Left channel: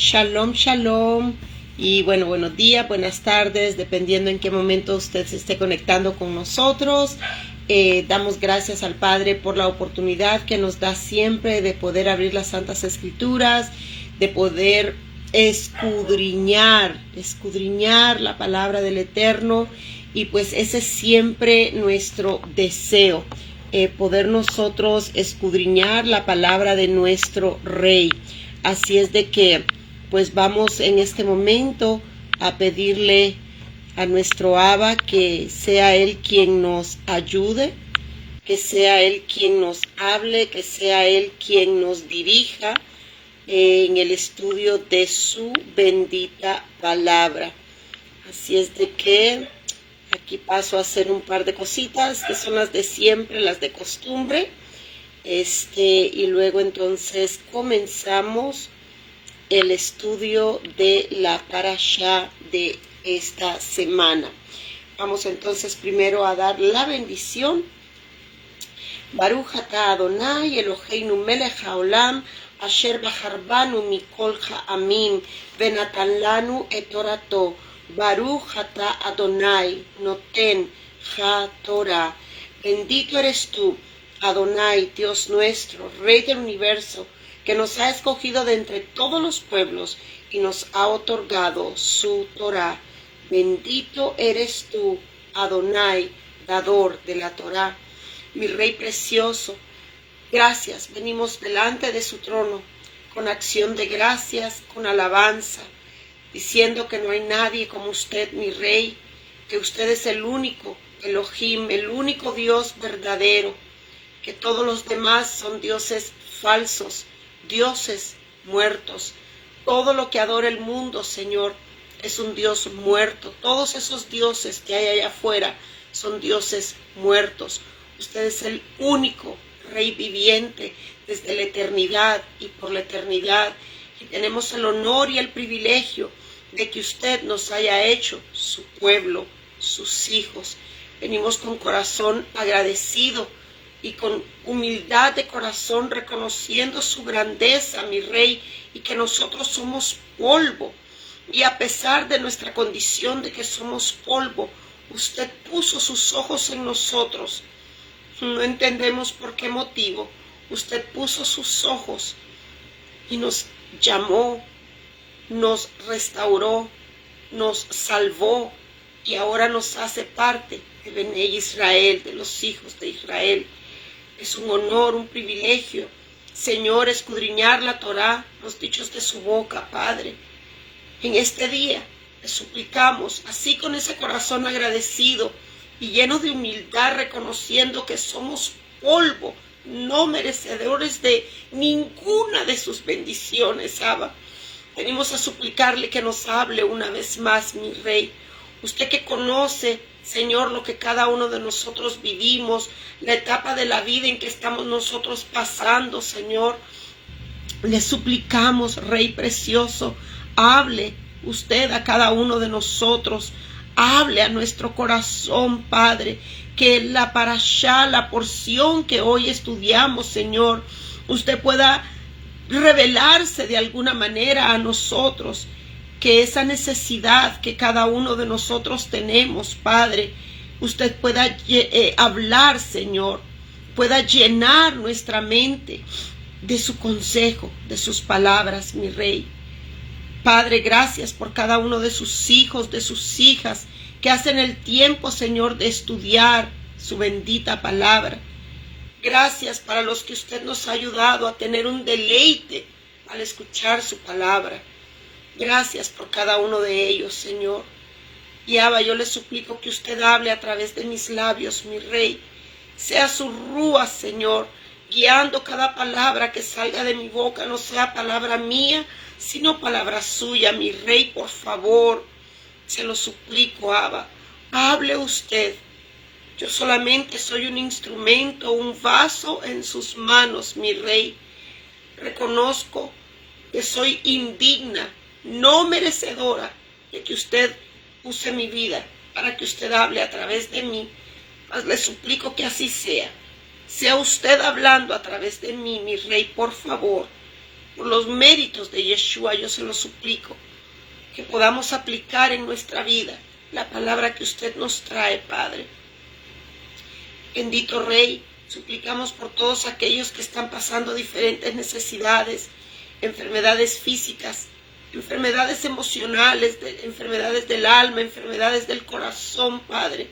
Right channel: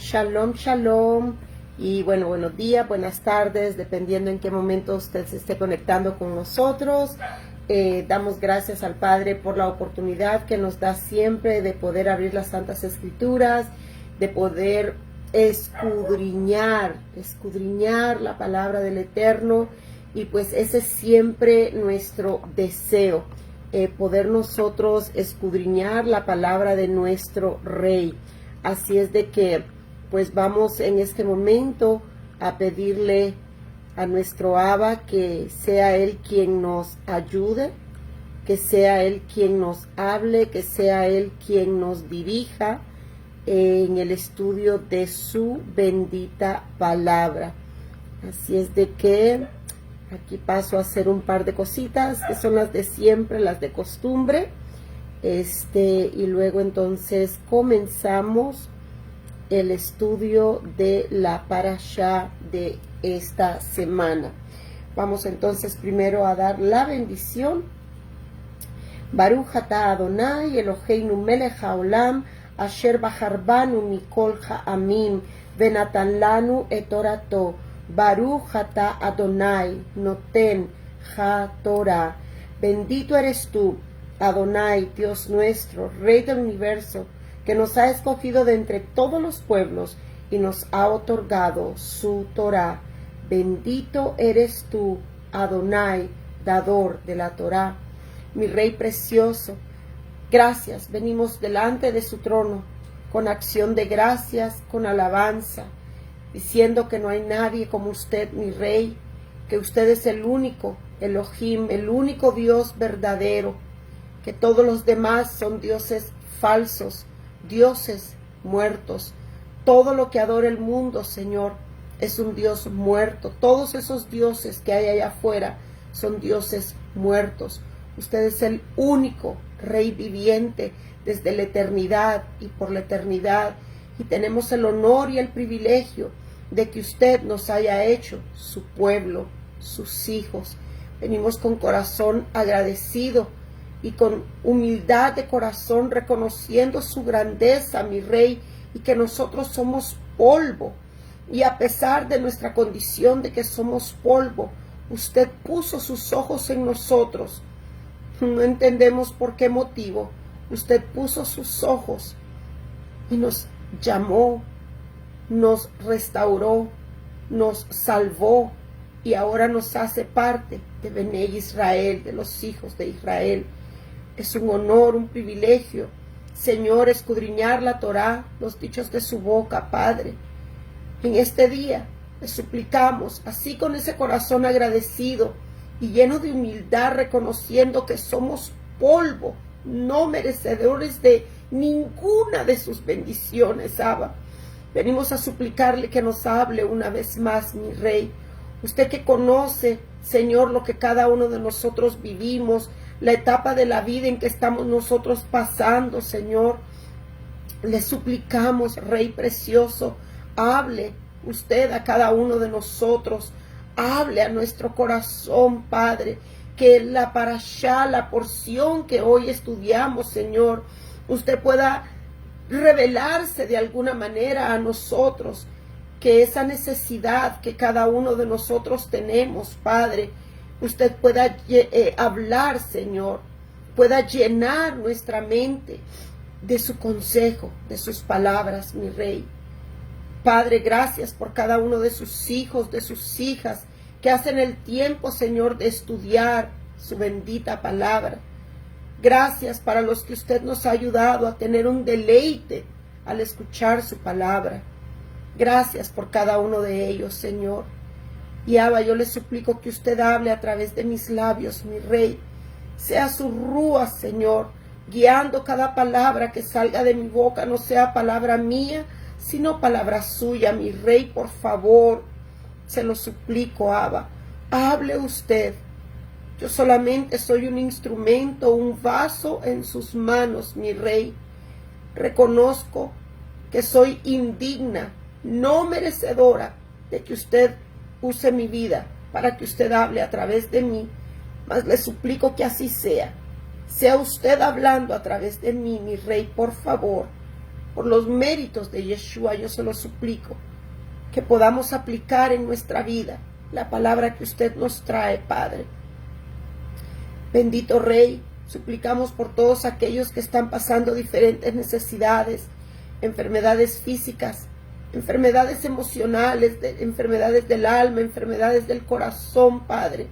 Shalom, shalom. Y bueno, buenos días, buenas tardes, dependiendo en qué momento usted se esté conectando con nosotros. Damos gracias al Padre por la oportunidad que nos da siempre de poder abrir las Santas Escrituras, de poder escudriñar la palabra del Eterno. Y pues ese es siempre nuestro deseo, poder nosotros escudriñar la palabra de nuestro Rey. Así es de que pues vamos en este momento a pedirle a nuestro Abba que sea Él quien nos ayude, que sea Él quien nos hable, que sea Él quien nos dirija en el estudio de su bendita palabra. Así es de que aquí paso a hacer un par de cositas que son las de siempre, las de costumbre. Y luego entonces comenzamos el estudio de la parashá de esta semana. Vamos entonces primero a dar la bendición. Baruch atah Adonai Eloheinu melech haolam asher bacharbanu mikol ha'amim venatan lanu et torato. Baruch atah Adonai noten ha-Torah. Bendito eres tú, Adonai, Dios nuestro, Rey del universo, que nos ha escogido de entre todos los pueblos y nos ha otorgado su Torah. Bendito eres tú, Adonai, dador de la Torah. Mi Rey precioso, gracias, venimos delante de su trono con acción de gracias, con alabanza, diciendo que no hay nadie como usted, mi Rey, que usted es el único Elohim, el único Dios verdadero, que todos los demás son dioses falsos, dioses muertos. Todo lo que adora el mundo, Señor, es un Dios muerto. Todos esos dioses que hay allá afuera son dioses muertos. Usted es el único Rey viviente desde la eternidad y por la eternidad. Y tenemos el honor y el privilegio de que usted nos haya hecho su pueblo, sus hijos. Venimos con corazón agradecido y con humildad de corazón reconociendo su grandeza, mi Rey, y que nosotros somos polvo. Y a pesar de nuestra condición de que somos polvo, usted puso sus ojos en nosotros. No entendemos por qué motivo. Usted puso sus ojos y nos llamó, nos restauró, nos salvó y ahora nos hace parte de Bené Israel, de los hijos de Israel. Es un honor, un privilegio, Señor, escudriñar la Torá, los dichos de su boca, Padre. En este día le suplicamos, así con ese corazón agradecido y lleno de humildad, reconociendo que somos polvo, no merecedores de ninguna de sus bendiciones, Abba. Venimos a suplicarle que nos hable una vez más, mi Rey. Usted que conoce, Señor, lo que cada uno de nosotros vivimos, la etapa de la vida en que estamos nosotros pasando, Señor. Le suplicamos, Rey precioso, hable usted a cada uno de nosotros. Hable a nuestro corazón, Padre, que la parashá, la porción que hoy estudiamos, Señor, usted pueda revelarse de alguna manera a nosotros, que esa necesidad que cada uno de nosotros tenemos, Padre, usted pueda hablar, Señor, pueda llenar nuestra mente de su consejo, de sus palabras, mi Rey. Padre, gracias por cada uno de sus hijos, de sus hijas, que hacen el tiempo, Señor, de estudiar su bendita palabra. Gracias para los que usted nos ha ayudado a tener un deleite al escuchar su palabra. Gracias por cada uno de ellos, Señor. Y Abba, yo le suplico que usted hable a través de mis labios, mi Rey. Sea su rúa, Señor, guiando cada palabra que salga de mi boca, no sea palabra mía, sino palabra suya, mi Rey, por favor. Se lo suplico, Abba. Hable usted. Yo solamente soy un instrumento, un vaso en sus manos, mi Rey. Reconozco que soy indigna, no merecedora de que usted use mi vida para que usted hable a través de mí, mas le suplico que así sea. Sea usted hablando a través de mí, mi Rey, por favor. por los méritos de Yeshua, yo se lo suplico, que podamos aplicar en nuestra vida la palabra que usted nos trae, Padre. Bendito Rey, suplicamos por todos aquellos que están pasando diferentes necesidades, enfermedades físicas, enfermedades emocionales, enfermedades del alma, enfermedades del corazón, Padre.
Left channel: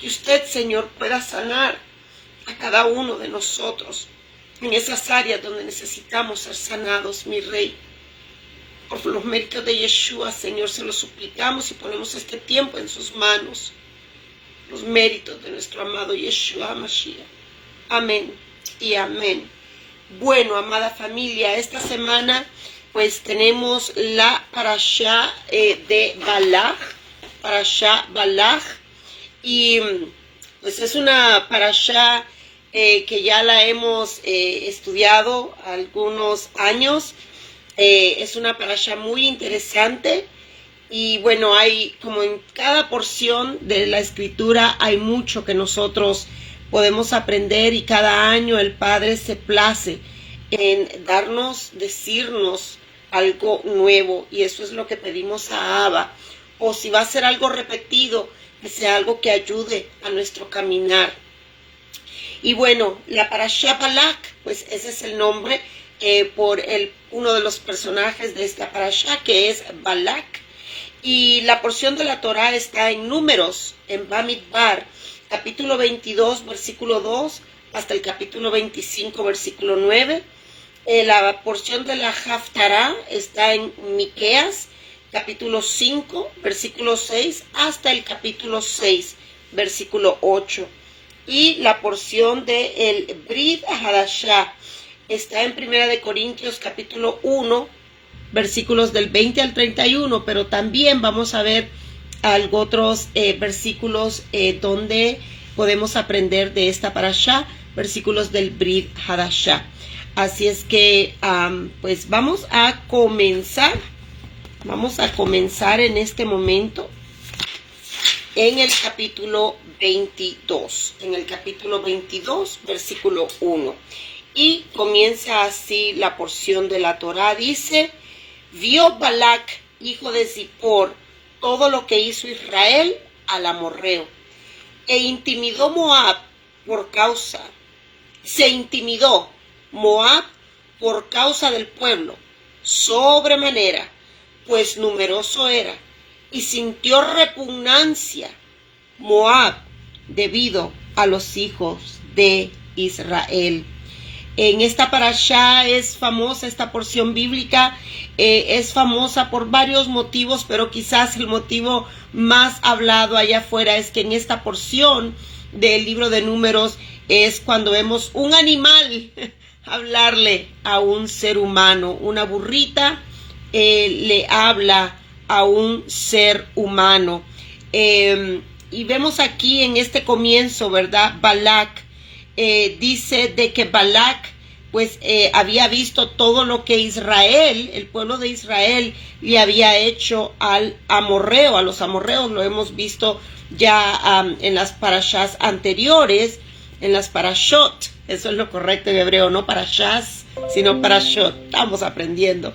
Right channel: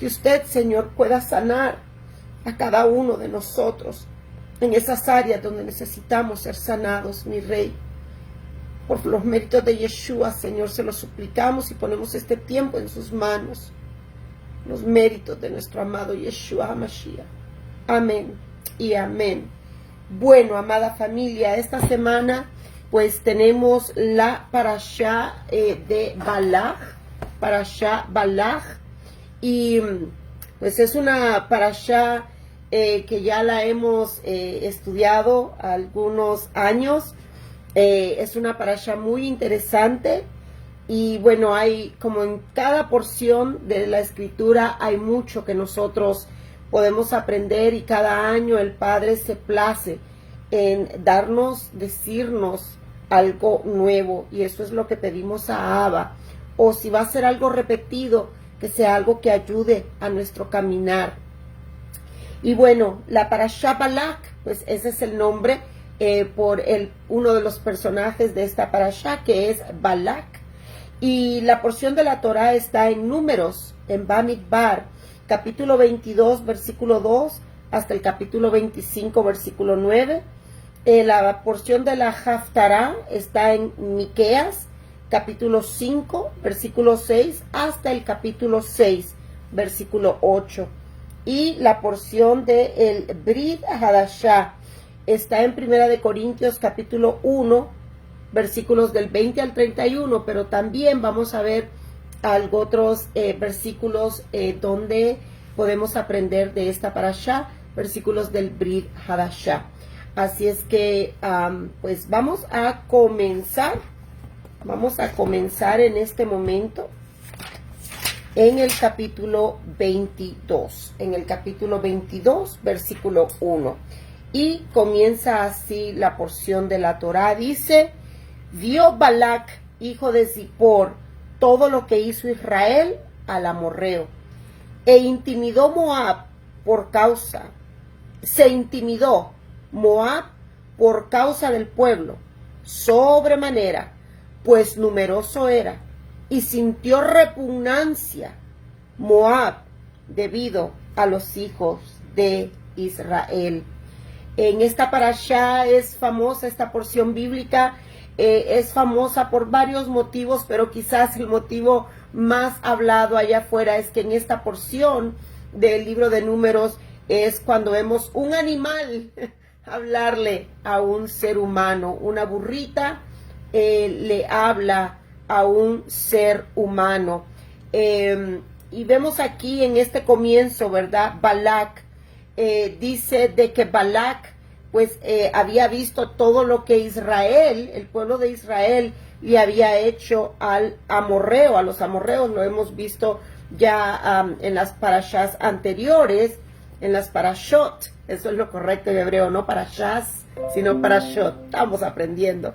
Que usted, Señor, pueda sanar a cada uno de nosotros en esas áreas donde necesitamos ser sanados, mi Rey. Por los méritos de Yeshua, Señor, se lo suplicamos y ponemos este tiempo en sus manos. Los méritos de nuestro amado Yeshua Mashiach. Amén y amén. Bueno, amada familia, esta semana pues tenemos la parashá de Balaj, parashá Balaj, y pues es una parashá que ya la hemos estudiado algunos años. Es una parashá muy interesante y bueno, hay como en cada porción de la escritura hay mucho que nosotros podemos aprender y cada año el Padre se place en decirnos algo nuevo, y eso es lo que pedimos a Abba. O si va a ser algo repetido, que sea algo que ayude a nuestro caminar. Y bueno, la parashá Balak, pues ese es el nombre por uno de los personajes de esta parashá, que es Balak. Y la porción de la Torá está en Números, en Bamidbar, capítulo 22, versículo 2, hasta el capítulo 25, versículo 9. La porción de la Haftará está en Miqueas, capítulo 5, versículo 6, hasta el capítulo 6, versículo 8. Y la porción de el Brit Hadashah está en Primera de Corintios, capítulo 1, versículos del 20 al 31, pero también vamos a ver otros versículos donde podemos aprender de esta parashá, versículos del Brit Hadashah. Así es que pues vamos a comenzar en este momento en el capítulo 22, versículo 1, y comienza así la porción de la Torá. Dice: vio Balac, hijo de Zippor, todo lo que hizo Israel al amorreo, se intimidó Moab por causa del pueblo, sobremanera, pues numeroso era, y sintió repugnancia Moab debido a los hijos de Israel. En esta parashá es famosa esta porción bíblica, es famosa por varios motivos, pero quizás el motivo más hablado allá afuera es que en esta porción del libro de Números es cuando vemos un animal hablarle a un ser humano. Una burrita le habla a un ser humano. Y vemos aquí en este comienzo, ¿verdad? Balac dice de que Balac pues había visto todo lo que Israel, el pueblo de Israel, le había hecho al amorreo, a los amorreos. Lo hemos visto ya en las parashás anteriores, en las parashot. Eso es lo correcto en hebreo, no parashás, sino parashot. Estamos aprendiendo.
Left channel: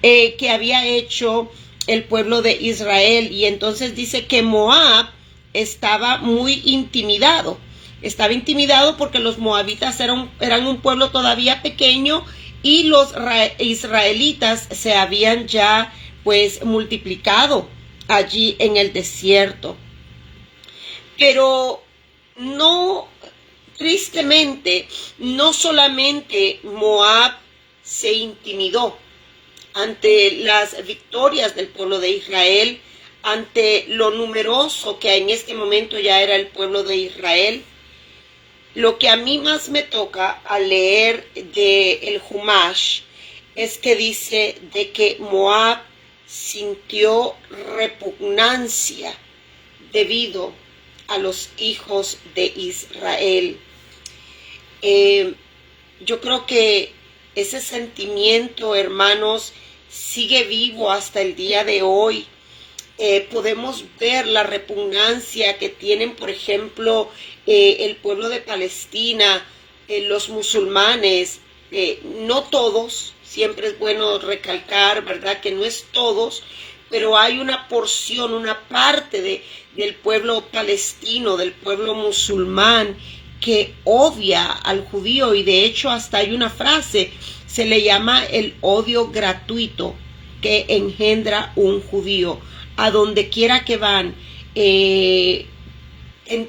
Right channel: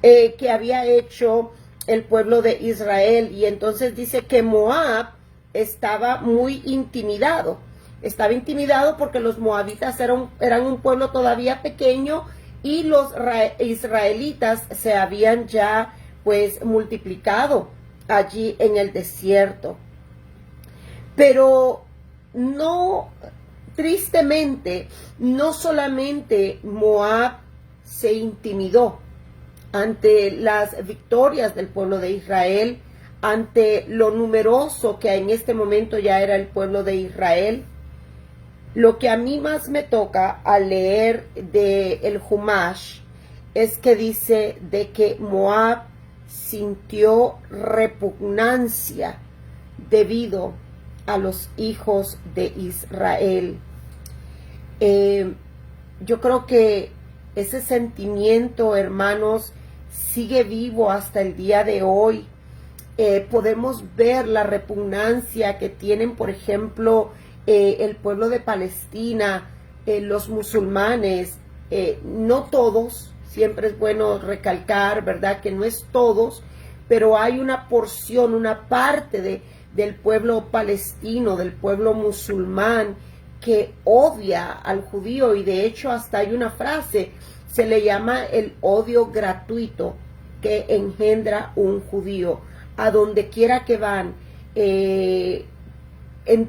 Que había hecho el pueblo de Israel. Y entonces dice que Moab estaba muy intimidado. Estaba intimidado porque los moabitas eran un pueblo todavía pequeño y los israelitas se habían ya pues multiplicado allí en el desierto. Pero no, tristemente, no solamente Moab se intimidó ante las victorias del pueblo de Israel, ante lo numeroso que en este momento ya era el pueblo de Israel. Lo que a mí más me toca al leer el Humash es que dice de que Moab sintió repugnancia debido a los hijos de Israel. Yo creo que ese sentimiento, hermanos, sigue vivo hasta el día de hoy. Podemos ver la repugnancia que tienen, por ejemplo, el pueblo de Palestina, los musulmanes, no todos, siempre es bueno recalcar, ¿verdad?, que no es todos, pero hay una porción, una parte del pueblo palestino, del pueblo musulmán, que odia al judío, y de hecho hasta hay una frase, se le llama el odio gratuito que engendra un judío. A donde quiera que van, en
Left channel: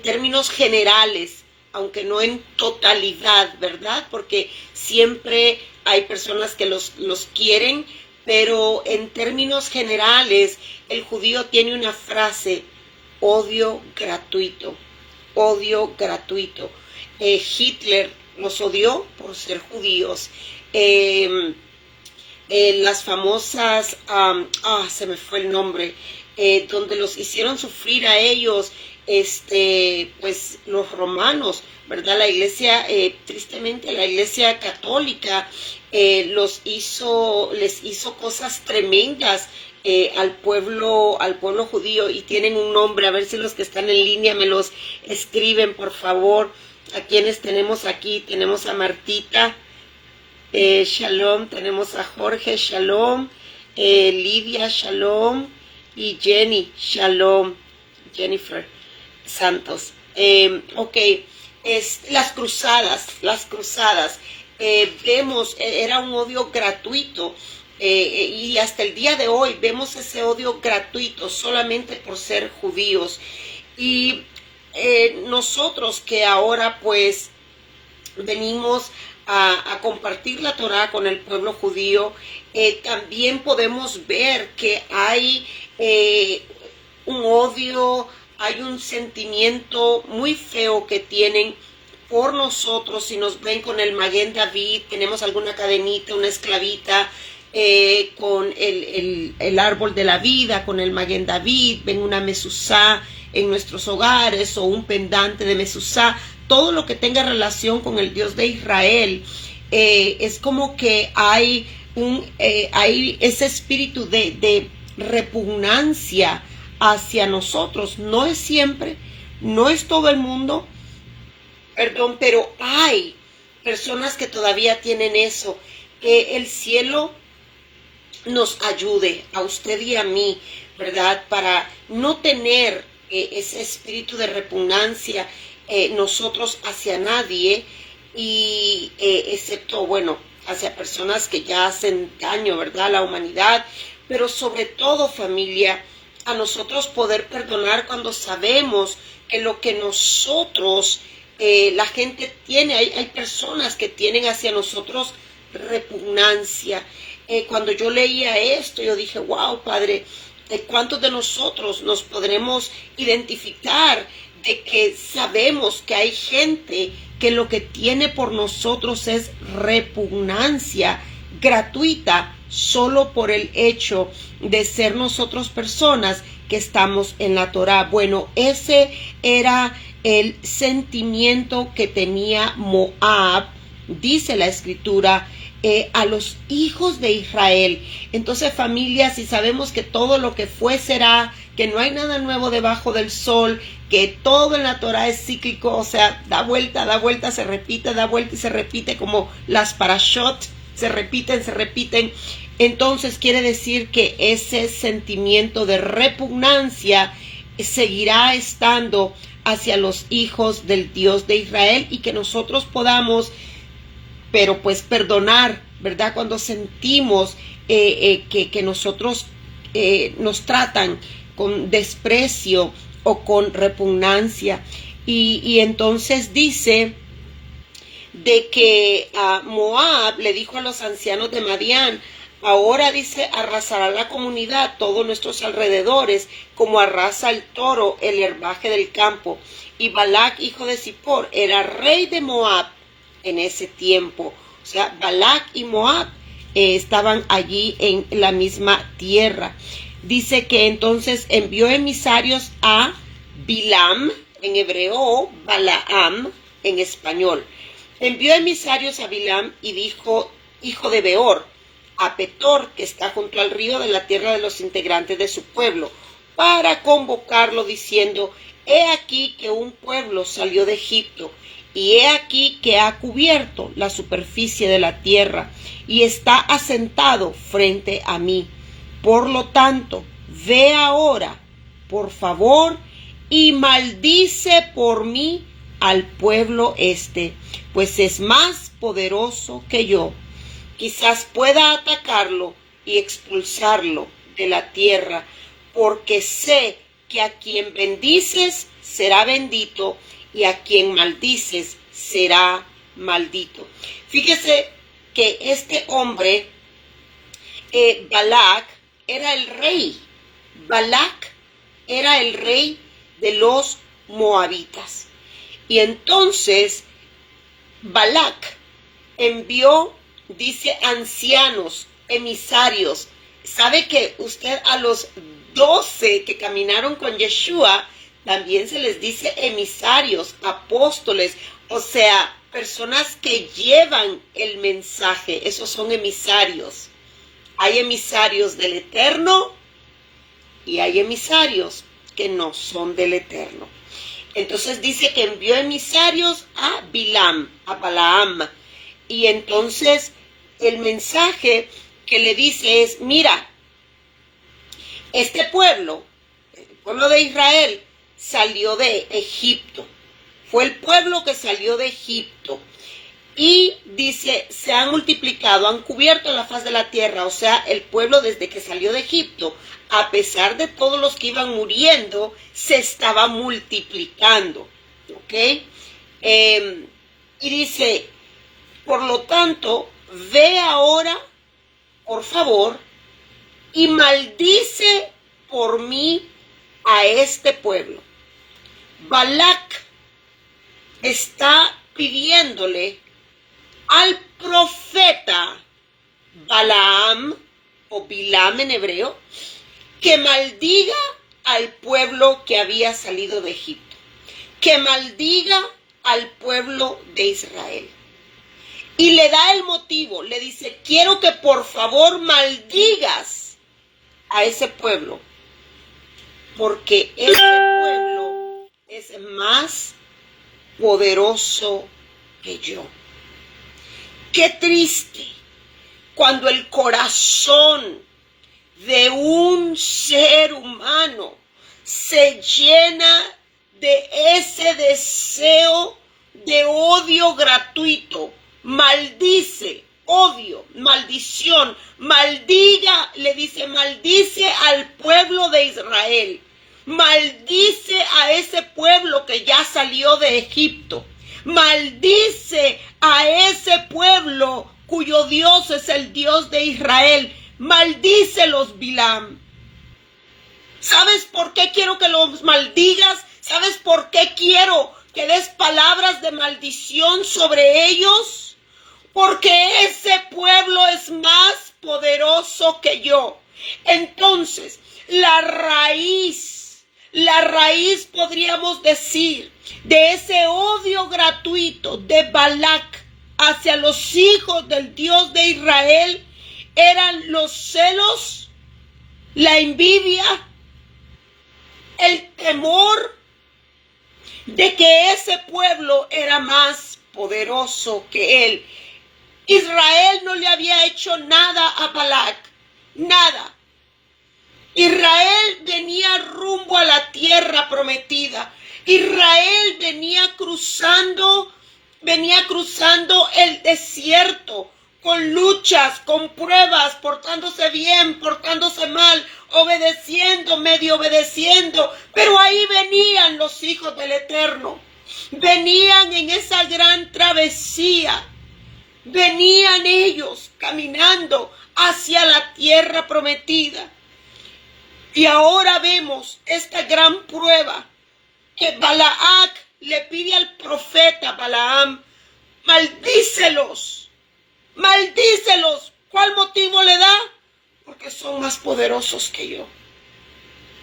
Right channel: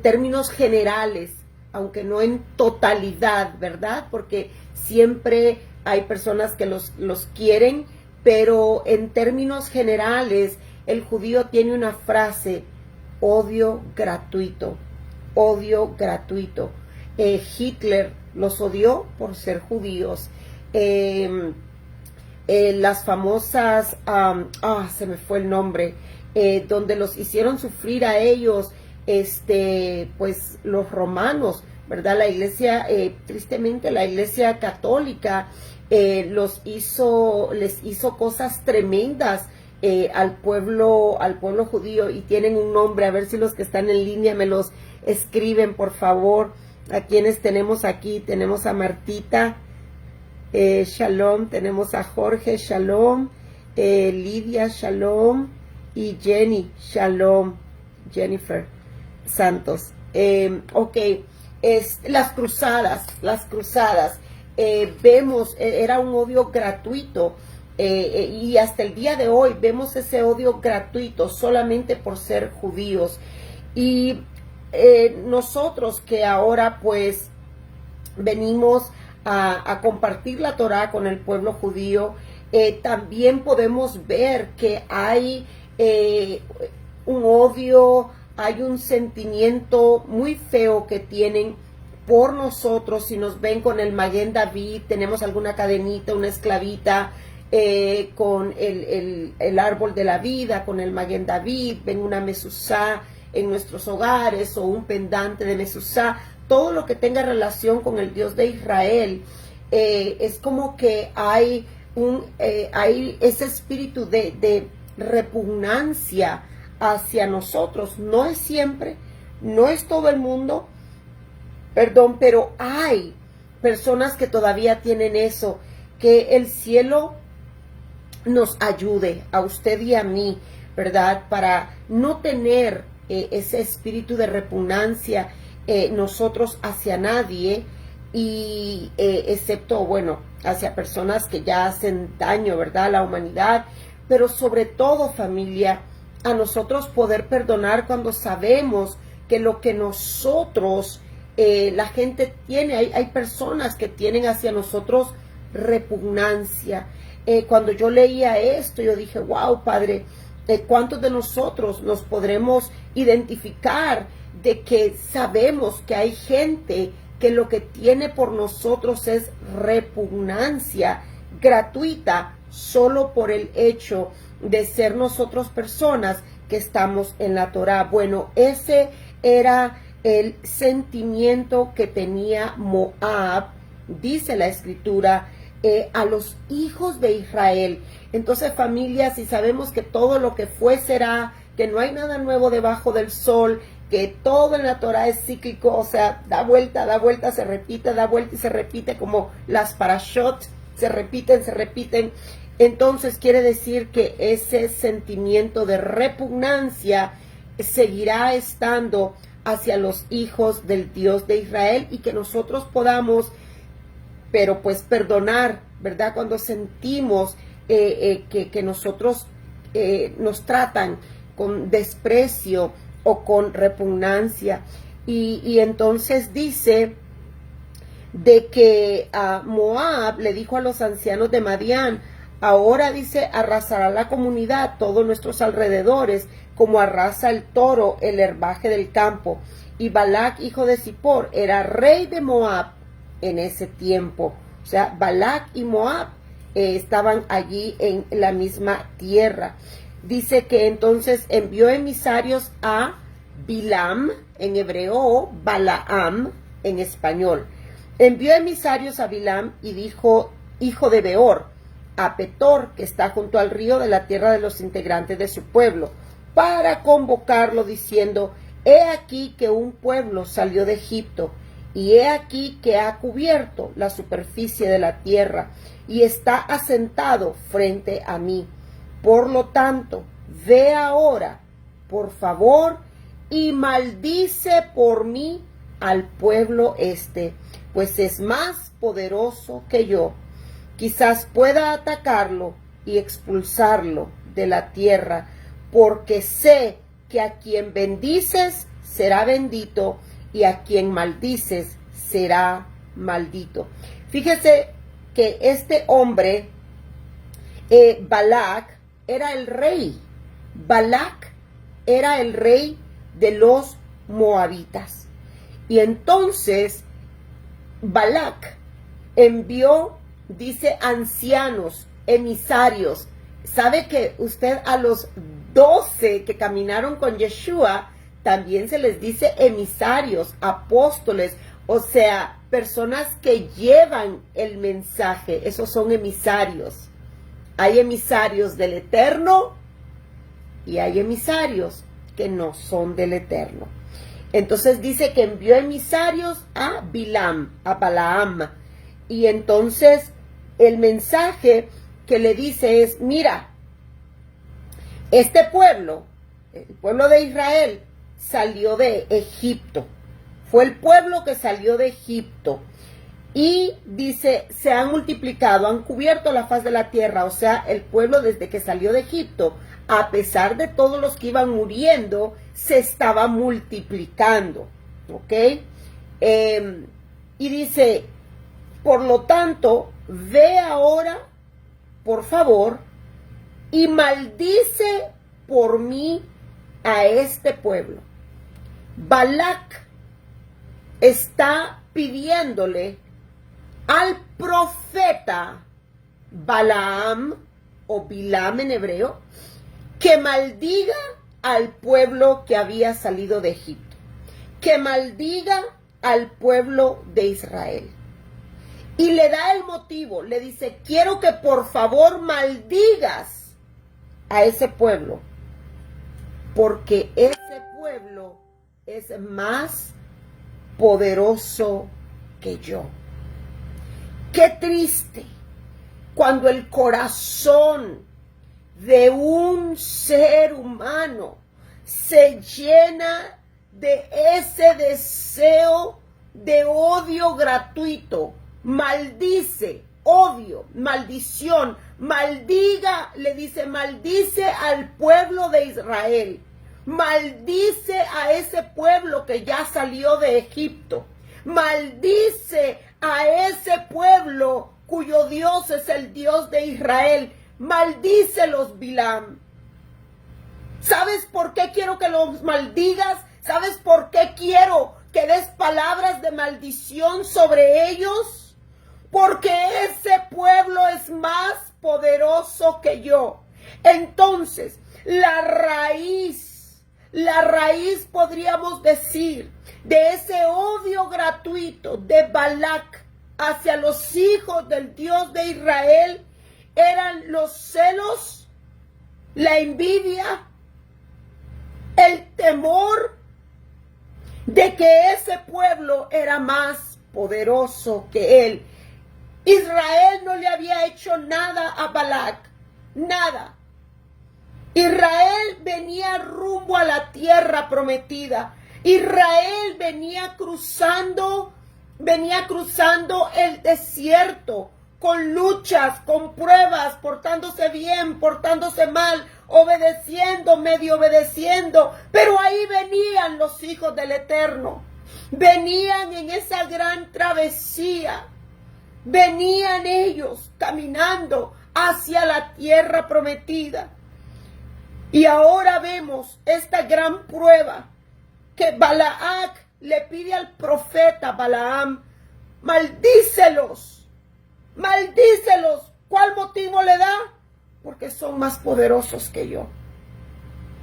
términos generales, aunque no en totalidad, ¿verdad? Porque siempre hay personas que los quieren, pero en términos generales, el judío tiene una frase: odio gratuito, odio gratuito. Hitler los odió por ser judíos. Las famosas, se me fue el nombre, donde los hicieron sufrir a ellos, pues los romanos, ¿verdad? La iglesia, tristemente la iglesia católica, les hizo cosas tremendas al pueblo judío, y tienen un nombre. A ver si los que están en línea me los escriben, por favor. A quienes tenemos aquí, tenemos a Martita, Shalom, tenemos a Jorge, Shalom, Lidia, Shalom, y Jenny, Shalom, Jennifer Santos. Ok, las cruzadas, vemos, era un odio gratuito, y hasta el día de hoy vemos ese odio gratuito solamente por ser judíos. Y nosotros que ahora pues venimos a compartir la Torá con el pueblo judío, también podemos ver que hay un odio, hay un sentimiento muy feo que tienen por nosotros. Si nos ven con el Maguen David, tenemos alguna cadenita, una esclavita con el árbol de la vida, con el Maguen David, ven una mezuzá en nuestros hogares o un pendante de mezuzá, todo lo que tenga relación con el Dios de Israel, es como que hay ese espíritu de repugnancia hacia nosotros. No es siempre, no es todo el mundo, perdón, pero hay personas que todavía tienen eso. Que el cielo nos ayude a usted y a mí, ¿verdad?, para no tener ese espíritu de repugnancia nosotros hacia nadie, y excepto, bueno, hacia personas que ya hacen daño, ¿verdad?, a la humanidad. Pero sobre todo, familia, a nosotros poder perdonar cuando sabemos que lo que nosotros, la gente tiene, hay personas que tienen hacia nosotros repugnancia. Cuando yo leía esto, yo dije, wow, Padre, ¿cuántos de nosotros nos podremos identificar de que sabemos que hay gente que lo que tiene por nosotros es repugnancia gratuita, solo por el hecho de ser nosotros personas que estamos en la Torá? Bueno, ese era el sentimiento que tenía Moab, dice la escritura, a los hijos de Israel. Entonces, familia, si sabemos que todo lo que fue será, que no hay nada nuevo debajo del sol, que todo en la Torá es cíclico, o sea, da vuelta, se repite, da vuelta y se repite, como las parashot, se repiten. Entonces quiere decir que ese sentimiento de repugnancia seguirá estando hacia los hijos del Dios de Israel, y que nosotros podamos, pero pues perdonar, ¿verdad?, cuando sentimos que nosotros nos tratan con desprecio o con repugnancia. Y entonces dice de que Moab le dijo a los ancianos de Madián: ahora, dice, arrasará la comunidad todos nuestros alrededores, como arrasa el toro el herbaje del campo. Y Balac, hijo de Zippor, era rey de Moab en ese tiempo. O sea, Balac y Moab estaban allí en la misma tierra. Dice que entonces envió emisarios a Bilam, en hebreo, Balaam, en español. Envió emisarios a Bilam y dijo: hijo de Beor, a Petor, que está junto al río, de la tierra de los integrantes de su pueblo, para convocarlo, diciendo: he aquí que un pueblo salió de Egipto, y he aquí que ha cubierto la superficie de la tierra y está asentado frente a mí. Por lo tanto, ve ahora, por favor, y maldice por mí al pueblo este, pues es más poderoso que yo. Quizás pueda atacarlo y expulsarlo de la tierra, porque sé que a quien bendices será bendito y a quien maldices será maldito. Fíjese que este hombre, Balac, era el rey. Balac era el rey de los moabitas. Y entonces Balac envió, dice, ancianos, emisarios. ¿Sabe que usted a los 12 que caminaron con Yeshua también se les dice emisarios, apóstoles? O sea, personas que llevan el mensaje. Esos son emisarios. Hay emisarios del Eterno y hay emisarios que no son del Eterno. Entonces dice que envió emisarios a Balaam. Y entonces el mensaje que le dice es, mira, este pueblo, el pueblo de Israel, salió de Egipto. Fue el pueblo que salió de Egipto. Y dice, se han multiplicado, han cubierto la faz de la tierra. O sea, el pueblo desde que salió de Egipto, a pesar de todos los que iban muriendo, se estaba multiplicando. ¿Ok? Y dice, por lo tanto, ve ahora, por favor, y maldice por mí a este pueblo. Balac está pidiéndole al profeta Balaam, o Bilam en hebreo, que maldiga al pueblo que había salido de Egipto, que maldiga al pueblo de Israel. Y le da el motivo, le dice, quiero que por favor maldigas a ese pueblo, porque ese pueblo es más poderoso que yo. Qué triste cuando el corazón de un ser humano se llena de ese deseo de odio gratuito. Maldice, odio, maldición, maldiga, le dice, maldice al pueblo de Israel. Maldice a ese pueblo que ya salió de Egipto. Maldice a ese pueblo cuyo Dios es el Dios de Israel. Maldícelos, Bilam. ¿Sabes por qué quiero que los maldigas? ¿Sabes por qué quiero que des palabras de maldición sobre ellos? Porque ese pueblo es más poderoso que yo. Entonces, la raíz podríamos decir de ese odio gratuito de Balac hacia los hijos del Dios de Israel eran los celos, la envidia, el temor de que ese pueblo era más poderoso que él. Israel no le había hecho nada a Balac, nada. Israel venía rumbo a la tierra prometida. Israel venía cruzando el desierto con luchas, con pruebas, portándose bien, portándose mal, obedeciendo, medio obedeciendo. Pero ahí venían los hijos del Eterno. Venían en esa gran travesía. Venían ellos caminando hacia la tierra prometida. Y ahora vemos esta gran prueba que Balac le pide al profeta Balaam, maldícelos, maldícelos. ¿Cuál motivo le da? Porque son más poderosos que yo.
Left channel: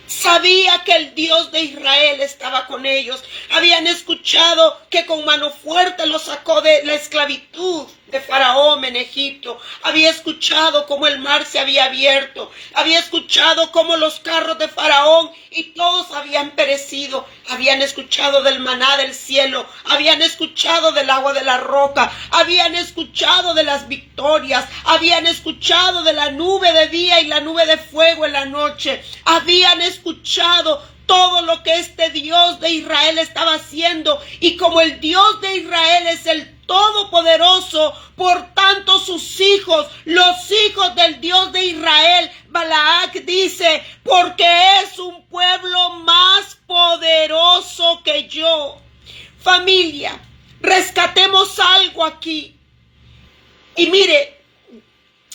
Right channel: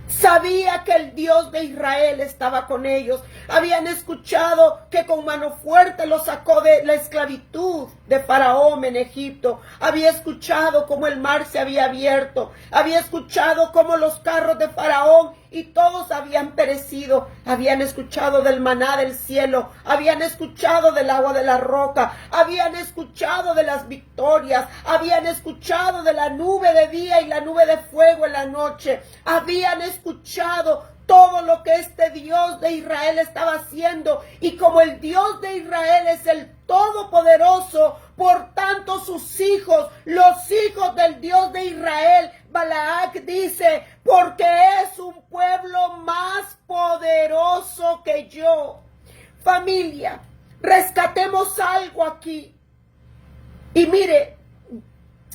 Sabía que el Dios de Israel estaba con ellos. Habían escuchado que con mano fuerte los sacó de la esclavitud de Faraón en Egipto. Había escuchado cómo el mar se había abierto. Había escuchado cómo los carros de Faraón y todos habían perecido. Habían escuchado del maná del cielo. Habían escuchado del agua de la roca. Habían escuchado de las victorias. Habían escuchado de la nube de día y la nube de fuego en la noche. Habían escuchado todo lo que este Dios de Israel estaba haciendo, y como el Dios de Israel es el Todopoderoso, por tanto sus hijos, los hijos del Dios de Israel, Balac dice, porque es un pueblo más poderoso que yo. Familia, rescatemos algo aquí. Y mire,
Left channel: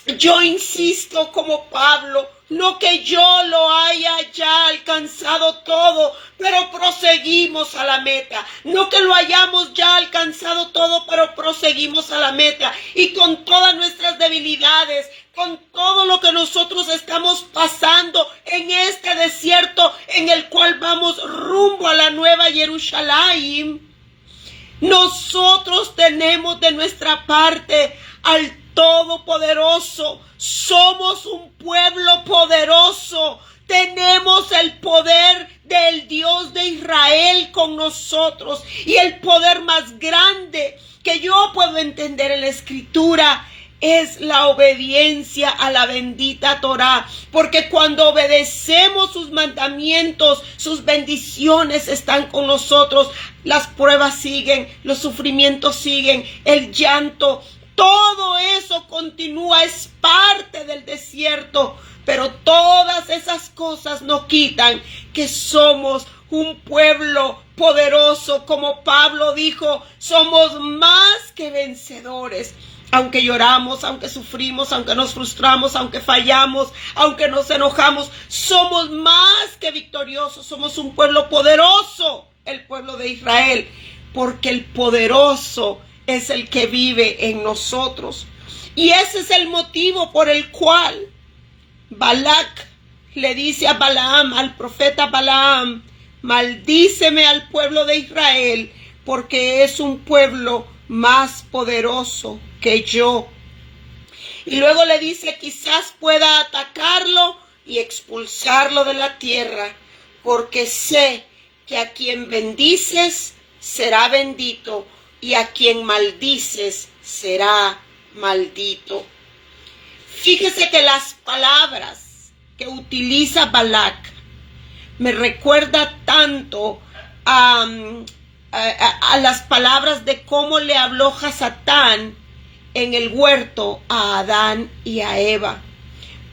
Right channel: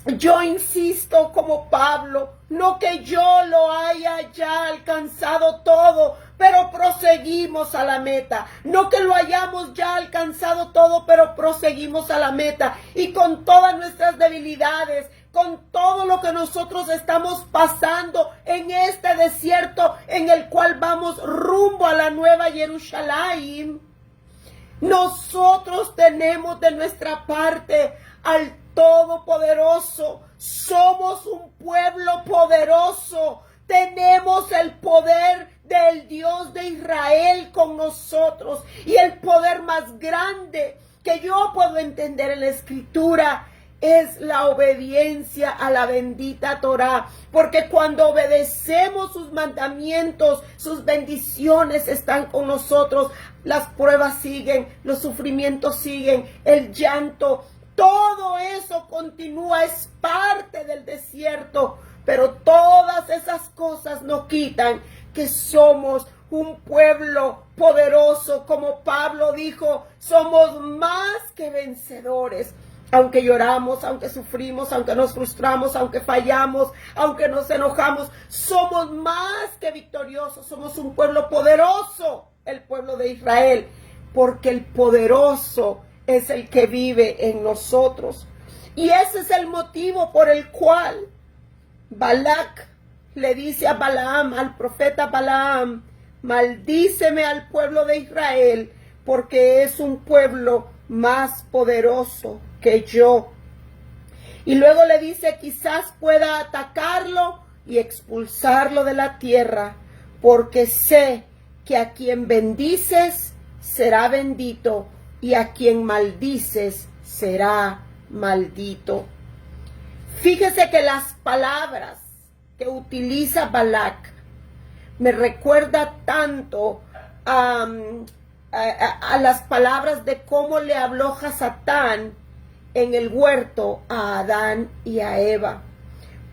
yo insisto como Pablo, no que yo lo haya ya alcanzado todo, pero proseguimos a la meta. No que lo hayamos ya alcanzado todo, pero proseguimos a la meta. Y con todas nuestras debilidades, con todo lo que nosotros estamos pasando en este desierto en el cual vamos rumbo a la nueva Jerusalén, nosotros tenemos de nuestra parte al Todopoderoso. Somos un pueblo poderoso. Tenemos el poder del Dios de Israel con nosotros. Y el poder más grande que yo puedo entender en la Escritura es la obediencia a la bendita Torá, porque cuando obedecemos sus mandamientos, sus bendiciones están con nosotros. Las pruebas siguen, los sufrimientos siguen, el llanto, todo eso continúa, es parte del desierto, pero todas esas cosas no quitan que somos un pueblo poderoso. Como Pablo dijo, somos más que vencedores. Aunque lloramos, aunque sufrimos, aunque nos frustramos, aunque fallamos, aunque nos enojamos, somos más que victoriosos. Somos un pueblo poderoso, el pueblo de Israel, porque el poderoso es el que vive en nosotros. Y ese es el motivo por el cual Balac le dice a Balaam, al profeta Balaam, maldíceme al pueblo de Israel, porque es un pueblo más poderoso que yo. Y luego le dice, quizás pueda atacarlo y expulsarlo de la tierra, porque sé que a quien bendices será bendito, y a quien maldices será maldito. Fíjese que las palabras que utiliza Balac me recuerda tanto a las palabras de cómo le habló Hasatán en el huerto a Adán y a Eva.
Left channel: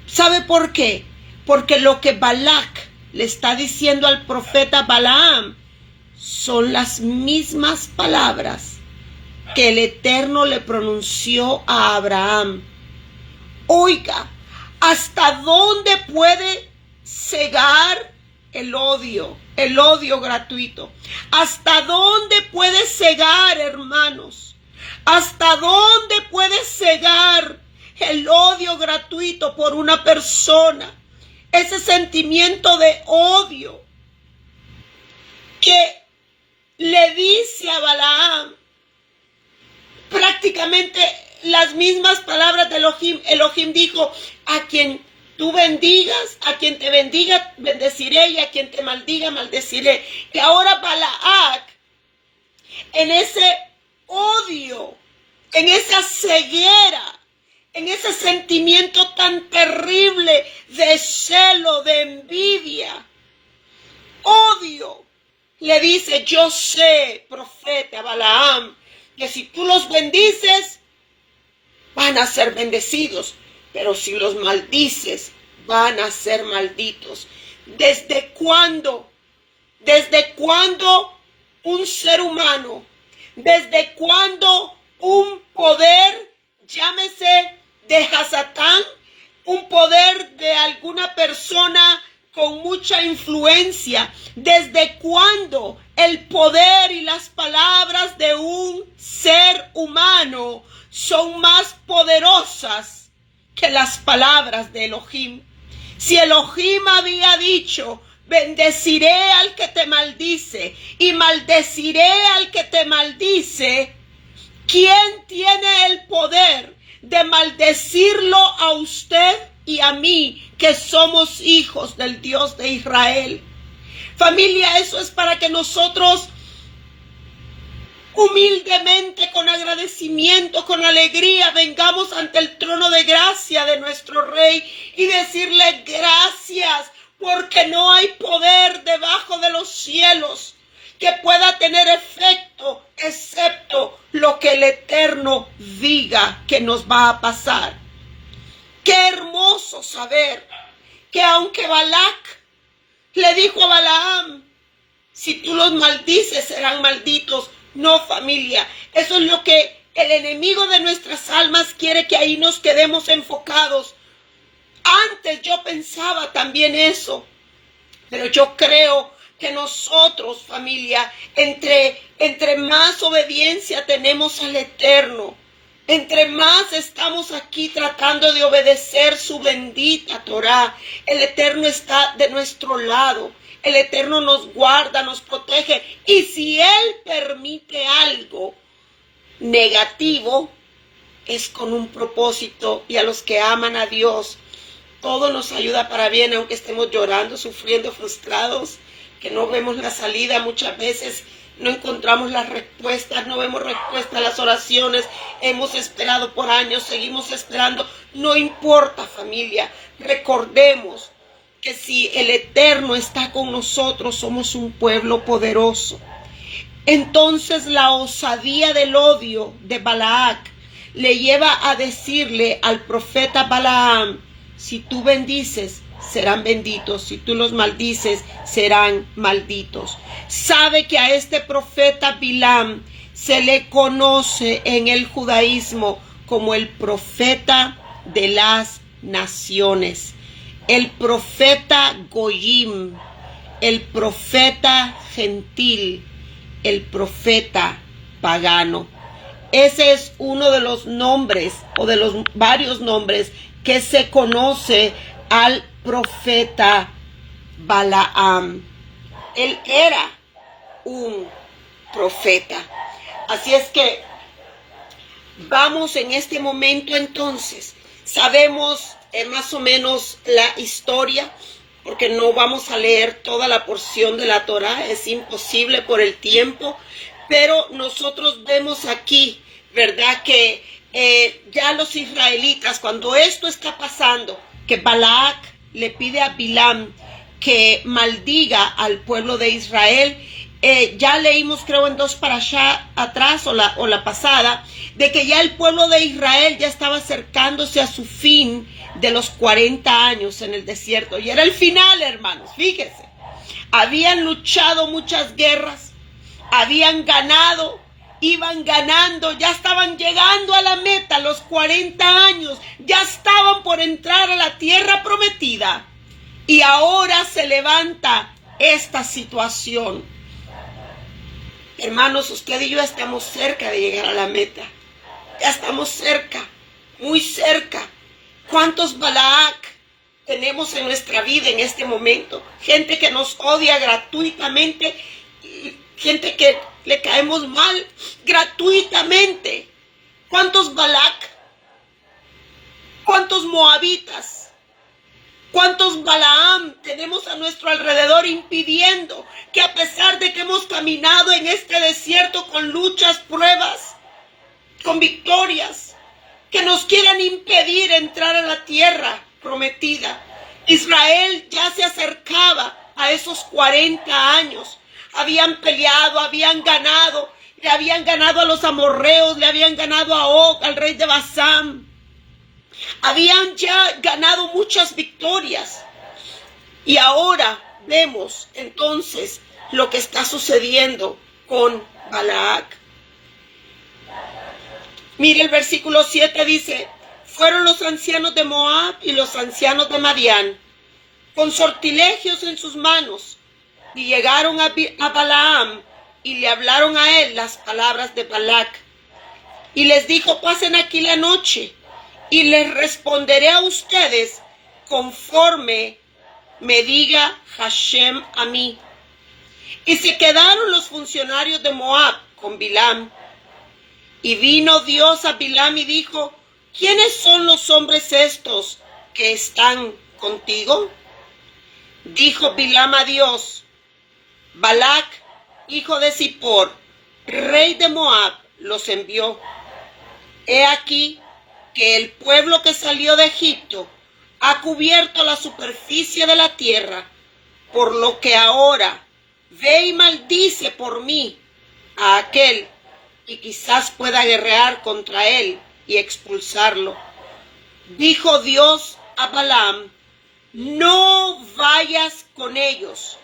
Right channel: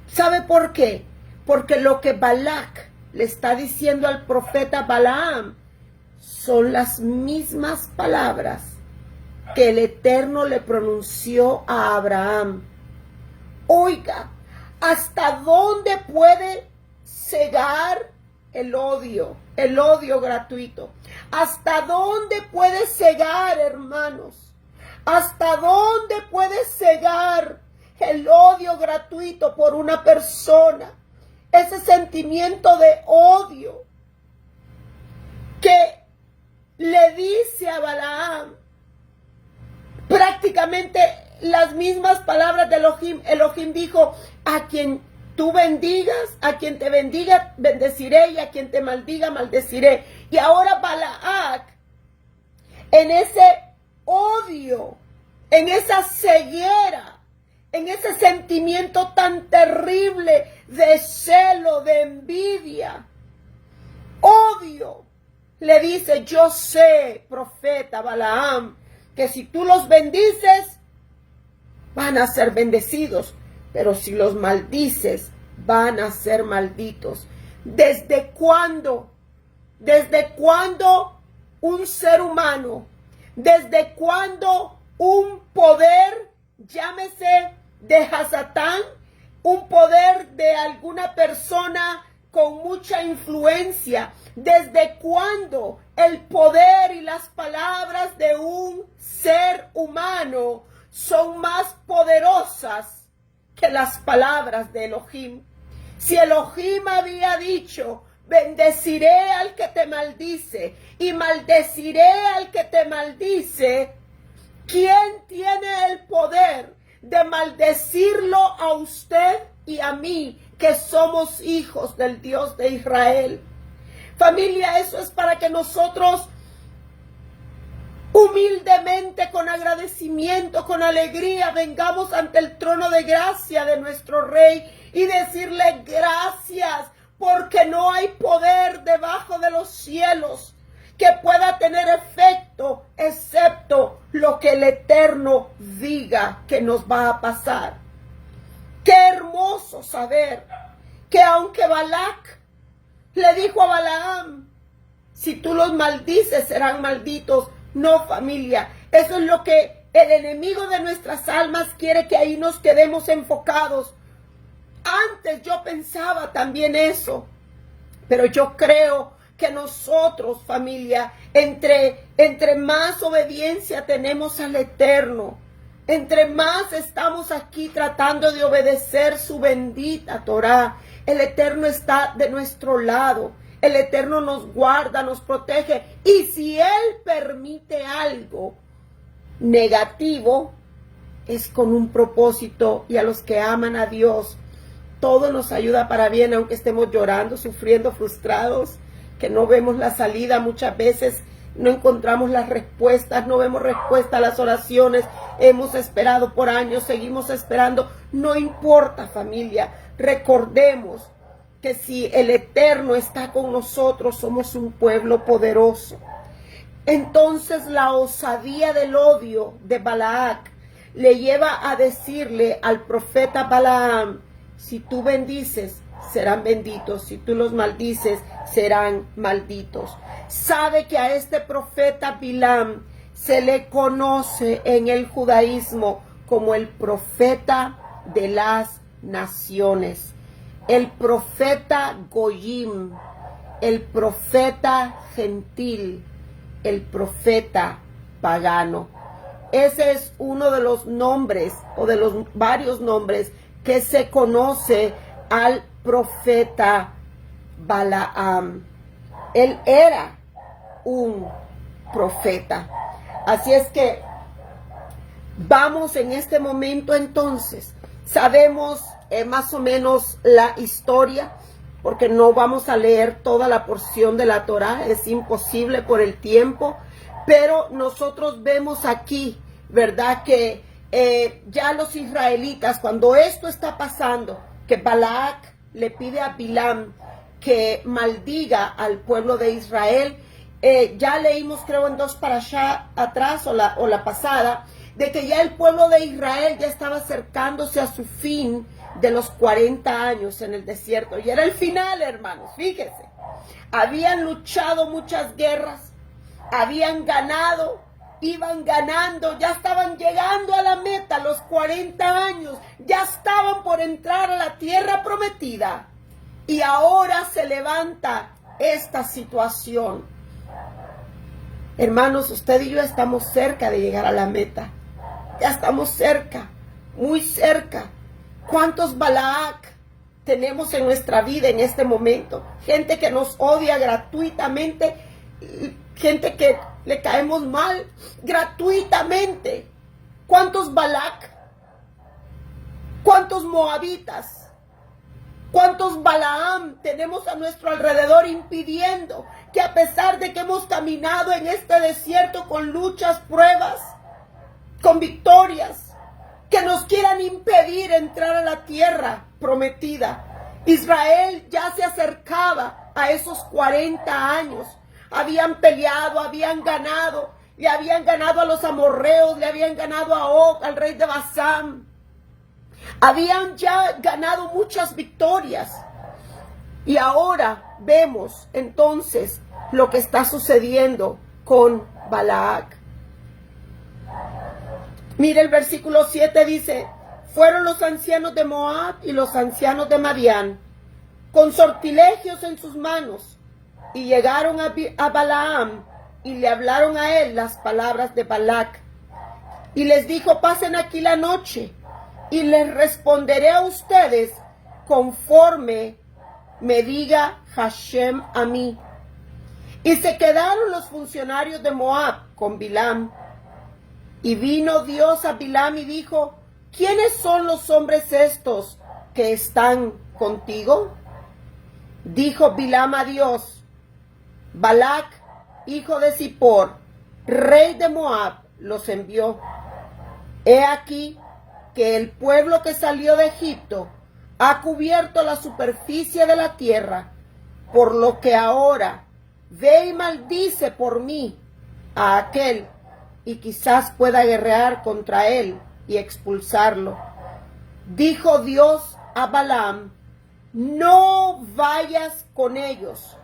¿Sabe por qué? Porque lo que Balac le está diciendo al profeta Balaam son las mismas palabras que el Eterno le pronunció a Abraham. Oiga, ¿hasta dónde puede cegar el odio gratuito? ¿Hasta dónde puede cegar, hermanos? ¿Hasta dónde puede cegar el odio gratuito por una persona? Ese sentimiento de odio que le dice a Balaam prácticamente las mismas palabras de Elohim. Elohim dijo, a quien tú bendigas, a quien te bendiga, bendeciré, y a quien te maldiga, maldeciré. Y ahora Balac, en ese odio, en esa ceguera, en ese sentimiento tan terrible de celo, de envidia, odio, le dice, yo sé, profeta Balaam, que si tú los bendices, van a ser bendecidos, pero si los maldices, van a ser malditos. ¿Desde cuándo? ¿Desde cuándo un ser humano? ¿Desde cuándo un poder, llámese de Hasatán, un poder de alguna persona con mucha influencia? ¿Desde cuándo el poder y las palabras de un ser humano son más poderosas que las palabras de Elohim? Si Elohim había dicho bendeciré al que te maldice y maldeciré al que te maldice. ¿Quién tiene el poder de maldecirlo a usted y a mí, que somos hijos del Dios de Israel? Familia, eso es para que nosotros humildemente, con agradecimiento, con alegría, vengamos ante el trono de gracia de nuestro Rey y decirle gracias, porque no hay poder debajo de los cielos que pueda tener efecto excepto lo que el Eterno diga que nos va a pasar. Qué hermoso saber que aunque Balac le dijo a Balaam, si tú los maldices serán malditos. No, familia, eso es lo que el enemigo de nuestras almas quiere, que ahí nos quedemos enfocados. Antes yo pensaba también eso, pero yo creo que nosotros, familia, entre más obediencia tenemos al Eterno, entre más estamos aquí tratando de obedecer su bendita Torá, el Eterno está de nuestro lado. El Eterno nos guarda, nos protege. Y si Él permite algo negativo, es con un propósito. Y a los que aman a Dios, todo nos ayuda para bien, aunque estemos llorando, sufriendo, frustrados, que no vemos la salida. Muchas veces no encontramos las respuestas, no vemos respuesta a las oraciones. Hemos esperado por años, seguimos esperando. No importa, familia, recordemos que si el Eterno está con nosotros, somos un pueblo poderoso. Entonces la osadía del odio de Balac le lleva a decirle al profeta Balaam, si tú bendices, serán benditos, si tú los maldices, serán malditos. Sabe que a este profeta Bilam se le conoce en el judaísmo como el profeta de las naciones. El profeta Goyim, el profeta gentil, el profeta pagano. Ese es uno de los nombres, o de los varios nombres, que se conoce al profeta Balaam. Él era un profeta. Así es que vamos en este momento entonces. Sabemos más o menos la historia, porque no vamos a leer toda la porción de la Torá, es imposible por el tiempo, pero nosotros vemos aquí, ¿verdad? Que ya los israelitas, cuando esto está pasando, que Balac le pide a Bilam que maldiga al pueblo de Israel, ya leímos, creo, en 2 parashá atrás o la pasada, de que ya el pueblo de Israel ya estaba acercándose a su fin de los 40 años en el desierto. Y era el final, hermanos, fíjense. Habían luchado muchas guerras, habían ganado, iban ganando, ya estaban llegando a la meta, los 40 años, ya estaban por entrar a la tierra prometida. Y ahora se levanta esta situación. Hermanos, usted y yo estamos cerca de llegar a la meta. Ya estamos cerca, muy cerca. ¿Cuántos Balac tenemos en nuestra vida en este momento? Gente que nos odia gratuitamente, gente que le caemos mal gratuitamente. ¿Cuántos Balac? ¿Cuántos moabitas? ¿Cuántos Balaam tenemos a nuestro alrededor impidiendo que, a pesar de que hemos caminado en este desierto con luchas, pruebas, con victorias, que nos quieran impedir entrar a la tierra prometida? Israel ya se acercaba a esos 40 años. Habían peleado, habían ganado, le habían ganado a los amorreos, le habían ganado a Og, al rey de Basán. Habían ya ganado muchas victorias. Y ahora vemos entonces lo que está sucediendo con Balac. Mire, el versículo 7 dice: fueron los ancianos de Moab y los ancianos de Madián, con sortilegios en sus manos, y llegaron a Balaam y le hablaron a él las palabras de Balac. Y les dijo: pasen aquí la noche, y les responderé a ustedes conforme me diga Hashem a mí. Y se quedaron los funcionarios de Moab con Bilam. Y vino Dios a Bilam y dijo, ¿quiénes son los hombres estos que están contigo? Dijo Bilam a Dios, Balac, hijo de Zippor, rey de Moab, los envió. He aquí que el pueblo que salió de Egipto ha cubierto la superficie de la tierra, por lo que ahora ve y maldice por mí a aquel, y quizás pueda guerrear contra él y expulsarlo. Dijo Dios a Balaam, no vayas con ellos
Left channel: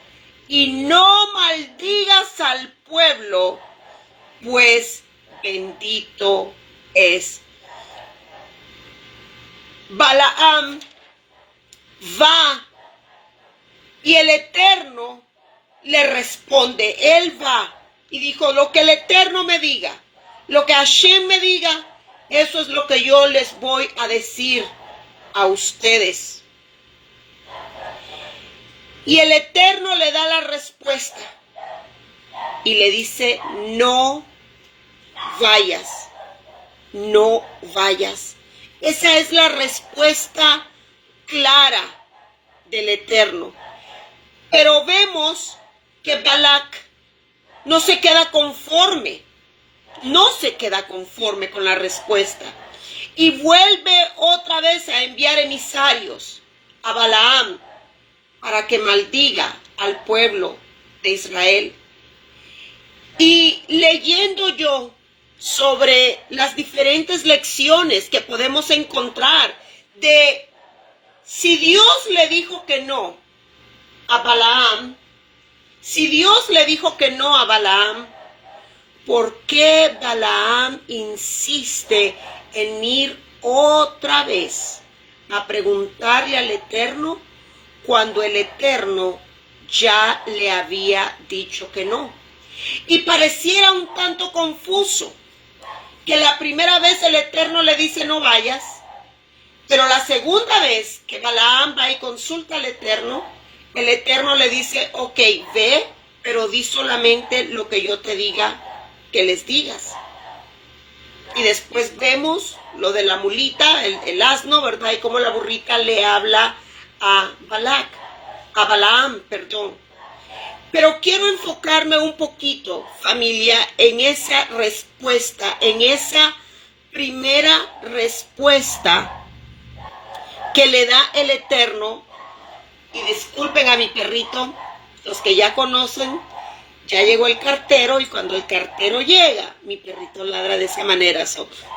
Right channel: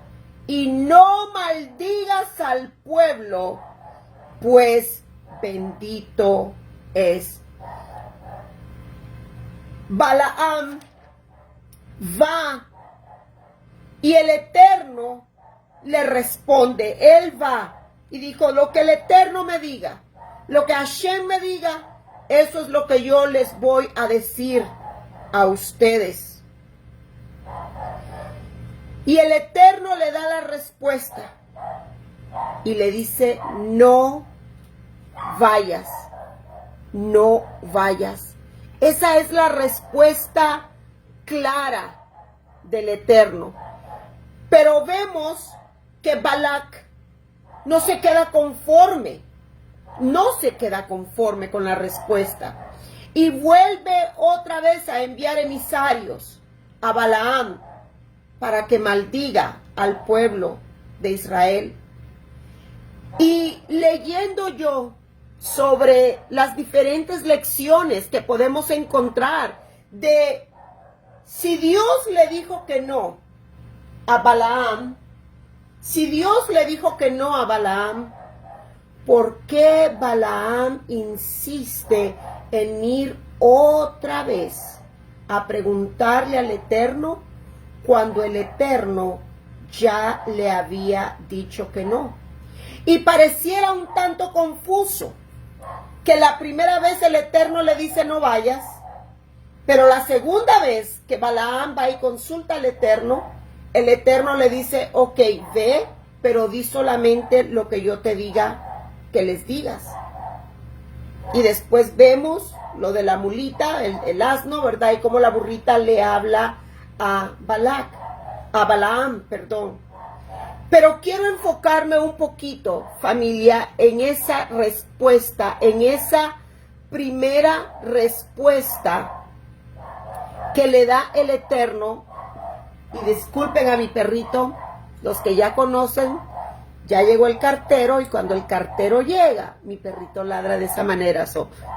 y no maldigas al pueblo, pues bendito es. Balaam va y el Eterno le responde, él va y dijo, lo que el Eterno me diga, lo que Hashem me diga, eso es lo que yo les voy a decir a ustedes. Y el Eterno le da la respuesta y le dice, no vayas, no vayas. Esa es la respuesta clara del Eterno. Pero vemos que Balac no se queda conforme, con la respuesta. Y vuelve otra vez a enviar emisarios a Balaam para que maldiga al pueblo de Israel. Y leyendo yo sobre las diferentes lecciones que podemos encontrar de si Dios le dijo que no a Balaam, ¿por qué Balaam insiste en ir otra vez a preguntarle al Eterno cuando el Eterno ya le había dicho que no? Y pareciera un tanto confuso que la primera vez el Eterno le dice no vayas, pero la segunda vez que Balaam va y consulta al Eterno, el Eterno le dice, ok, ve, pero di solamente lo que yo te diga que les digas. Y después vemos lo de la mulita, el asno, ¿verdad? Y cómo la burrita le habla a Balaam. Pero quiero enfocarme un poquito, familia, en esa respuesta, en esa primera respuesta que le da el Eterno. Y disculpen a mi perrito, los que ya conocen, ya llegó el cartero y cuando el cartero llega, mi perrito ladra de esa manera.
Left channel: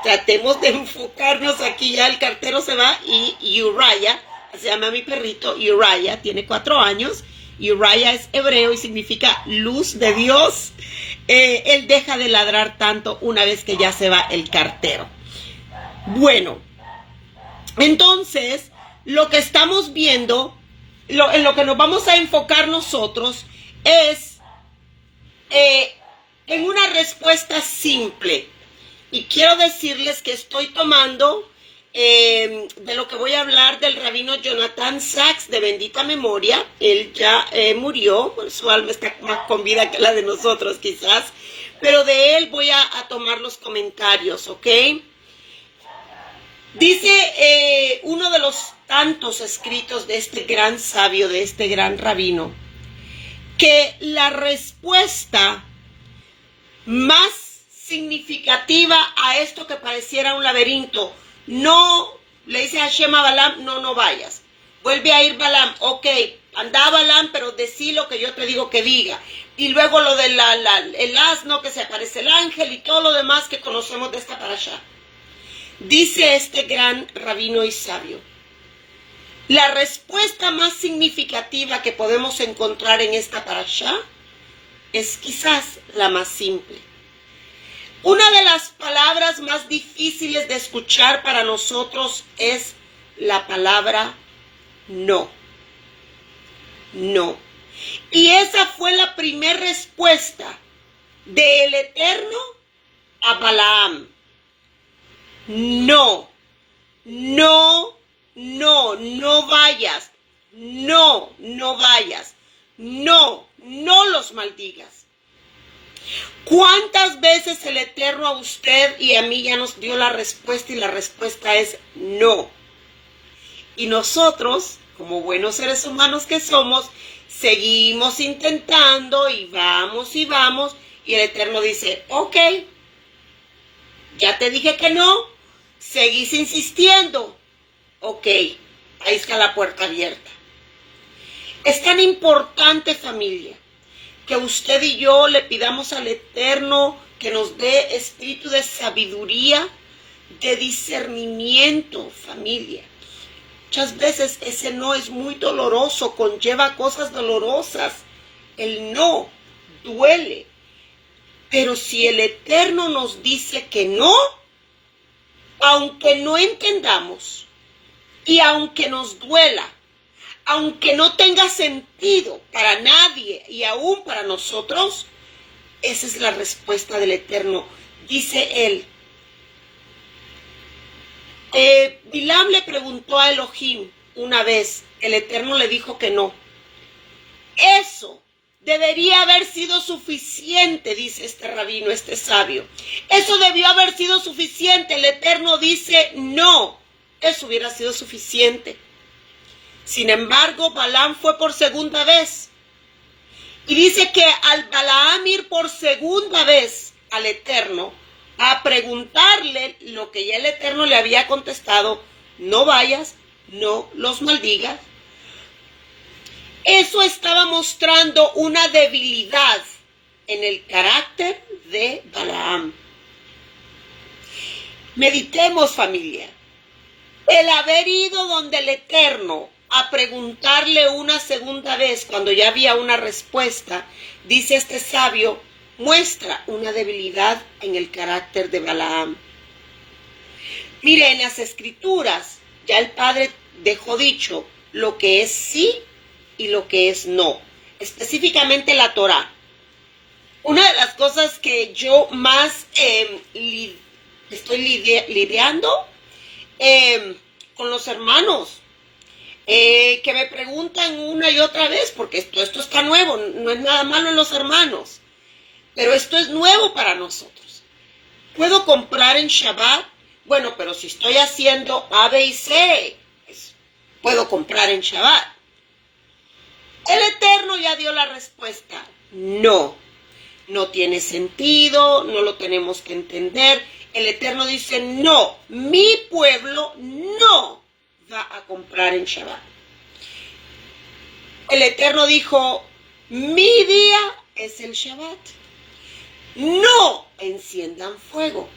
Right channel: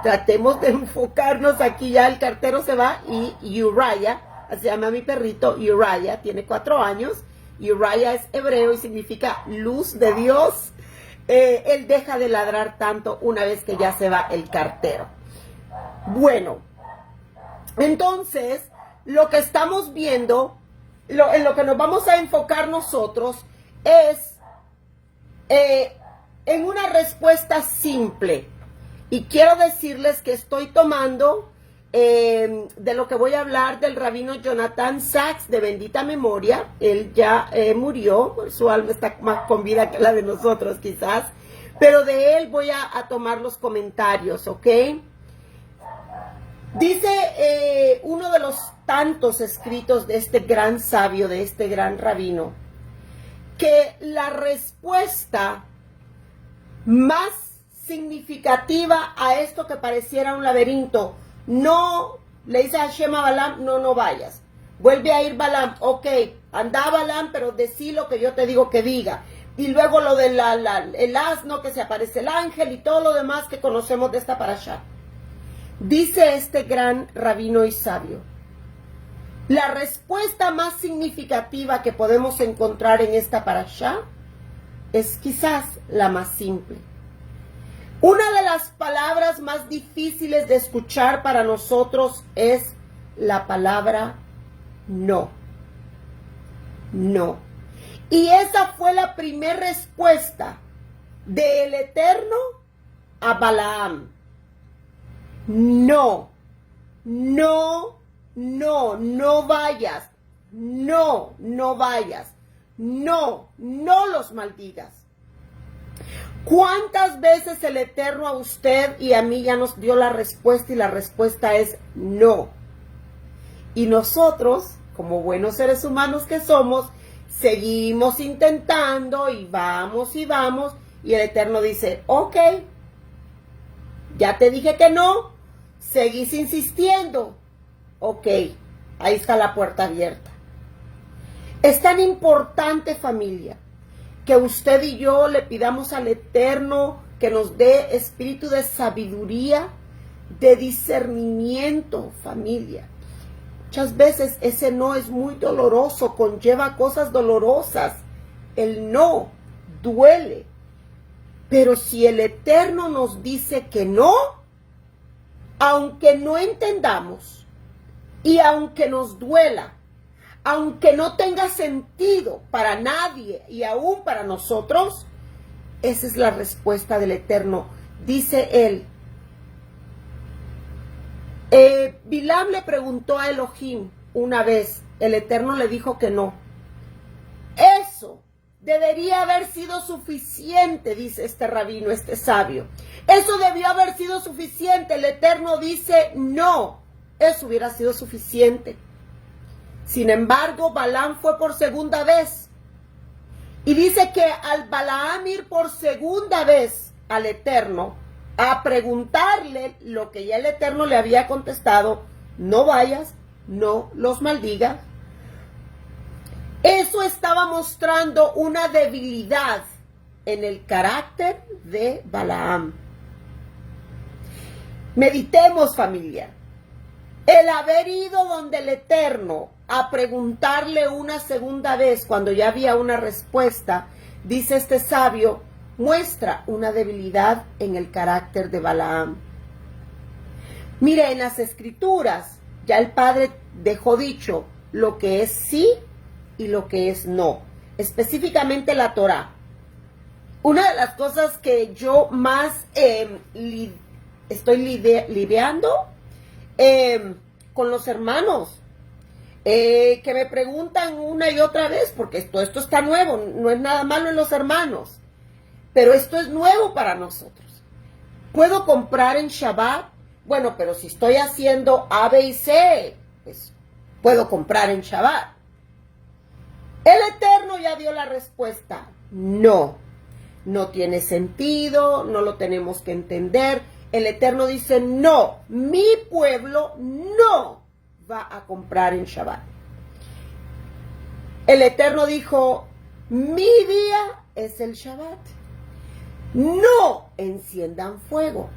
Tratemos de enfocarnos aquí, ya el cartero se va y Uriah, se llama mi perrito, Uriah, tiene 4 años. Uriah es hebreo y significa luz de Dios. Él deja de ladrar tanto una vez que ya se va el cartero. Bueno, entonces lo que estamos viendo, en lo que nos vamos a enfocar nosotros es en una respuesta simple. Y quiero decirles que estoy tomando de lo que voy a hablar del rabino Jonathan Sacks, de bendita memoria. Él ya murió, su alma está más con vida que la de nosotros quizás, pero de él voy a tomar los comentarios, ¿ok? Dice uno de los tantos escritos de este gran sabio, de este gran rabino, que la respuesta más significativa a esto que pareciera un laberinto, no, le dice Hashem a Balaam, no vayas. Vuelve a ir Balaam, ok, anda Balaam, pero decí lo que yo te digo que diga. Y luego lo del el asno, que se aparece el ángel y todo lo demás que conocemos de esta parashá. Dice este gran rabino y sabio, la respuesta más significativa que podemos encontrar en esta parashá es quizás la más simple. Una de las palabras más difíciles de escuchar para nosotros es la palabra no. No. Y esa fue la primera respuesta del Eterno a Balaam. No, no, no, no vayas. no, no vayas, no, no los maldigas. ¿Cuántas veces el Eterno a usted y a mí ya nos dio la respuesta y la respuesta es no? Y nosotros, como buenos seres humanos que somos, seguimos intentando y vamos y el Eterno dice, ok, ya te dije que no, seguís insistiendo, ok, ahí está la puerta abierta. Es tan importante, familia, que usted y yo le pidamos al Eterno que nos dé espíritu de sabiduría, de discernimiento, familia. Muchas veces ese no es muy doloroso, conlleva cosas dolorosas. El no duele. Pero si el Eterno nos dice que no, aunque no entendamos y aunque nos duela, aunque no tenga sentido para nadie y aún para nosotros, esa es la respuesta del Eterno. Dice él, Bilam le preguntó a Elohim una vez, el Eterno le dijo que no. Eso debería haber sido suficiente, dice este rabino, este sabio. Eso debió haber sido suficiente. El Eterno dice no, eso hubiera sido suficiente. Sin embargo, Balaam fue por segunda vez. Y dice que al Balaam ir por segunda vez al Eterno a preguntarle lo que ya el Eterno le había contestado, no vayas, no los maldigas. Eso estaba mostrando una debilidad en el carácter de Balaam. Meditemos, familia. El haber ido donde el Eterno a preguntarle una segunda vez cuando ya había una respuesta, dice este sabio, muestra una debilidad en el carácter de Balaam. Mire, en las escrituras ya el Padre dejó dicho lo que es sí y lo que es no, específicamente la Torá. Una de las cosas que yo más estoy lidiando con los hermanos, que me preguntan una y otra vez, porque esto está nuevo, no es nada malo en los hermanos, pero esto es nuevo para nosotros. ¿Puedo comprar en Shabbat? Bueno, pero si estoy haciendo A, B y C, pues puedo comprar en Shabbat. El Eterno ya dio la respuesta. No, no tiene sentido, no lo tenemos que entender. El Eterno dice, no, mi pueblo no va a comprar en Shabbat. El Eterno dijo, mi día es el Shabbat. No enciendan fuego.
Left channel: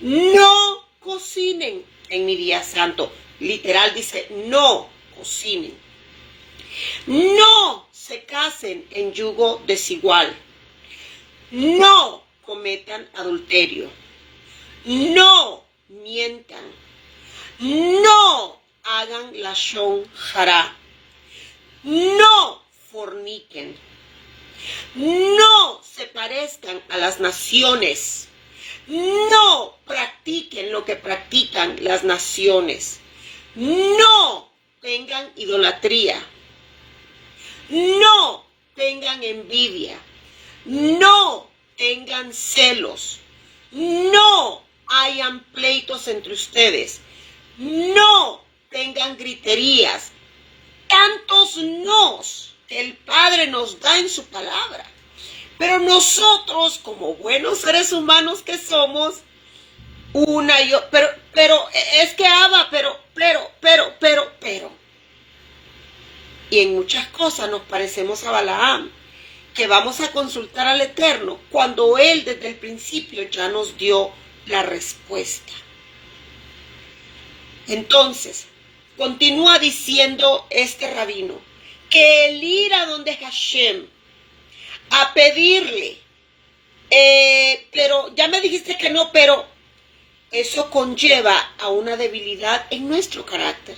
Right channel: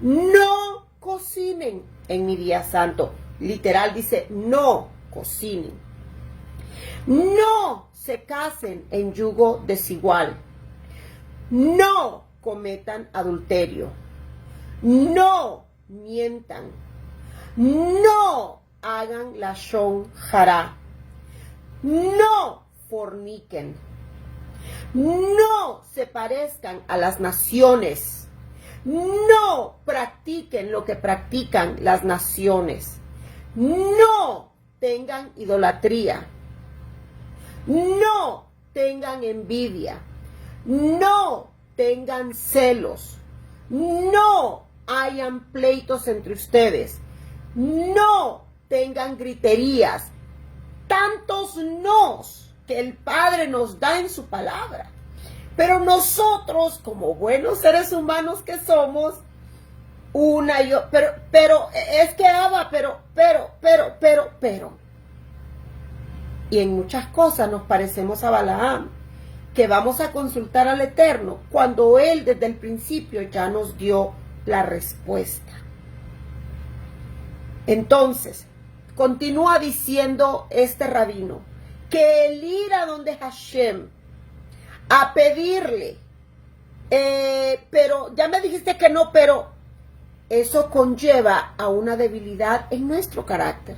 No cocinen en mi día santo. Literal dice, no cocinen. No se casen en yugo desigual. No cometan adulterio. No mientan. No hagan lashon hará. No forniquen. No se parezcan a las naciones. No practiquen lo que practican las naciones. No tengan idolatría. No tengan envidia. No tengan celos. No hayan pleitos entre ustedes. No tengan griterías. Tantos nos que el Padre nos da en su palabra. Pero nosotros, como buenos seres humanos que somos, una y otra, pero, es que Abba, pero. Y en muchas cosas nos parecemos a Balaam, que vamos a consultar al Eterno, cuando Él desde el principio ya nos dio la respuesta. Entonces, continúa diciendo este rabino, que el ir a donde Hashem, a pedirle, pero ya me dijiste que no, pero eso conlleva a una debilidad en nuestro carácter,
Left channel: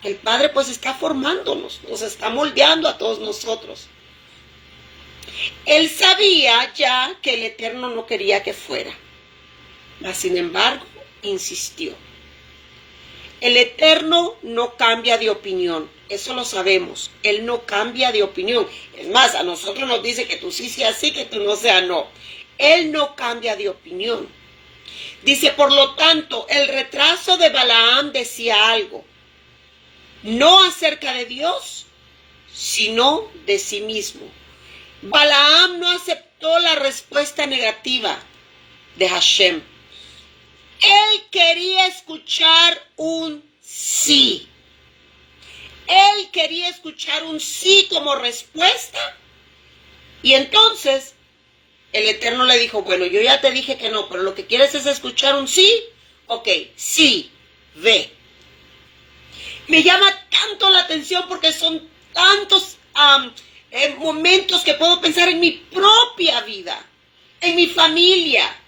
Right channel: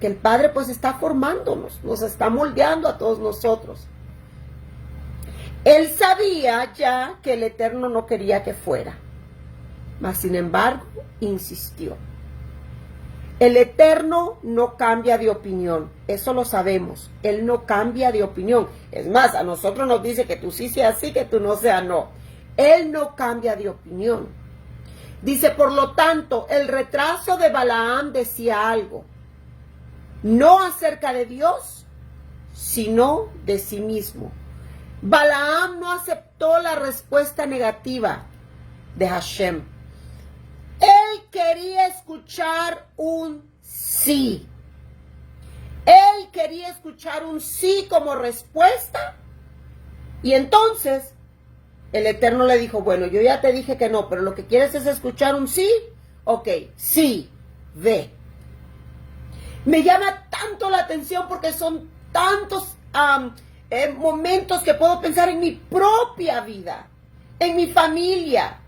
que el Padre pues está formándonos, nos está moldeando a todos nosotros. Él sabía ya que el Eterno no quería que fuera, mas sin embargo insistió. El Eterno no cambia de opinión, eso lo sabemos. Él no cambia de opinión. Es más, a nosotros nos dice que tú sí seas sí, que tú no seas no. Él no cambia de opinión. Dice, por lo tanto, el retraso de Balaam decía algo, no acerca de Dios, sino de sí mismo. Balaam no aceptó la respuesta negativa de Hashem. Él quería escuchar un sí. Él quería escuchar un sí como respuesta. Y entonces el Eterno le dijo, bueno, yo ya te dije que no, pero lo que quieres es escuchar un sí. Ok, sí, ve. Me llama tanto la atención porque son tantos momentos que puedo pensar en mi propia vida, en mi familia,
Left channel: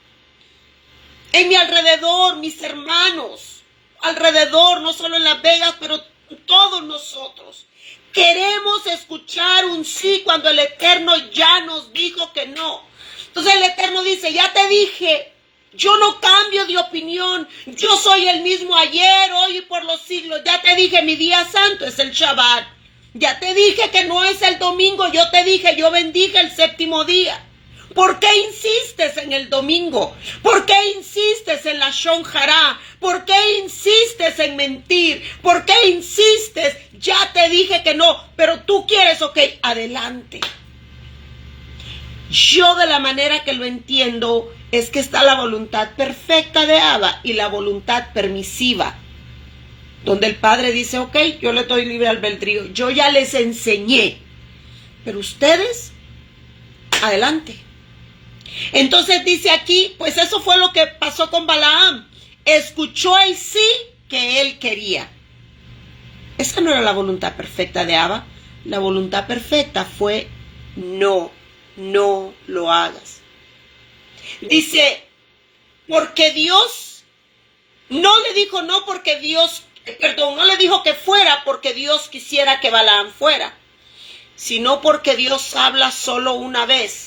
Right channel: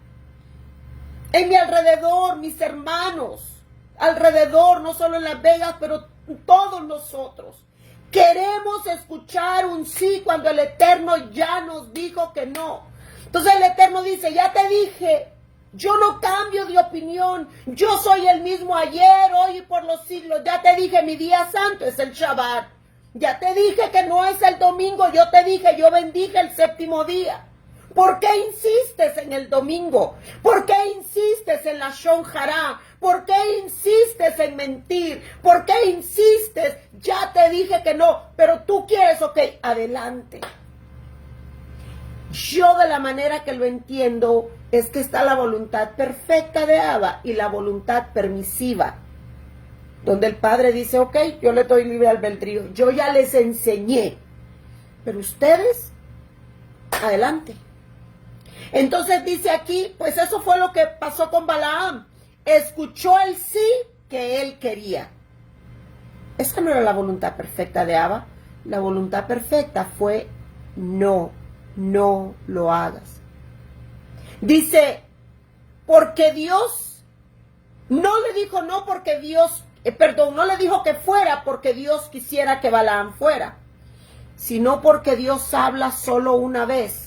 en mi alrededor, mis hermanos, alrededor, no solo en Las Vegas, pero todos nosotros. Queremos escuchar un sí cuando el Eterno ya nos dijo que no. Entonces el Eterno dice, ya te dije, yo no cambio de opinión, yo soy el mismo ayer, hoy y por los siglos. Ya te dije, mi día santo es el Shabbat. Ya te dije que no es el domingo, yo te dije, yo bendije el séptimo día. ¿Por qué insistes en el domingo? ¿Por qué insistes en la Shon Hará? ¿Por qué insistes en mentir? ¿Por qué insistes? Ya te dije que no, pero tú quieres, ok, adelante. Yo de la manera que lo entiendo es que está la voluntad perfecta de Abba y la voluntad permisiva, donde el Padre dice, ok, yo le doy libre albedrío, yo ya les enseñé, pero ustedes, adelante. Entonces dice aquí, pues eso fue lo que pasó con Balaam. Escuchó el sí que él quería. Esa no era la voluntad perfecta de Abba. La voluntad perfecta fue no lo hagas. Dice, porque Dios no le dijo no porque Dios, no le dijo que fuera porque Dios quisiera que Balaam fuera, sino porque Dios habla solo una vez.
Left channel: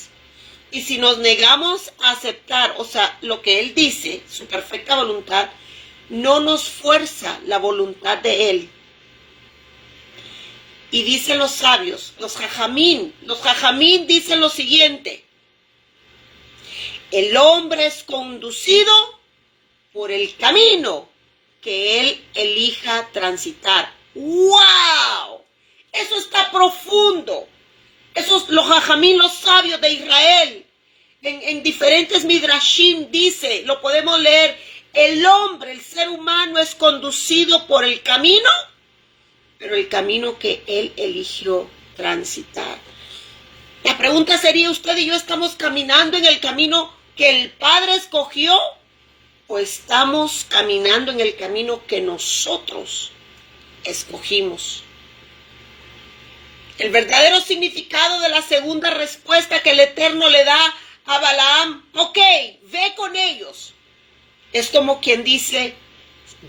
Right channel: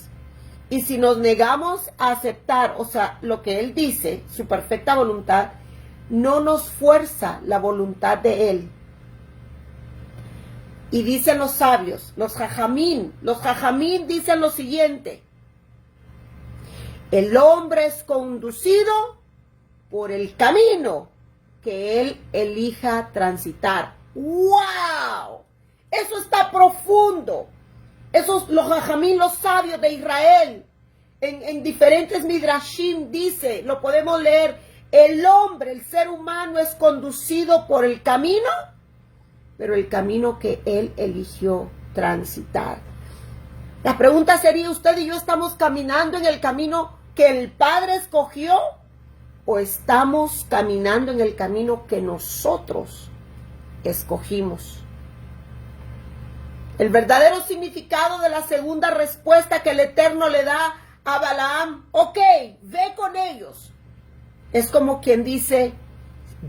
Y si nos negamos a aceptar, o sea, lo que Él dice, su perfecta voluntad, no nos fuerza la voluntad de Él. Y dicen los sabios, los jajamín dicen lo siguiente: el hombre es conducido por el camino que él elija transitar. ¡Wow! Eso está profundo. Esos los jajamín, los sabios de Israel, en diferentes midrashim dice, lo podemos leer, el hombre, el ser humano es conducido por el camino, pero el camino que él eligió transitar. La pregunta sería, ¿usted y yo estamos caminando en el camino que el Padre escogió o estamos caminando en el camino que nosotros escogimos? El verdadero significado de la segunda respuesta que el Eterno le da a Balaam, ok, ve con ellos. Es como quien dice,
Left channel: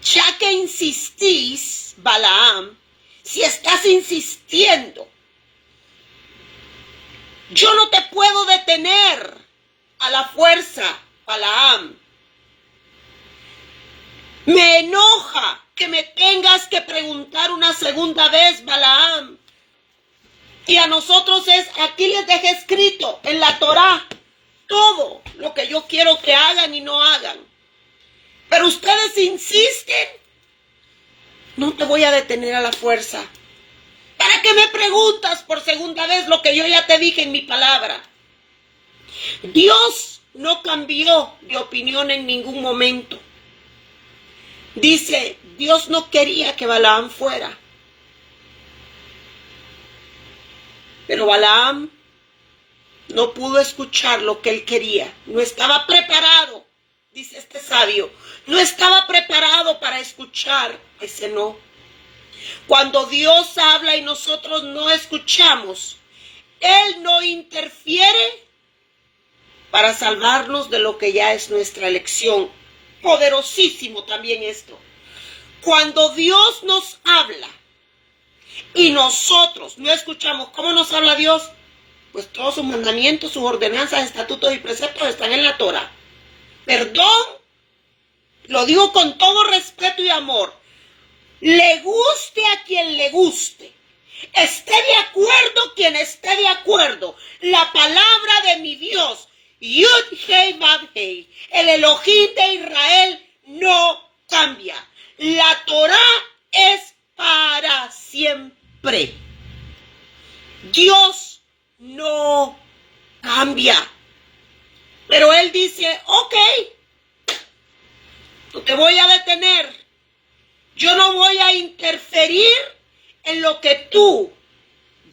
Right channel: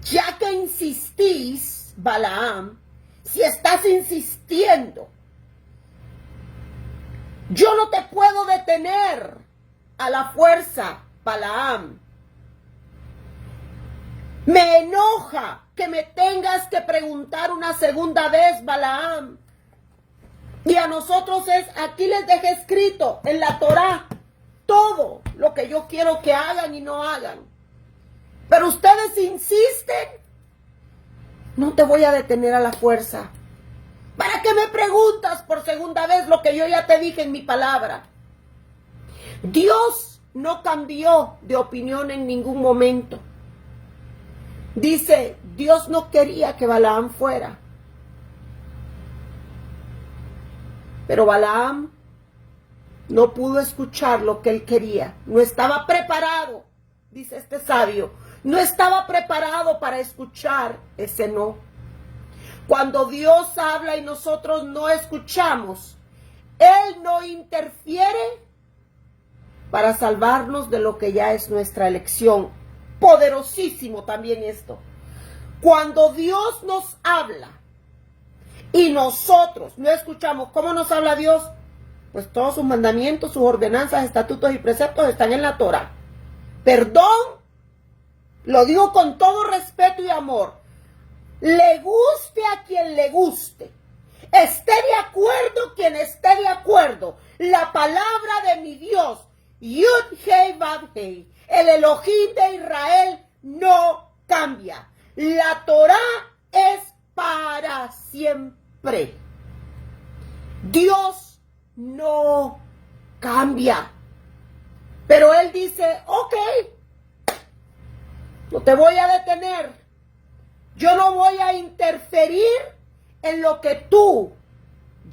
ya que insistís, Balaam, si estás insistiendo, yo no te puedo detener a la fuerza, Balaam. Me enoja que me tengas que preguntar una segunda vez, Balaam. Y a nosotros aquí les dejé escrito en la Torá todo lo que yo quiero que hagan y no hagan. Pero ustedes insisten. No te voy a detener a la fuerza. ¿Para qué me preguntas por segunda vez lo que yo ya te dije en mi palabra? Dios no cambió de opinión en ningún momento. Dice, Dios no quería que Balaam fuera. Pero Balaam no pudo escuchar lo que él quería. No estaba preparado, dice este sabio. No estaba preparado para escuchar ese no. Cuando Dios habla y nosotros no escuchamos, Él no interfiere para salvarnos de lo que ya es nuestra elección. Poderosísimo también esto. Cuando Dios nos habla y nosotros no escuchamos, ¿cómo nos habla Dios? Pues todos sus mandamientos, sus ordenanzas, estatutos y preceptos están en la Torá. Perdón, lo digo con todo respeto y amor. Le guste a quien le guste. Esté de acuerdo quien esté de acuerdo. La palabra de mi Dios, Yud-Hei-Vav-Hei, el Elohim de Israel, no cambia. La Torá es para siempre. Dios no cambia. Pero Él dice, ok, no te voy a detener. Yo no voy a interferir en lo que tú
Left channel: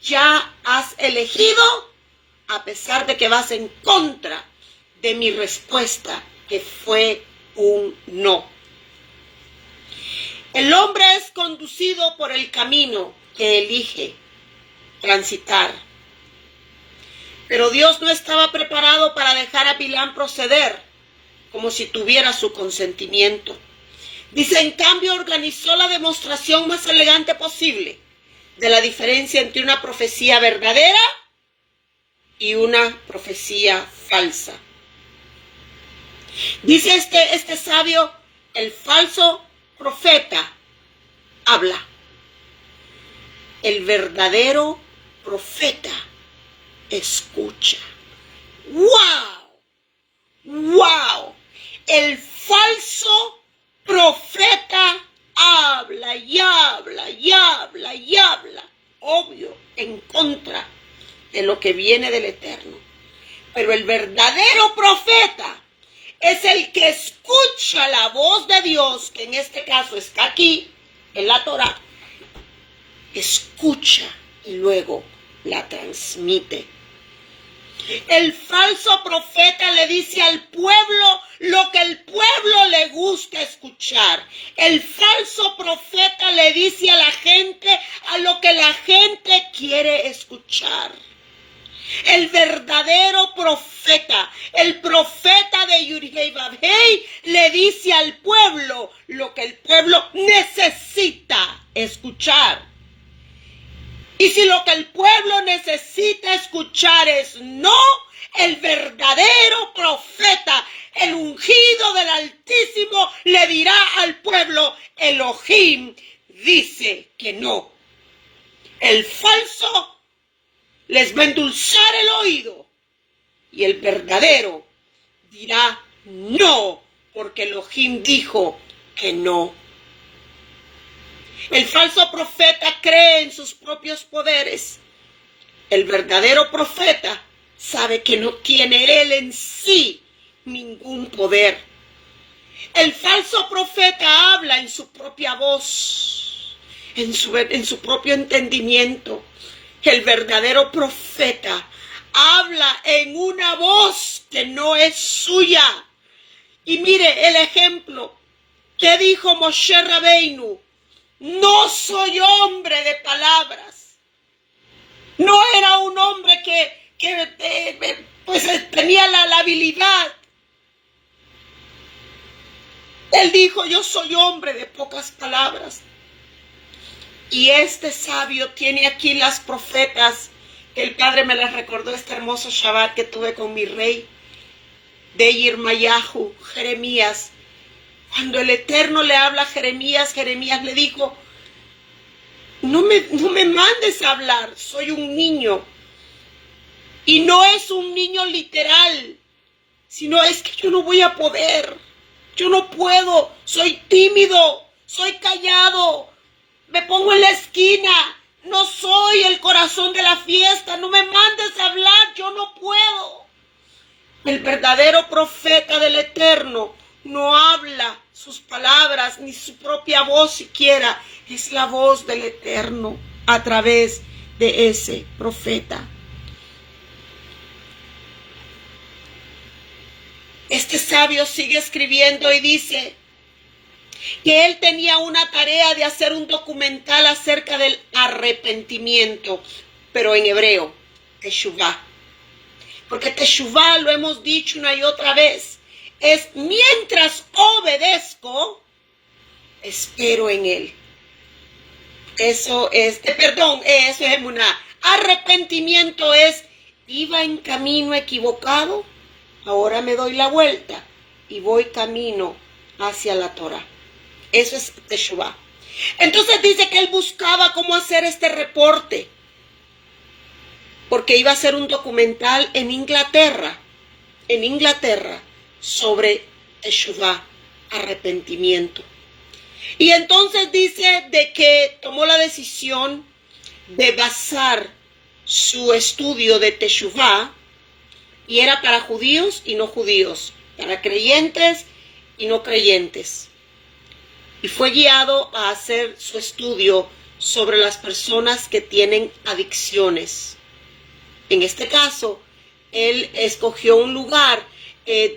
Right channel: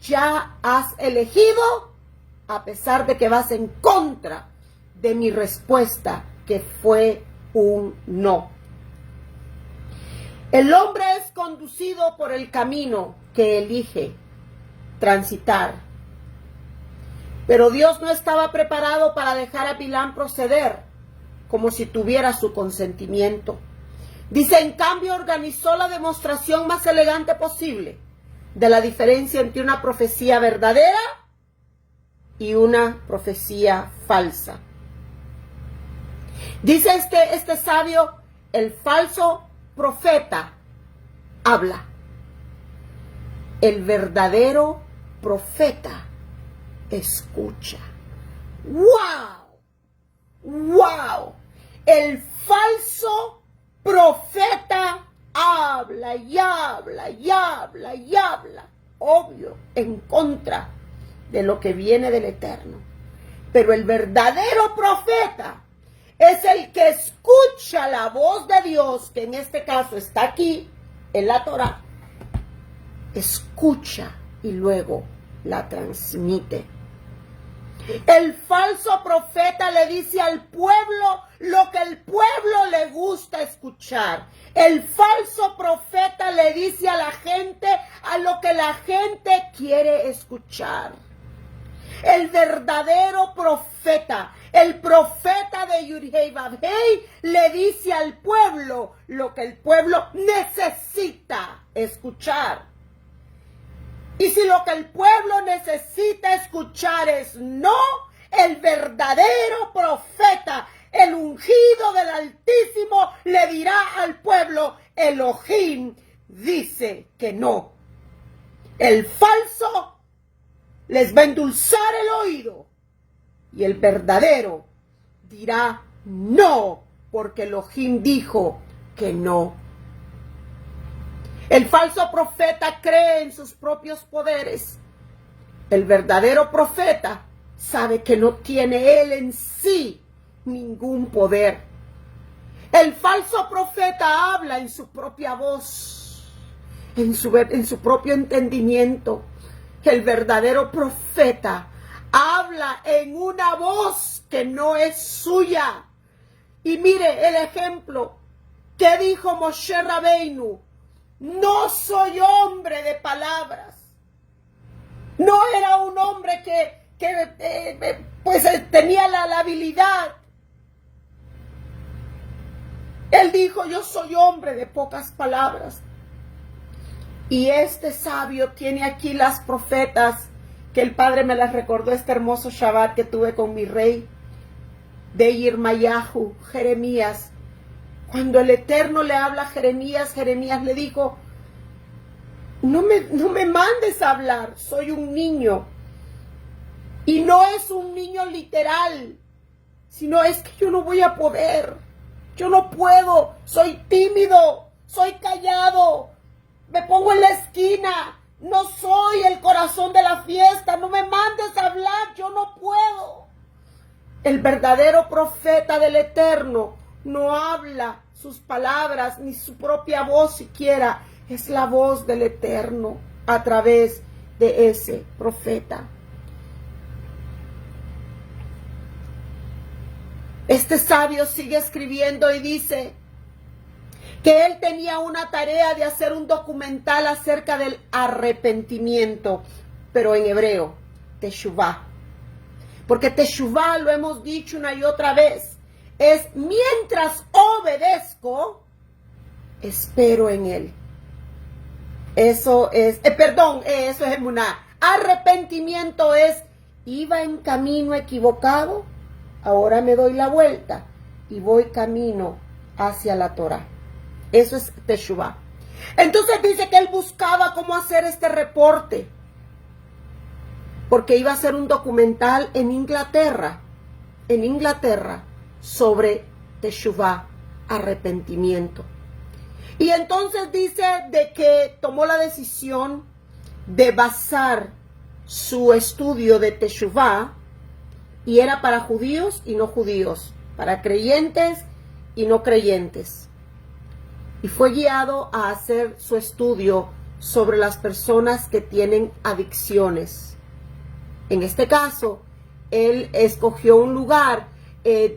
ya has elegido, a pesar de que vas en contra de mi respuesta, que fue un no. El hombre es conducido por el camino que elige transitar. Pero Dios no estaba preparado para dejar a Bilam proceder como si tuviera su consentimiento. Dice, en cambio, organizó la demostración más elegante posible de la diferencia entre una profecía verdadera y una profecía falsa. Dice este sabio, el falso profeta habla. El verdadero profeta escucha. ¡Wow! ¡Wow! El falso profeta habla y habla y habla y habla, obvio, en contra de lo que viene del Eterno. Pero el verdadero profeta es el que escucha la voz de Dios, que en este caso está aquí, en la Torá. Escucha y luego la transmite. El falso profeta le dice al pueblo lo que el pueblo le gusta escuchar. El falso profeta le dice a la gente a lo que la gente quiere escuchar. El verdadero profeta, el profeta de Yud-Hei-Vav-Hei, le dice al pueblo lo que el pueblo necesita escuchar. Y si lo que el pueblo necesita escuchar es no, el verdadero profeta, el ungido del Altísimo, le dirá al pueblo, Elohim dice que no. El falso les va a endulzar el oído y el verdadero dirá no, porque Elohim dijo que no. El falso profeta cree en sus propios poderes. El verdadero profeta sabe que no tiene él en sí ningún poder. El falso profeta habla en su propia voz, en su propio entendimiento. El verdadero profeta habla en una voz que no es suya. Y mire el ejemplo que dijo Moshe Rabbeinu. No soy hombre de palabras. No era un hombre que tenía la habilidad. Él dijo, yo soy hombre de pocas palabras. Y este sabio tiene aquí las profetas, que el Padre me las recordó este hermoso Shabbat que tuve con mi rey, de Yirmayahu, Jeremías. Cuando el Eterno le habla a Jeremías, Jeremías le dijo, no me mandes a hablar, soy un niño. Y no es un niño literal, sino es que yo no voy a poder, yo no puedo, soy tímido, soy callado, me pongo en la esquina, no soy el corazón de la fiesta, no me mandes a hablar, yo no puedo. El verdadero profeta del Eterno no habla sus palabras ni su propia voz siquiera, es la voz del Eterno a través de ese profeta. Este sabio sigue escribiendo y dice que él tenía una tarea de hacer un documental acerca del arrepentimiento, pero en hebreo, teshuvá. Porque teshuvá, lo hemos dicho una y otra vez, es mientras obedezco, espero en él. Eso es, eso es emuná. Arrepentimiento es, iba en camino equivocado, ahora me doy la vuelta y voy camino hacia la Torah. Eso es teshuvá. Entonces dice que él buscaba cómo hacer este reporte, porque iba a hacer un documental en Inglaterra, sobre teshuvá, arrepentimiento. Y entonces dice de que tomó la decisión de basar su estudio de teshuvá, y era para judíos y no judíos, para creyentes y no creyentes. Y fue guiado a hacer su estudio sobre las personas que tienen adicciones. En este caso, él escogió un lugar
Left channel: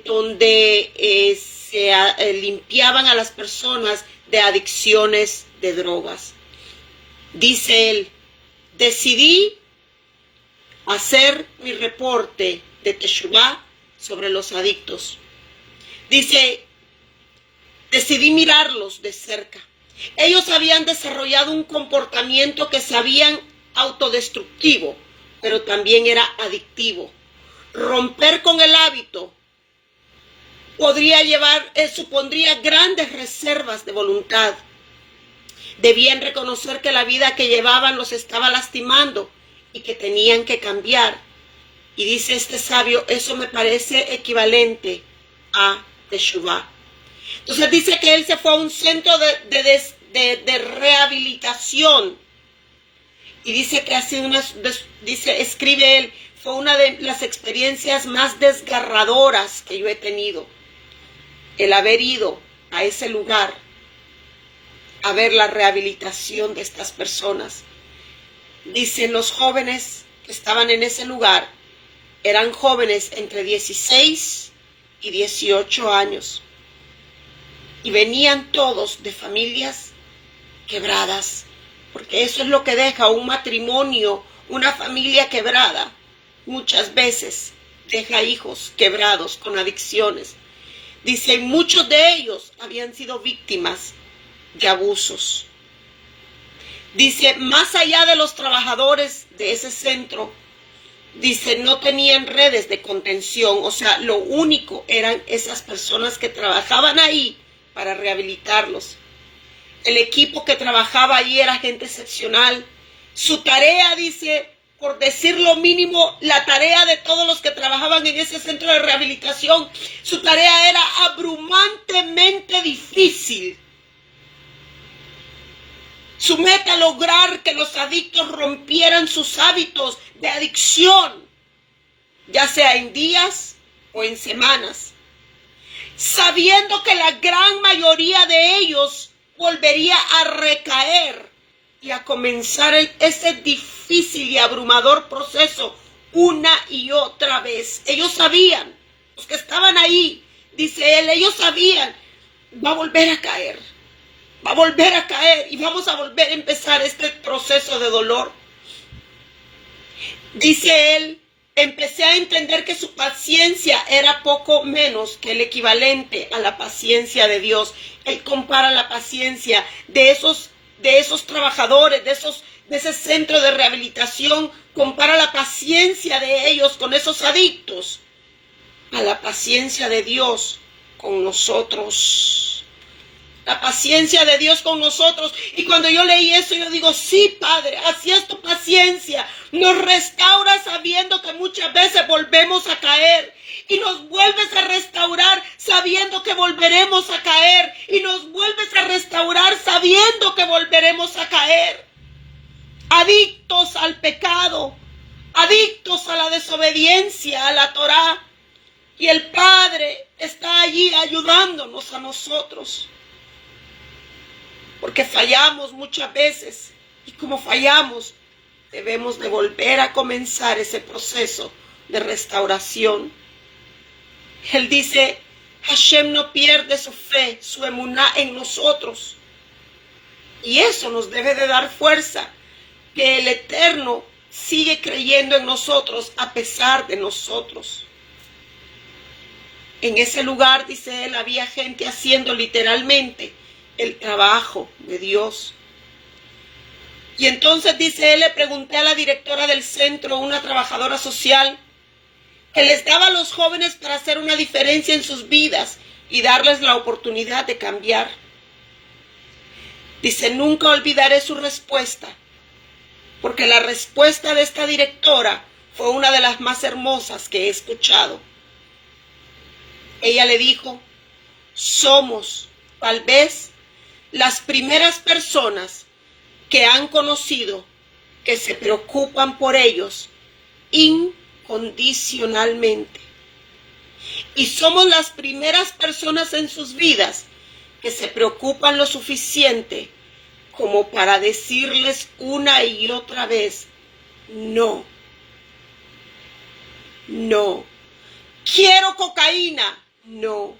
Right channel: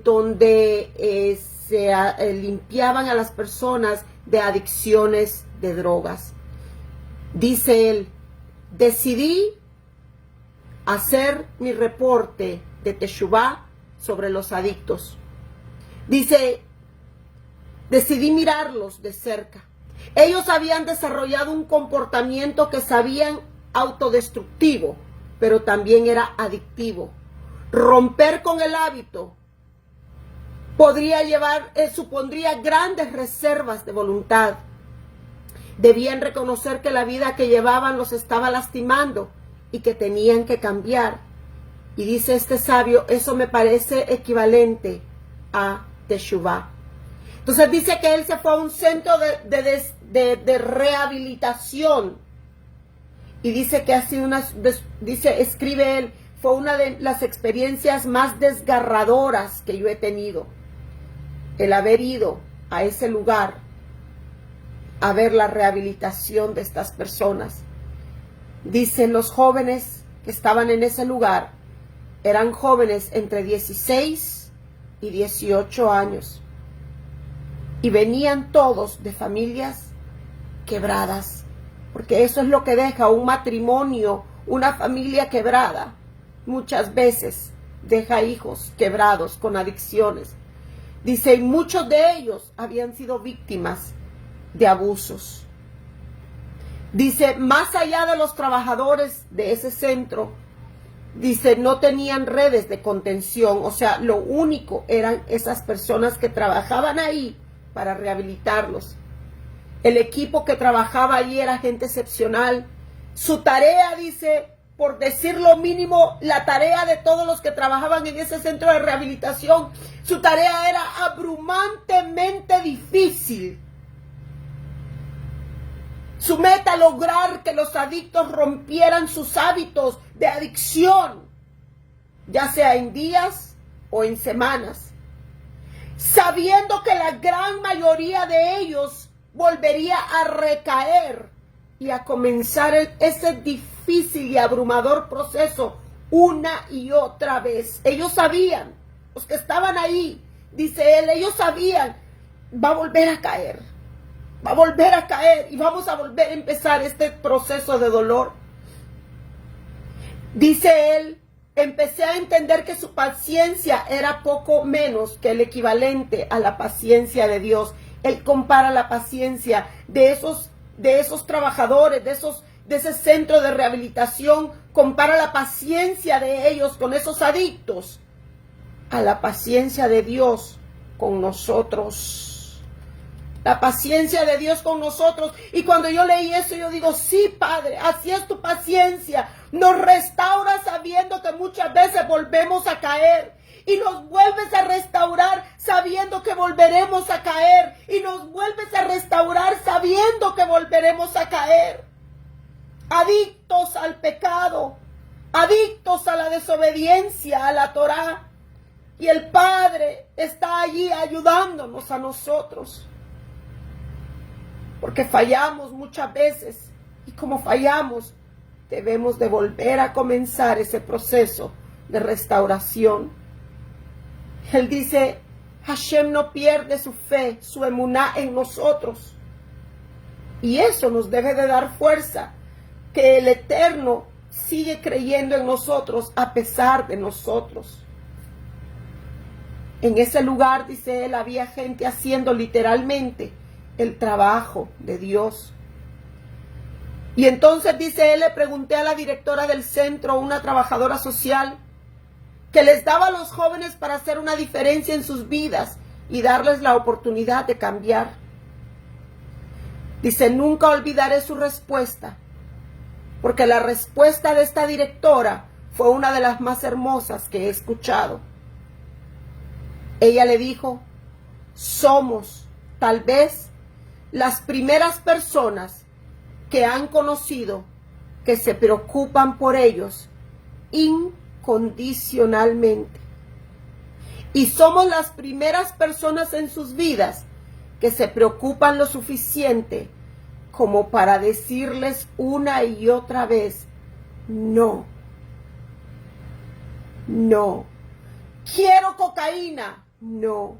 donde se limpiaban a las personas de adicciones de drogas. Dice él, decidí hacer mi reporte de teshuvá sobre los adictos. Dice, decidí mirarlos de cerca. Ellos habían desarrollado un comportamiento que sabían autodestructivo, pero también era adictivo. Romper con el hábito supondría grandes reservas de voluntad. Debían reconocer que la vida que llevaban los estaba lastimando y que tenían que cambiar. Y dice este sabio, eso me parece equivalente a teshuvá. Entonces dice que él se fue a un centro de rehabilitación. Y dice que ha sido escribe él, fue una de las experiencias más desgarradoras que yo he tenido. El haber ido a ese lugar a ver la rehabilitación de estas personas. Dicen los jóvenes que estaban en ese lugar, eran jóvenes entre 16 y 18 años. Y venían todos de familias quebradas, porque eso es lo que deja un matrimonio, una familia quebrada. Muchas veces deja hijos quebrados con adicciones. Dice, muchos de ellos habían sido víctimas de abusos. Dice, más allá de los trabajadores de ese centro, dice, no tenían redes de contención. O sea, lo único eran esas personas que trabajaban ahí para rehabilitarlos. El equipo que trabajaba allí era gente excepcional. Su tarea, dice, por decir lo mínimo, la tarea de todos los que trabajaban en ese centro de rehabilitación, su tarea era abrumantemente difícil. Su meta, lograr que los adictos rompieran sus hábitos de adicción, ya sea en días o en semanas, sabiendo que la gran mayoría de ellos volvería a recaer y a comenzar ese difícil y abrumador proceso una y otra vez. Ellos sabían, los que estaban ahí, dice él, ellos sabían, va a volver a caer y vamos a volver a empezar este proceso de dolor. Dice él, empecé a entender que su paciencia era poco menos que el equivalente a la paciencia de Dios. Él compara la paciencia de esos trabajadores, de ese centro de rehabilitación, compara la paciencia de ellos con esos adictos a la paciencia de Dios con nosotros. La paciencia de Dios con nosotros. Y cuando yo leí eso, yo digo, sí, Padre, así es tu paciencia. Nos restaura sabiendo que muchas veces volvemos a caer. Y nos vuelves a restaurar sabiendo que volveremos a caer. Y nos vuelves a restaurar sabiendo que volveremos a caer. Adictos al pecado. Adictos a la desobediencia, a la Torá. Y el Padre está allí ayudándonos a nosotros. Porque fallamos muchas veces, y como fallamos, debemos de volver a comenzar ese proceso de restauración. Él dice, Hashem no pierde su fe, su emuná en nosotros. Y eso nos debe de dar fuerza, que el Eterno sigue creyendo en nosotros a pesar de nosotros. En ese lugar, dice él, había gente haciendo literalmente el trabajo de Dios. Y entonces, dice él, le pregunté a la directora del centro, una trabajadora social, que les daba a los jóvenes para hacer una diferencia en sus vidas y darles la oportunidad de cambiar. Dice, nunca olvidaré su respuesta, porque la respuesta de esta directora fue una de las más hermosas que he escuchado. Ella le dijo, somos tal vez las primeras personas que han conocido que se preocupan por ellos incondicionalmente. Y somos las primeras personas en sus vidas que se preocupan lo suficiente como para decirles una y otra vez, no, no. Quiero cocaína, no.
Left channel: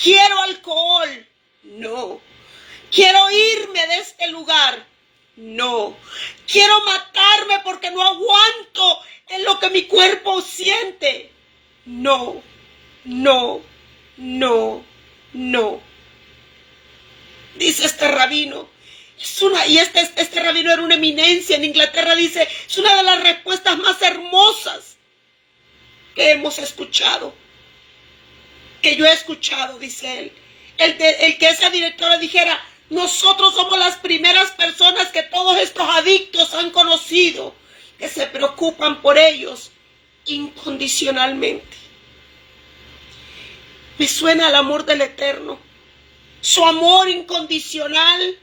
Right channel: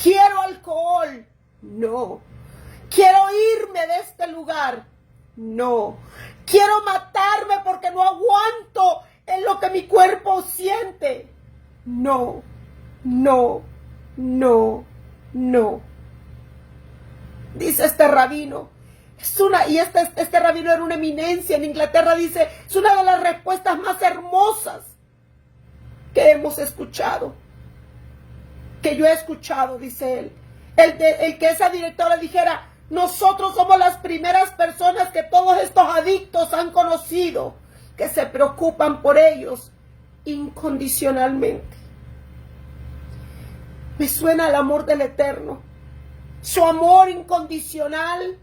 Quiero alcohol, no. Quiero irme de este lugar, no. Quiero matarme porque no aguanto en lo que mi cuerpo siente, no, no, no, no. Dice este rabino, este rabino era una eminencia en Inglaterra, dice, es una de las respuestas más hermosas que hemos escuchado, que yo he escuchado, dice él. El que esa directora dijera, nosotros somos las primeras personas que todos estos adictos han conocido, que se preocupan por ellos incondicionalmente. Me suena el amor del Eterno, su amor incondicional,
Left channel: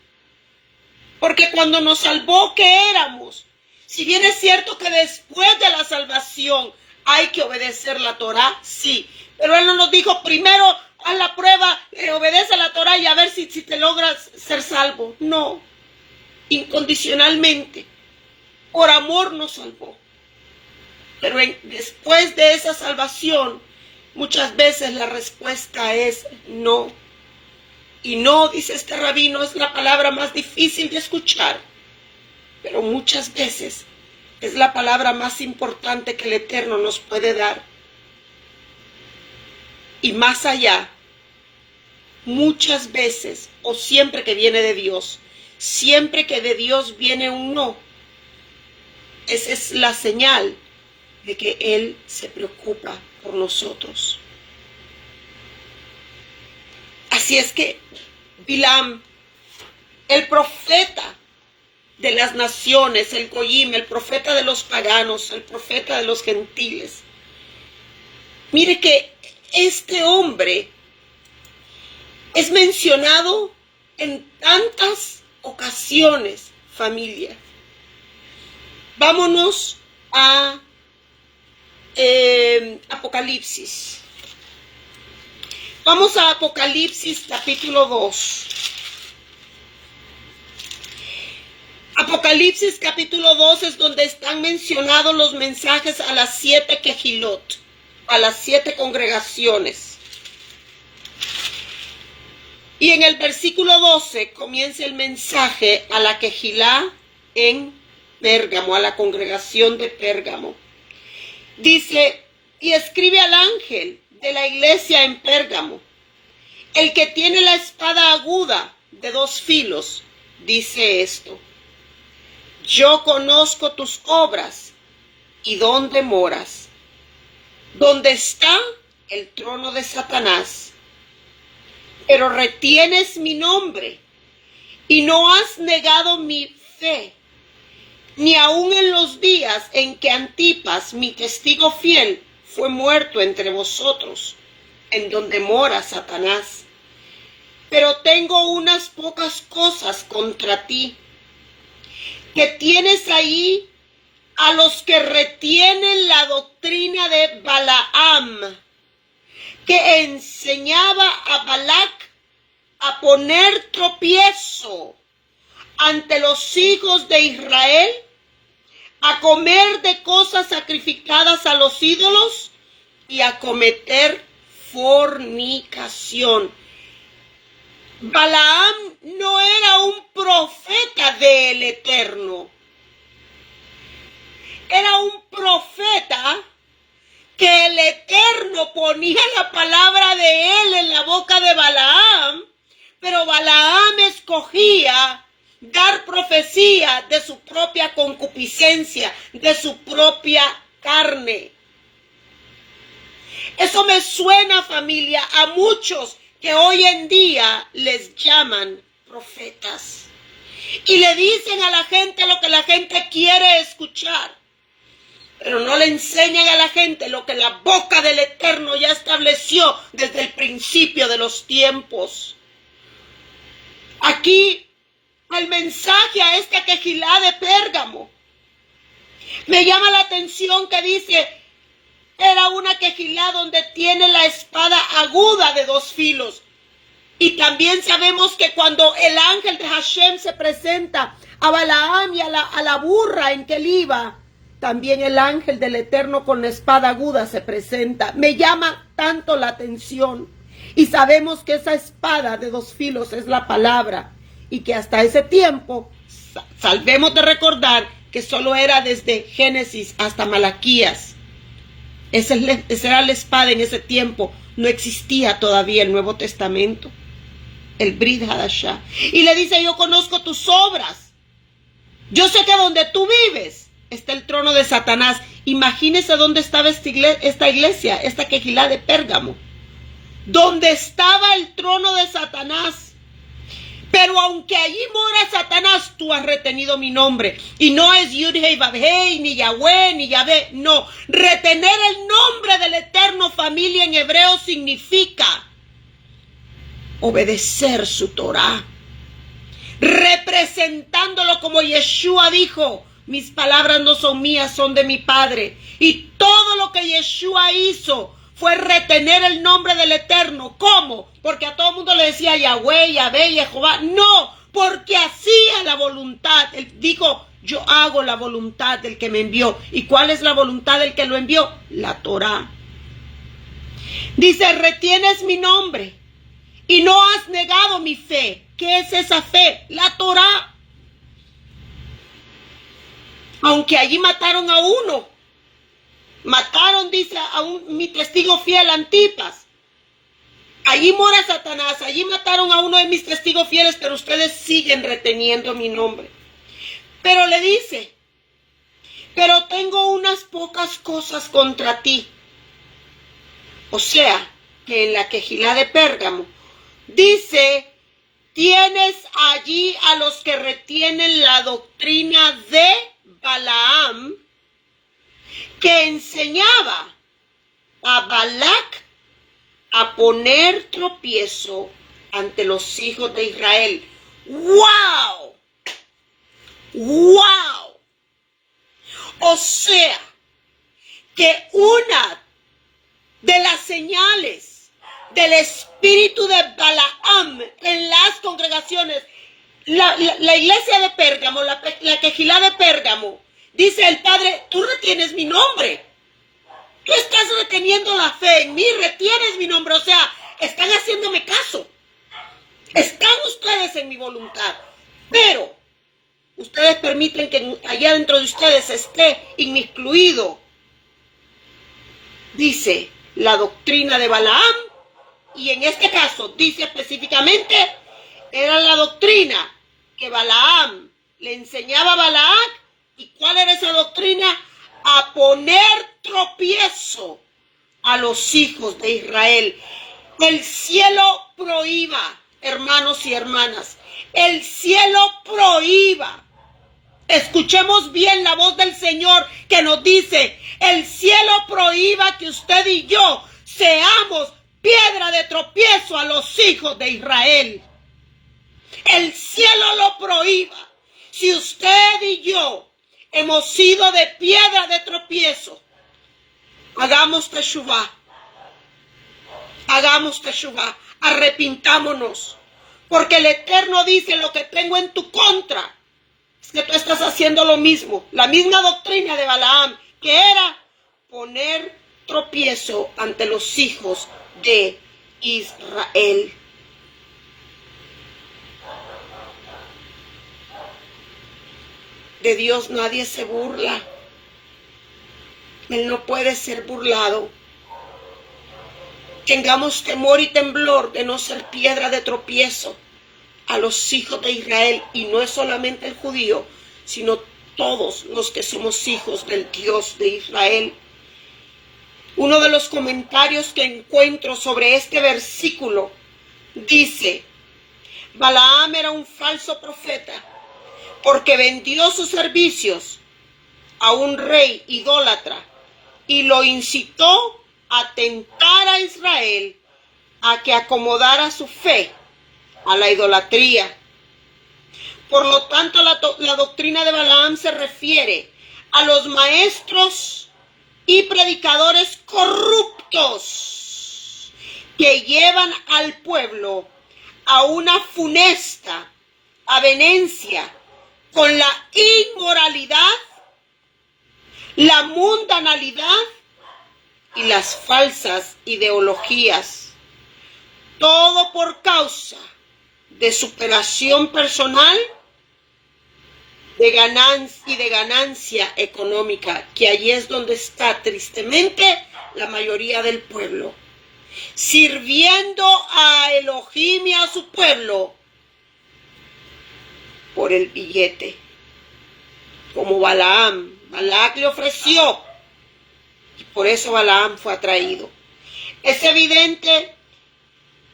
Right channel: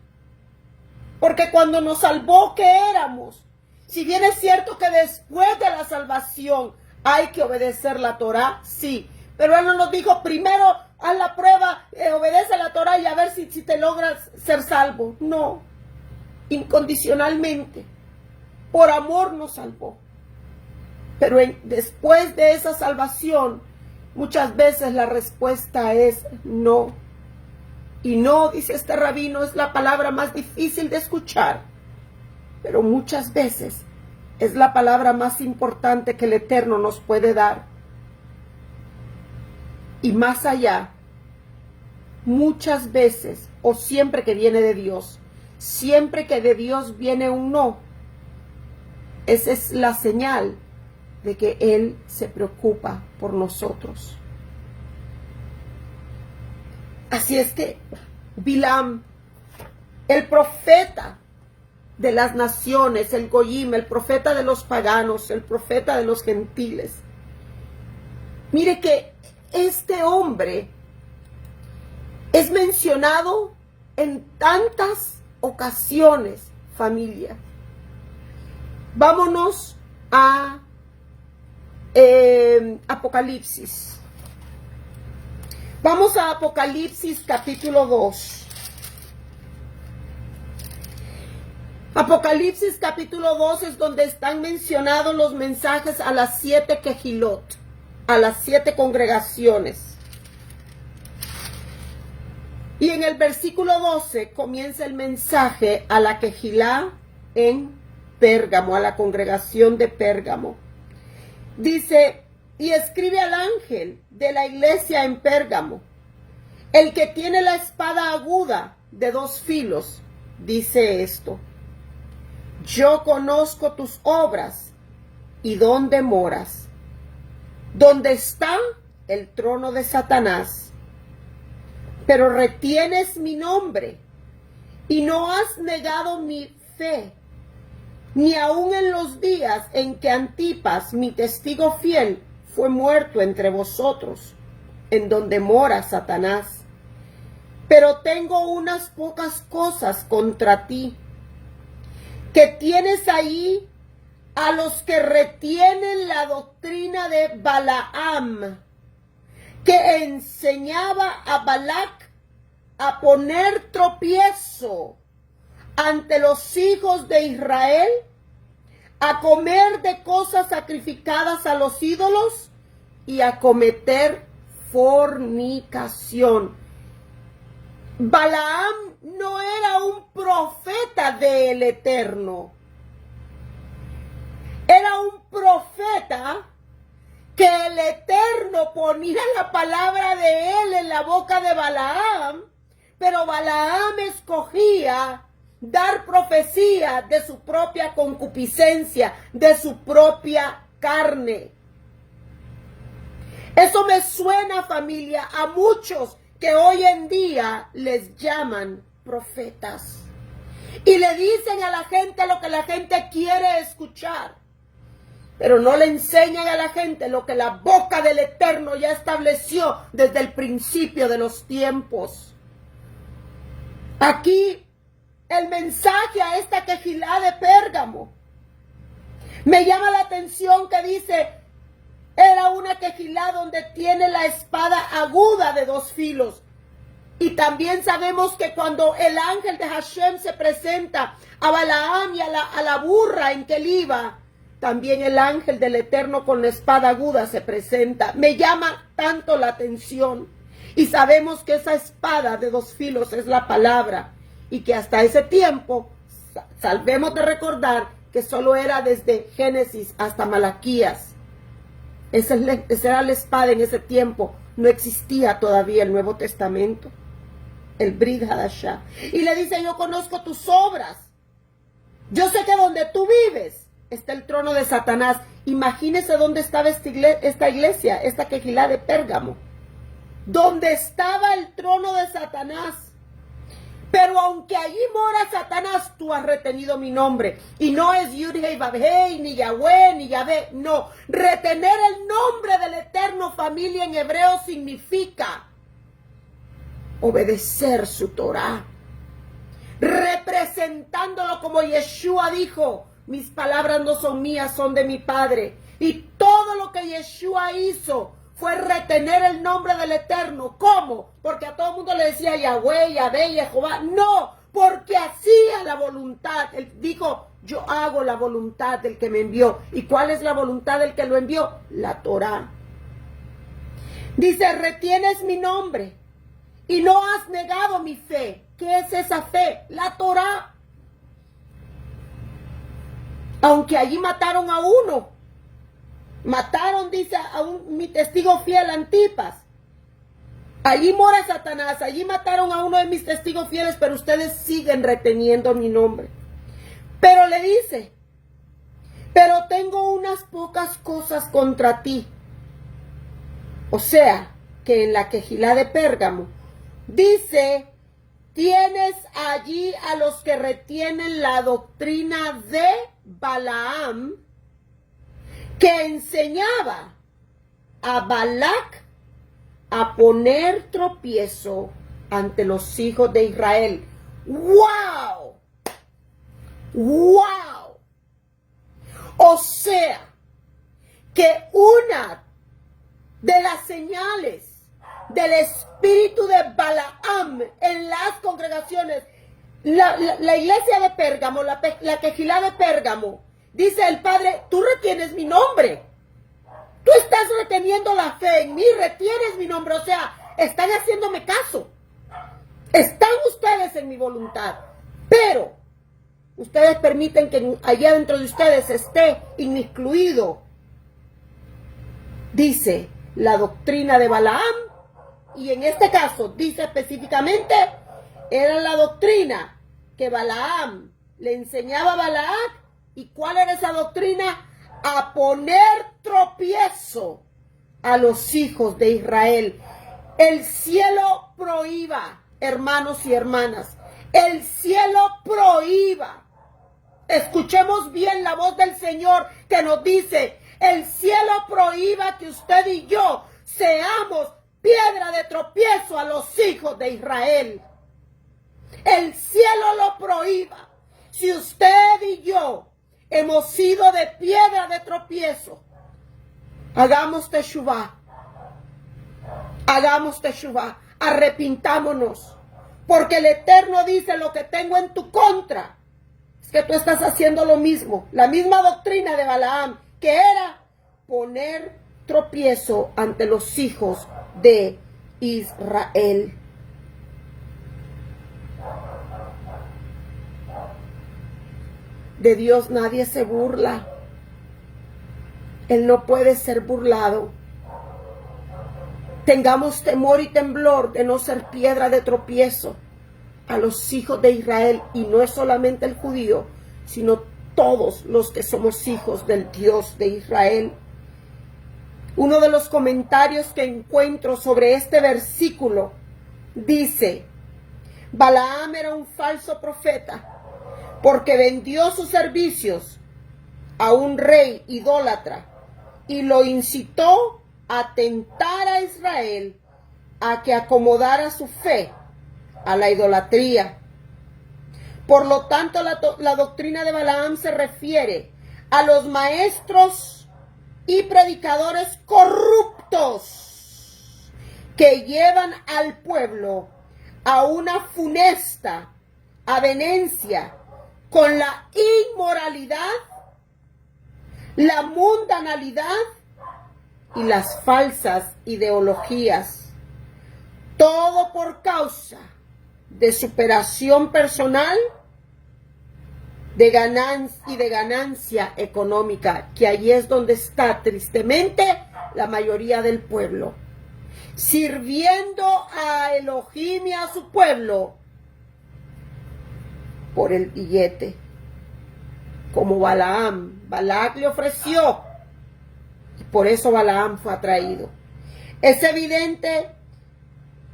porque cuando nos salvó, ¿qué éramos? Si bien es cierto que después de la salvación hay que obedecer la Torá, sí, pero Él no nos dijo, primero haz la prueba, obedece la Torá y a ver si te logras ser salvo. No, incondicionalmente, por amor nos salvó. Pero después de esa salvación, muchas veces la respuesta es no. Y no, dice este rabino, es la palabra más difícil de escuchar, pero muchas veces es la palabra más importante que el Eterno nos puede dar. Y más allá, muchas veces, o siempre que viene de Dios, siempre que de Dios viene un no, esa es la señal de que Él se preocupa por nosotros. Así es que Bilam, el profeta de las naciones, el Goyim, el profeta de los paganos, el profeta de los gentiles, mire que este hombre es mencionado en tantas ocasiones, familia. Vámonos a Apocalipsis. Vamos a Apocalipsis capítulo 2. Apocalipsis capítulo 2 es donde están mencionados los mensajes a las 7 Kehilot, a las 7 congregaciones. Y en el versículo 12 comienza el mensaje a la Kehilá en Pérgamo, a la congregación de Pérgamo. Dice, y escribe al ángel de la iglesia en Pérgamo, el que tiene la espada aguda de 2 filos, dice esto: yo conozco tus obras y dónde moras, donde está el trono de Satanás, pero retienes mi nombre y no has negado mi fe, ni aun en los días en que Antipas, mi testigo fiel, fue muerto entre vosotros, en donde mora Satanás. Pero tengo unas pocas cosas contra ti, que tienes ahí a los que retienen la doctrina de Balaam, que enseñaba a Balac a poner tropiezo ante los hijos de Israel, a comer de cosas sacrificadas a los ídolos y a cometer fornicación. Balaam no era un profeta del Eterno. Era un profeta que el Eterno ponía la palabra de él en la boca de Balaam, pero Balaam escogía dar profecía de su propia concupiscencia, de su propia carne. Eso me suena, familia, a muchos que hoy en día les llaman profetas. Y le dicen a la gente lo que la gente quiere escuchar. Pero no le enseñan a la gente lo que la boca del Eterno ya estableció desde el principio de los tiempos. Aquí el mensaje a esta quejilá de Pérgamo me llama la atención que dice, era una quejilá donde tiene la espada aguda de 2 filos. Y también sabemos que cuando el ángel de Hashem se presenta a Balaam y a la burra en que él iba, también el ángel del Eterno con la espada aguda se presenta. Me llama tanto la atención. Y sabemos que esa espada de 2 filos es la palabra. Y que hasta ese tiempo, salvemos de recordar que solo era desde Génesis hasta Malaquías. Esa era la espada en ese tiempo. No existía todavía el Nuevo Testamento. El Brit Hadashah. Y le dice, yo conozco tus obras. Yo sé que donde tú vives está el trono de Satanás. Imagínese dónde estaba esta iglesia, esta quejilá de Pérgamo. Donde estaba el trono de Satanás. Pero aunque allí mora Satanás, tú has retenido mi nombre. Y no es Yud-Hei, Vav-Hei, ni Yahweh, ni Yahvé. No, retener el nombre del Eterno, familia, en hebreo significa obedecer su Torah. Representándolo como Yeshua dijo, mis palabras no son mías, son de mi Padre. Y todo lo que Yeshua hizo fue retener el nombre del Eterno. ¿Cómo? Porque a todo el mundo le decía Yahweh, Yahvé, Jehová. No, porque hacía la voluntad. Él dijo, yo hago la voluntad del que me envió. ¿Y cuál es la voluntad del que lo envió? La Torah. Dice, retienes mi nombre y no has negado mi fe. ¿Qué es esa fe? La Torah. Aunque allí mataron a uno. Mataron, dice, mi testigo fiel, Antipas. Allí mora Satanás. Allí mataron a uno de mis testigos fieles, pero ustedes siguen reteniendo mi nombre. Pero le dice, pero tengo unas pocas cosas contra ti. O sea, que en la quejilá de Pérgamo dice, tienes allí a los que retienen la doctrina de Balaam, que enseñaba a Balac a poner tropiezo ante los hijos de Israel. ¡Wow! ¡Wow! O sea, que una de las señales del espíritu de Balaam en las congregaciones, la iglesia de Pérgamo, la quejilá de Pérgamo, dice el Padre, tú retienes mi nombre. Tú estás reteniendo la fe en mí, retienes mi nombre. O sea, están haciéndome caso. Están ustedes en mi voluntad. Pero ustedes permiten que allá dentro de ustedes esté incluido, dice, la doctrina de Balaam. Y en este caso, dice específicamente, era la doctrina que Balaam le enseñaba a Balac. ¿Y cuál era esa doctrina? A poner tropiezo a los hijos de Israel. El cielo prohíba, hermanos y hermanas. El cielo prohíba. Escuchemos bien la voz del Señor que nos dice, el cielo prohíba que usted y yo seamos piedra de tropiezo a los hijos de Israel. El cielo lo prohíba. Si usted y yo hemos sido de piedra de tropiezo, hagamos teshuvá. Hagamos teshuvá. Arrepintámonos. Porque el Eterno dice, lo que tengo en tu contra es que tú estás haciendo lo mismo. La misma doctrina de Balaam, que era poner tropiezo ante los hijos de Israel. De Dios nadie se burla. Él no puede ser burlado. Tengamos temor y temblor de no ser piedra de tropiezo a los hijos de Israel. Y no es solamente el judío, sino todos los que somos hijos del Dios de Israel. Uno de los comentarios que encuentro sobre este versículo dice, Balaam era un falso profeta porque vendió sus servicios a un rey idólatra y lo incitó a tentar a Israel a que acomodara su fe a la idolatría. Por lo tanto, la doctrina de Balaam se refiere a los maestros y predicadores corruptos que llevan al pueblo a una funesta avenencia con la inmoralidad, la mundanalidad y las falsas ideologías. Todo por causa de superación personal de ganancia económica, que allí es donde está tristemente la mayoría del pueblo, sirviendo a Elohim y a su pueblo por el billete, como Balaam. Balac le ofreció y por eso Balaam fue atraído. Es evidente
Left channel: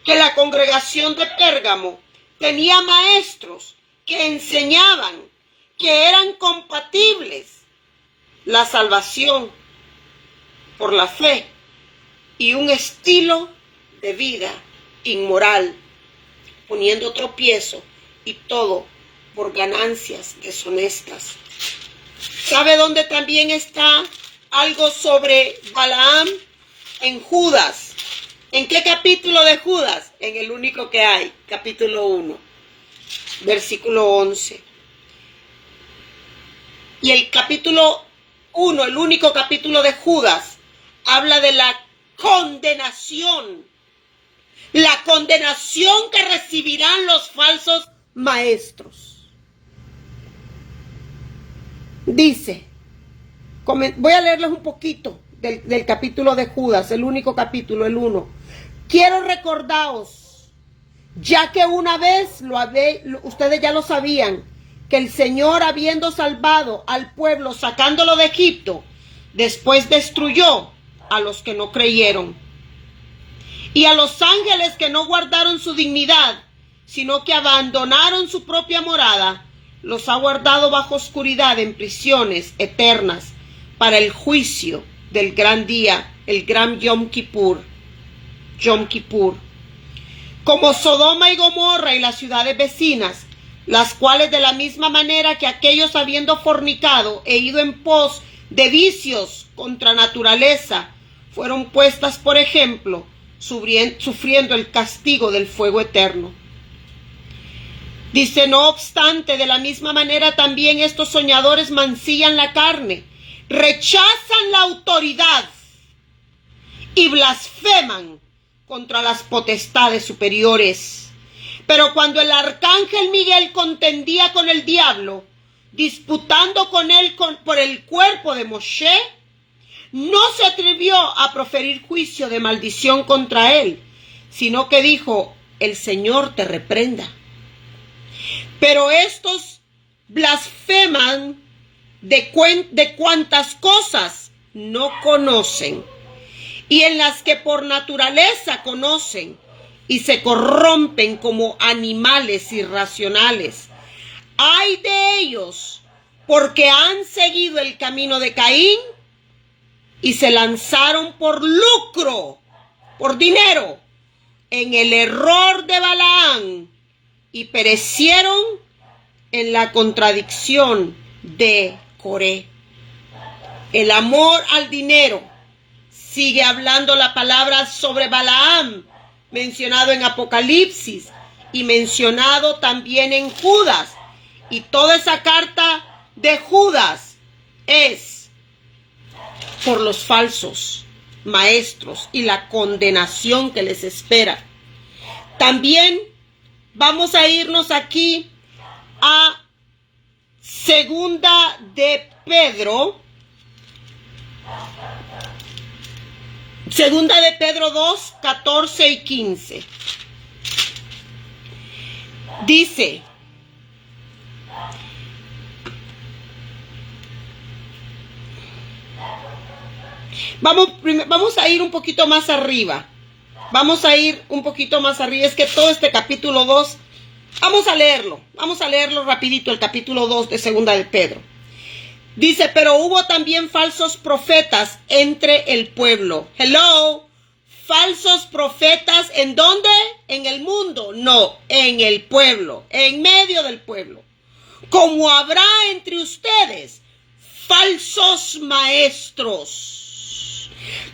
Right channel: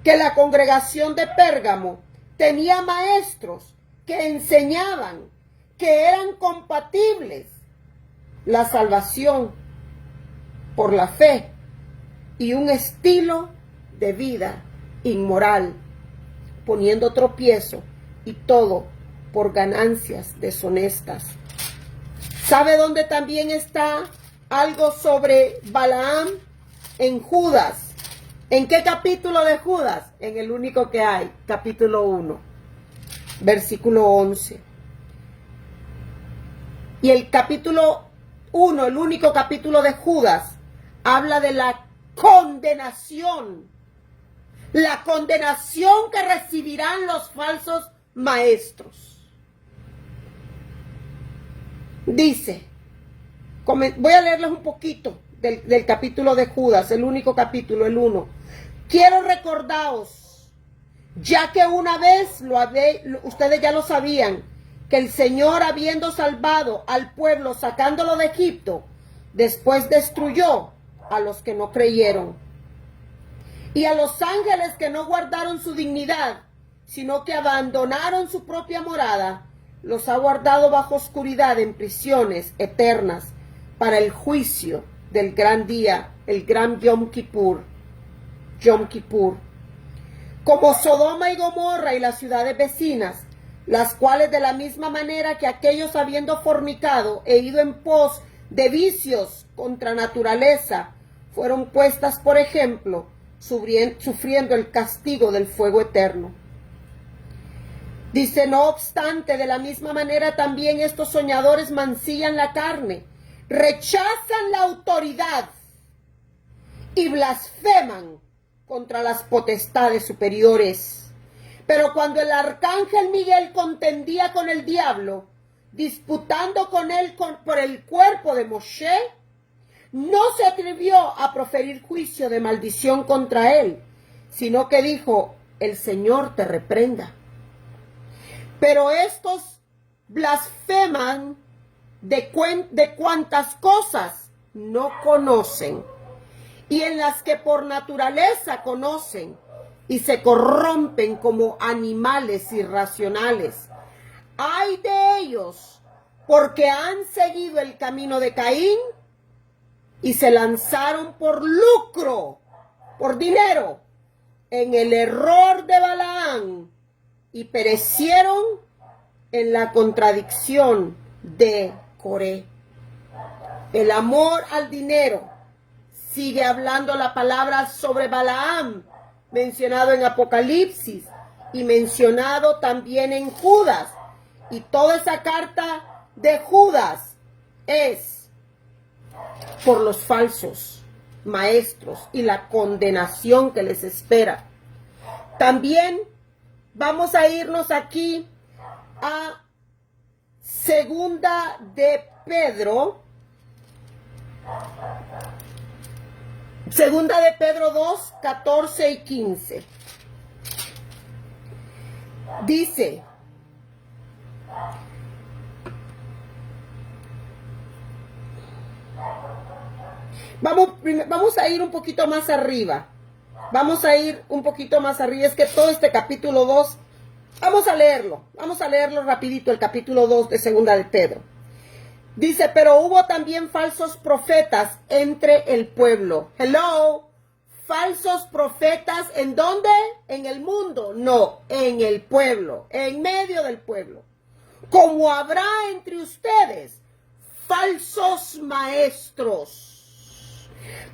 que la congregación de Pérgamo tenía maestros que enseñaban que eran compatibles la salvación por la fe y un estilo de vida inmoral, poniendo tropiezo y todo por ganancias deshonestas. ¿Sabe dónde también está algo sobre Balaam? En Judas. ¿En qué capítulo de Judas? En el único que hay, capítulo 1, versículo 11. Y el capítulo 1, el único capítulo de Judas, habla de la condenación que recibirán los falsos maestros. Dice, voy a leerles un poquito del capítulo de Judas, el único capítulo, el 1. Quiero recordaros, ya que una vez ustedes ya lo sabían, que el Señor, habiendo salvado al pueblo, sacándolo de Egipto, después destruyó a los que no creyeron. Y a los ángeles que no guardaron su dignidad, sino que abandonaron su propia morada, los ha guardado bajo oscuridad en prisiones eternas para el juicio del gran día, el gran Yom Kippur. Como Sodoma y Gomorra y las ciudades vecinas, las cuales de la misma manera que aquellos, habiendo fornicado e ido en pos de vicios contra naturaleza, fueron puestas por ejemplo, sufriendo el castigo del fuego eterno. Dice, no obstante, de la misma manera también estos soñadores mancillan la carne, rechazan la autoridad y blasfeman contra las potestades superiores. Pero cuando el arcángel Miguel contendía con el diablo, disputando con él por el cuerpo de Moshe, no se atrevió a proferir juicio de maldición contra él, sino que dijo, el Señor te reprenda. Pero estos blasfeman de cuantas cosas no conocen, y en las que por naturaleza conocen, y se corrompen como animales irracionales. ¡Ay de ellos! Porque han seguido el camino de Caín y se lanzaron por lucro, por dinero, en el error de Balaam y perecieron en la contradicción de Coré. El amor al dinero. Sigue hablando la palabra sobre Balaam, mencionado en Apocalipsis y mencionado también en Judas. Y toda esa carta de Judas es por los falsos maestros y la condenación que les espera. También vamos a irnos aquí a Segunda de Pedro. Segunda de Pedro 2, 14 y 15. Dice, vamos a ir un poquito más arriba. Vamos a ir un poquito más arriba. Es que todo este capítulo 2 Vamos a leerlo rapidito, el capítulo 2 de Segunda de Pedro. Dice, pero hubo también falsos profetas entre el pueblo. Hello, falsos profetas, ¿en dónde? ¿En el mundo? No, en el pueblo, en medio del pueblo. Como habrá entre ustedes falsos maestros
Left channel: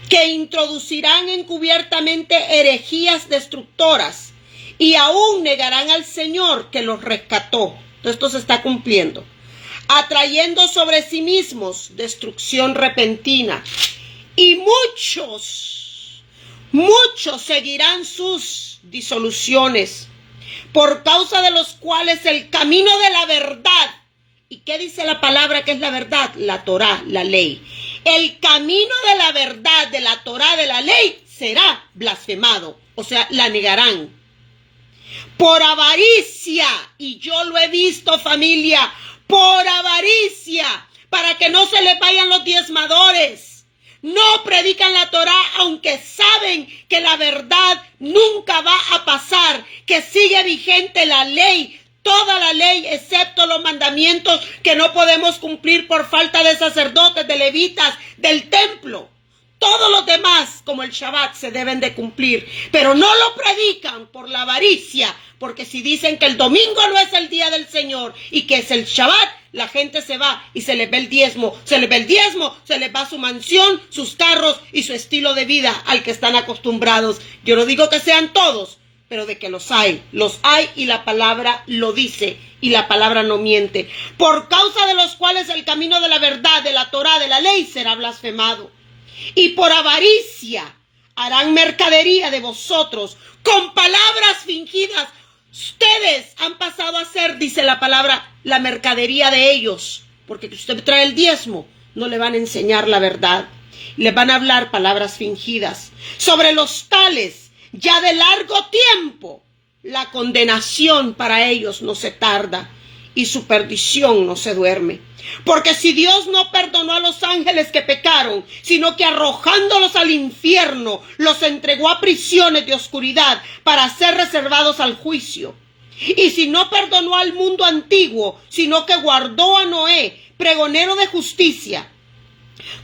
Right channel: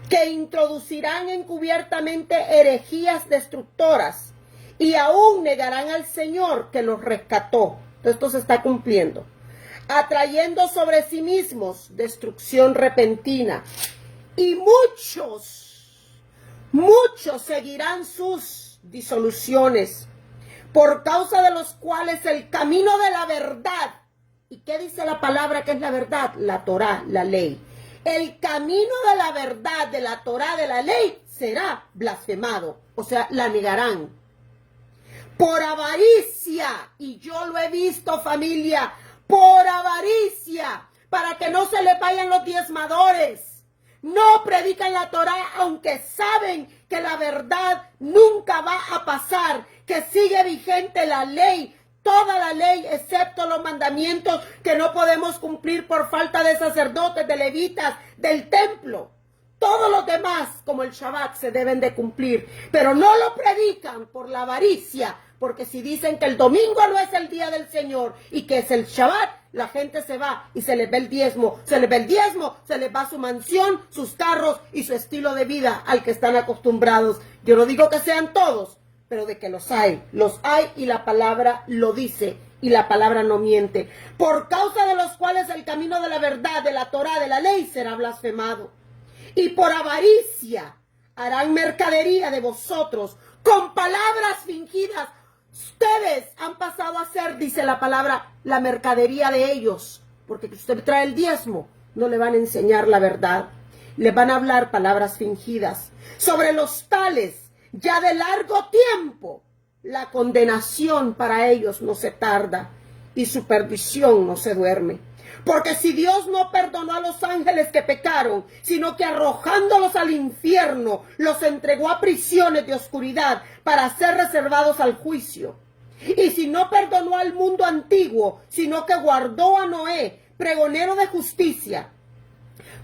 que introducirán encubiertamente herejías destructoras y aún negarán al Señor que los rescató. Esto se está cumpliendo. Atrayendo sobre sí mismos destrucción repentina. Y muchos seguirán sus disoluciones, por causa de los cuales el camino de la verdad. ¿Y qué dice la palabra que es la verdad? La Torá, la ley. El camino de la verdad, de la Torá, de la ley, será blasfemado. O sea, la negarán. Por avaricia, y yo lo he visto, familia, por avaricia, para que no se les vayan los diezmadores. No predican la Torá, aunque saben que la verdad nunca va a pasar, que sigue vigente la ley, toda la ley, excepto los mandamientos que no podemos cumplir por falta de sacerdotes, de levitas, del templo. Todos los demás, como el Shabbat, se deben de cumplir, pero no lo predican por la avaricia, porque si dicen que el domingo no es el día del Señor y que es el Shabbat, la gente se va y se les ve el diezmo, se les va su mansión, sus carros y su estilo de vida al que están acostumbrados. Yo no digo que sean todos, pero de que los hay y la palabra lo dice y la palabra no miente, por causa de los cuales el camino de la verdad, de la Torá, de la ley será blasfemado. Y por avaricia harán mercadería de vosotros con palabras fingidas. Ustedes han pasado a ser, dice la palabra, la mercadería de ellos, porque usted trae el diezmo, no le van a enseñar la verdad, les van a hablar palabras fingidas. Sobre los tales, ya de largo tiempo, la condenación para ellos no se tarda y su perdición no se duerme. Porque si Dios no perdonó a los ángeles que pecaron, sino que arrojándolos al infierno, los entregó a prisiones de oscuridad para ser reservados al juicio. Y si no perdonó al mundo antiguo, sino que guardó a Noé, pregonero de justicia,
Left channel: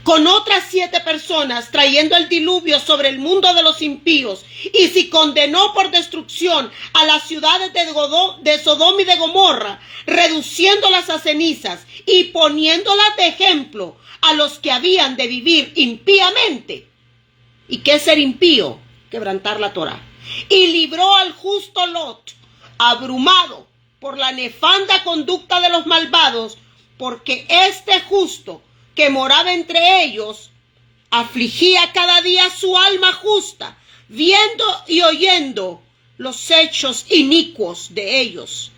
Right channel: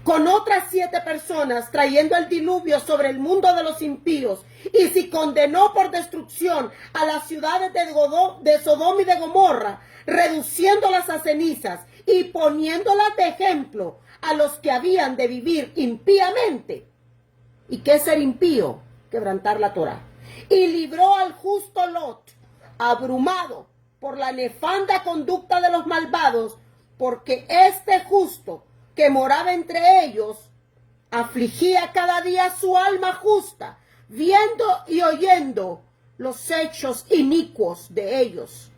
con otras 7 personas, trayendo el diluvio sobre el mundo de los impíos, y si condenó por destrucción a las ciudades de Sodoma y de Gomorra, reduciéndolas a cenizas y poniéndolas de ejemplo a los que habían de vivir impíamente. ¿Y qué es ser impío? Quebrantar la Torá. Y libró al justo Lot, abrumado por la nefanda conducta de los malvados, porque este justo que moraba entre ellos, afligía cada día su alma justa, viendo y oyendo los hechos inicuos de ellos.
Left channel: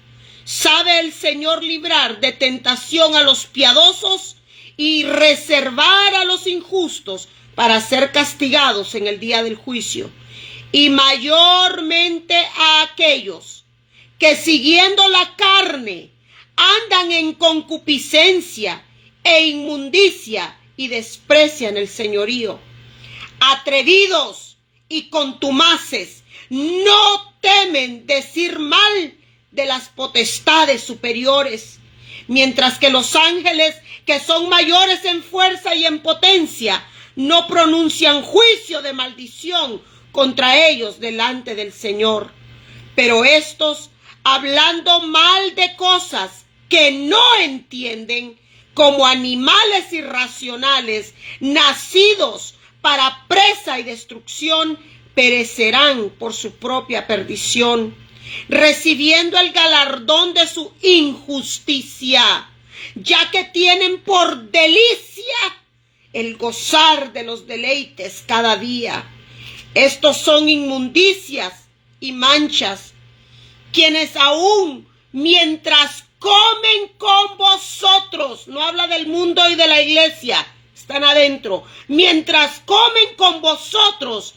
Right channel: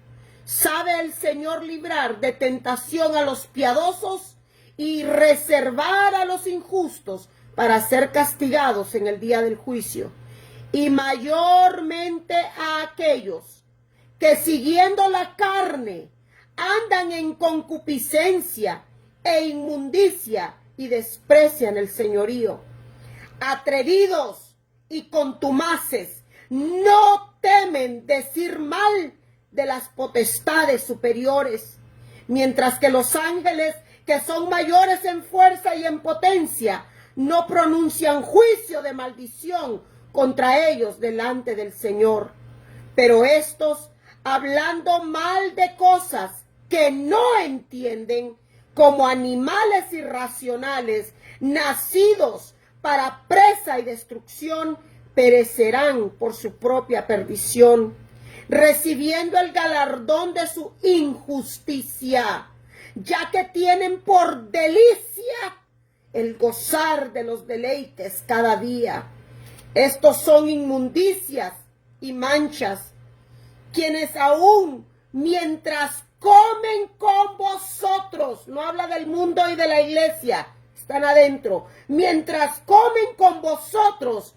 ¿Sabe el Señor librar de tentación a los piadosos y reservar a los injustos para ser castigados en el día del juicio? Y mayormente a aquellos que siguiendo la carne andan en concupiscencia e inmundicia y desprecian el señorío. Atrevidos y contumaces, no temen decir mal de las potestades superiores, mientras que los ángeles, que son mayores en fuerza y en potencia, no pronuncian juicio de maldición contra ellos delante del Señor. Pero estos, hablando mal de cosas que no entienden, como animales irracionales, nacidos para presa y destrucción, perecerán por su propia perdición, recibiendo el galardón de su injusticia, ya que tienen por delicia el gozar de los deleites cada día. Estos son inmundicias y manchas, quienes aún mientras comen con vosotros, no habla del mundo y de la iglesia, están adentro, mientras comen con vosotros,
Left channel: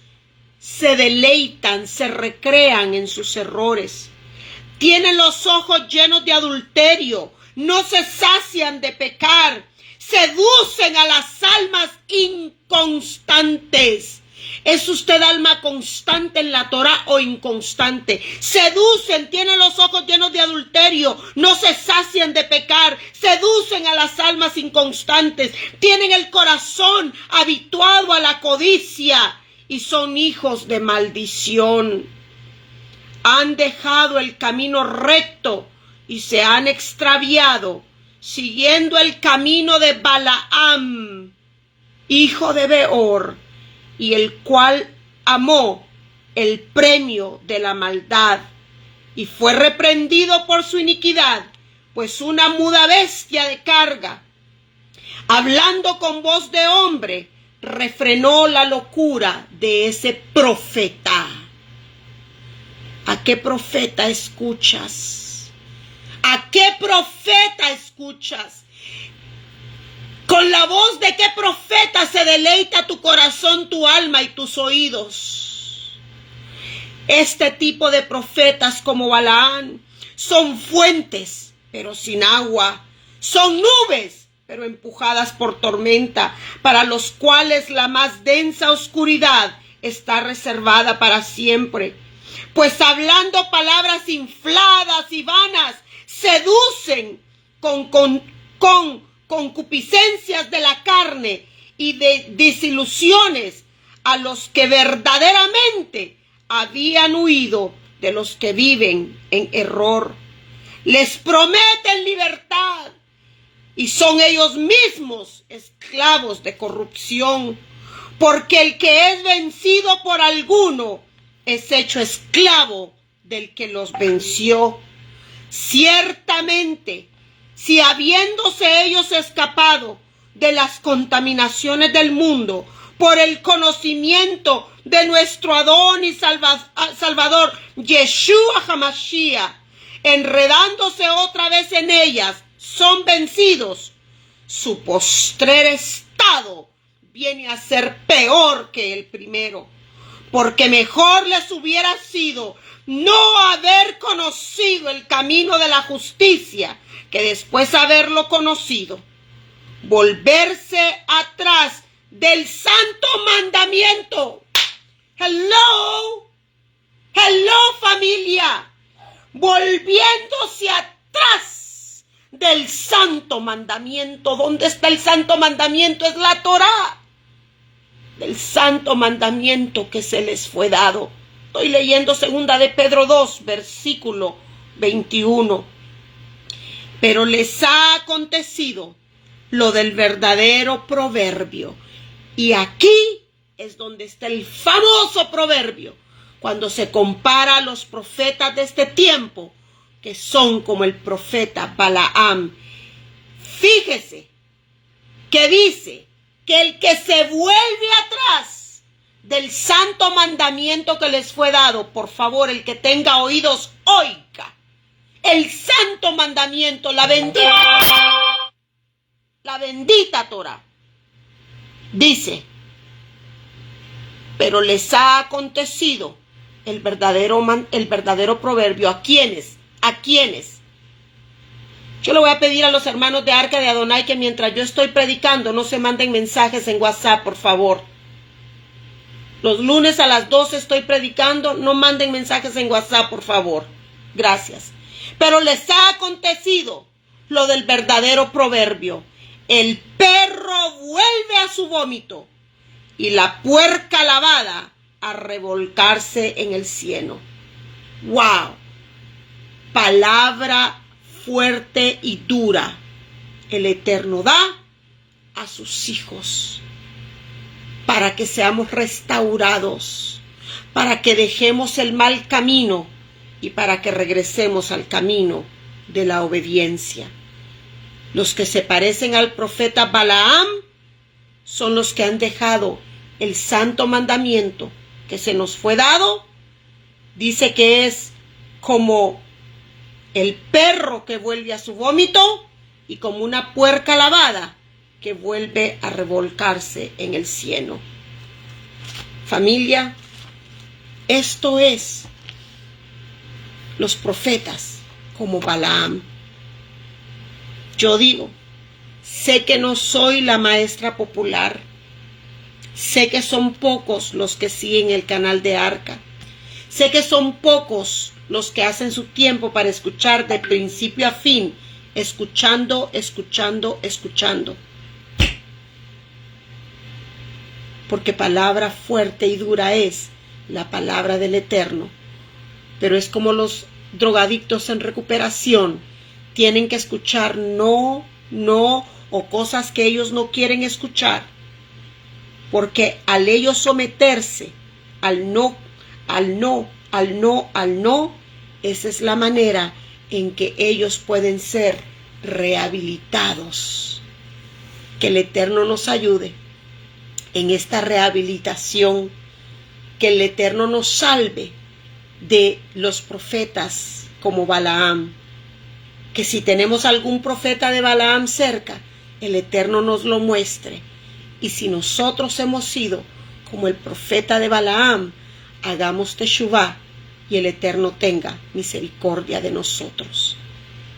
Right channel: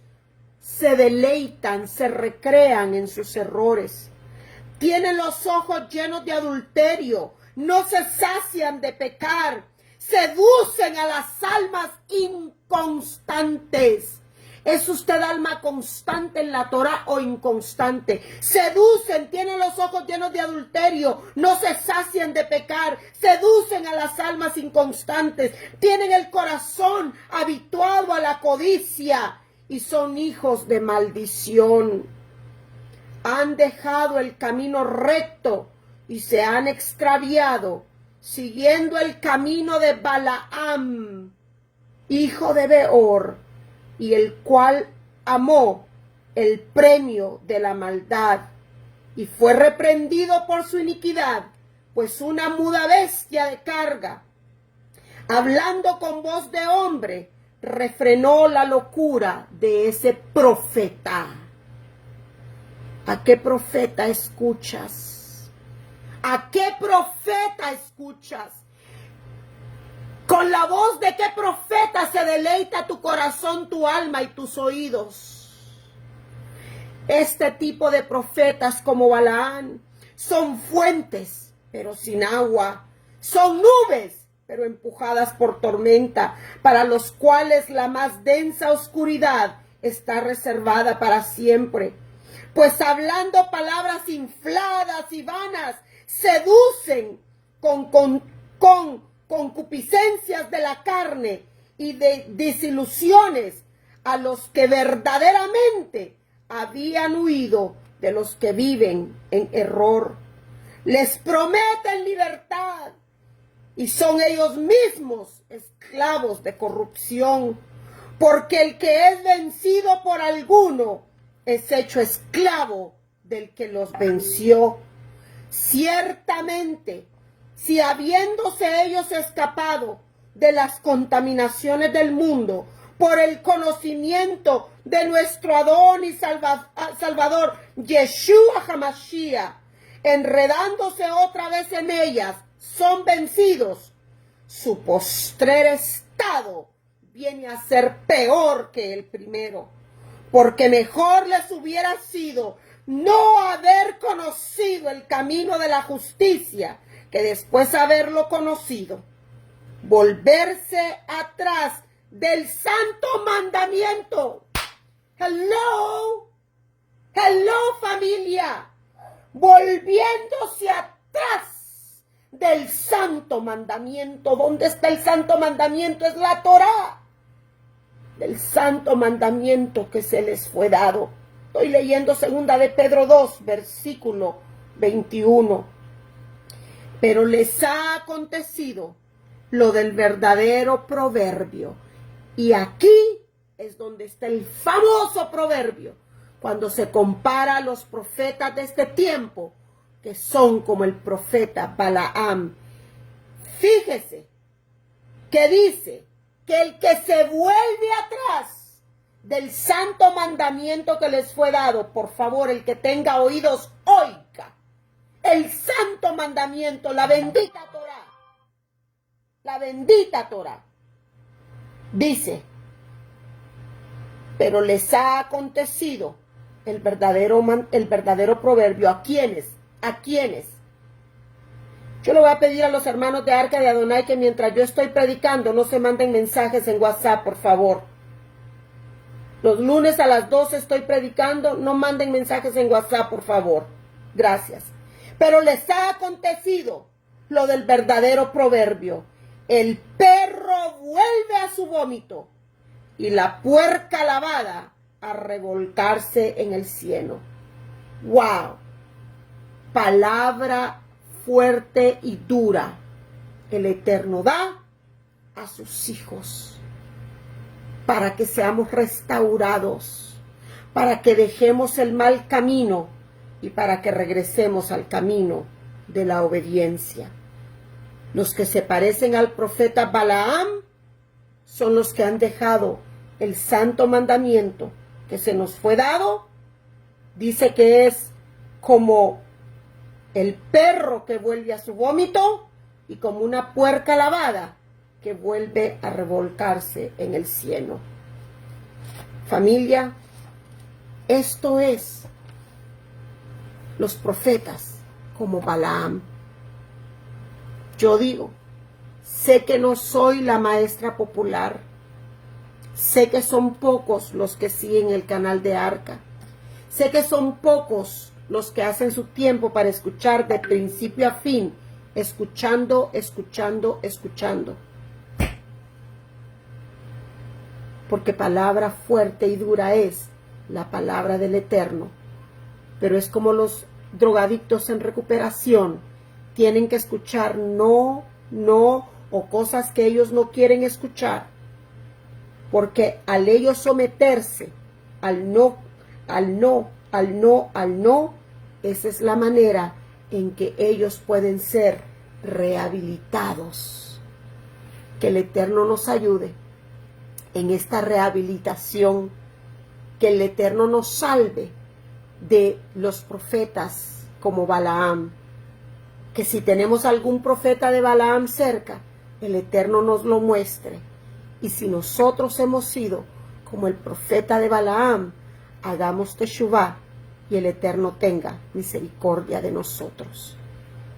se deleitan, se recrean en sus errores, tienen los ojos llenos de adulterio, no se sacian de pecar, seducen a las almas inconstantes, ¿Es usted alma constante en la Torah o inconstante? Seducen, tienen los ojos llenos de adulterio, no se sacian de pecar, seducen a las almas inconstantes, tienen el corazón habituado a la codicia y son hijos de maldición. Han dejado el camino recto y se han extraviado, siguiendo el camino de Balaam, hijo de Beor, y el cual amó el premio de la maldad, y fue reprendido por su iniquidad, pues una muda bestia de carga, hablando con voz de hombre, refrenó la locura de ese profeta. ¿A qué profeta escuchas? ¿A qué profeta escuchas? ¿Con la voz de qué profeta se deleita tu corazón, tu alma y tus oídos? Este tipo de profetas como Balaam son fuentes, pero sin agua. Son nubes, pero empujadas por tormenta, para los cuales la más densa oscuridad está reservada para siempre. Pues hablando palabras infladas y vanas, seducen con concupiscencias de la carne y de desilusiones a los que verdaderamente habían huido de los que viven en error. Les prometen libertad y son ellos mismos esclavos de corrupción, porque el que es vencido por alguno es hecho esclavo del que los venció. Ciertamente, si habiéndose ellos escapado de las contaminaciones del mundo por el conocimiento de nuestro Adón y Salvador, Yeshua HaMashiach, enredándose otra vez en ellas, son vencidos, su postrer estado viene a ser peor que el primero, porque mejor les hubiera sido no haber conocido el camino de la justicia, que después de haberlo conocido, volverse atrás del santo mandamiento. Hello, familia, volviéndose atrás del santo mandamiento. ¿Dónde está el santo mandamiento? Es la Torá, del santo mandamiento que se les fue dado. Estoy leyendo 2 de Pedro 2, versículo 21. Pero les ha acontecido lo del verdadero proverbio. Y aquí es donde está el famoso proverbio, cuando se compara a los profetas de este tiempo, que son como el profeta Balaam. Fíjese que dice que el que se vuelve atrás del santo mandamiento que les fue dado, por favor, el que tenga oídos, oiga. El santo mandamiento, la bendita Torah, dice, pero les ha acontecido el verdadero proverbio. ¿A quiénes? ¿A quiénes? Yo le voy a pedir a los hermanos de Arca de Adonai que mientras yo estoy predicando no se manden mensajes en WhatsApp, por favor. Los lunes a las 12 estoy predicando, no manden mensajes en WhatsApp, por favor. Gracias. Pero les ha acontecido lo del verdadero proverbio. El perro vuelve a su vómito y la puerca lavada a revolcarse en el cieno. ¡Wow! Palabra fuerte y dura. El Eterno da a sus hijos para que seamos restaurados, para que dejemos el mal camino y para que regresemos al camino de la obediencia. Los que se parecen al profeta Balaam son los que han dejado el santo mandamiento que se nos fue dado. Dice que es como el perro que vuelve a su vómito y como una puerca lavada que vuelve a revolcarse en el cieno. Familia, esto es los profetas como Balaam. Yo digo, sé que no soy la maestra popular. Sé que son pocos los que siguen el canal de Arca. Sé que son pocos los que hacen su tiempo para escuchar de principio a fin, escuchando, escuchando, escuchando. Porque palabra fuerte y dura es la palabra del Eterno. Pero es como los drogadictos en recuperación. Tienen que escuchar no, o cosas que ellos no quieren escuchar. Porque al ellos someterse al no, esa es la manera en que ellos pueden ser rehabilitados. Que el Eterno nos ayude en esta rehabilitación, que el Eterno nos salve de los profetas como Balaam, que si tenemos algún profeta de Balaam cerca, el Eterno nos lo muestre, y si nosotros hemos sido como el profeta de Balaam, hagamos teshuvá y el Eterno tenga misericordia de nosotros.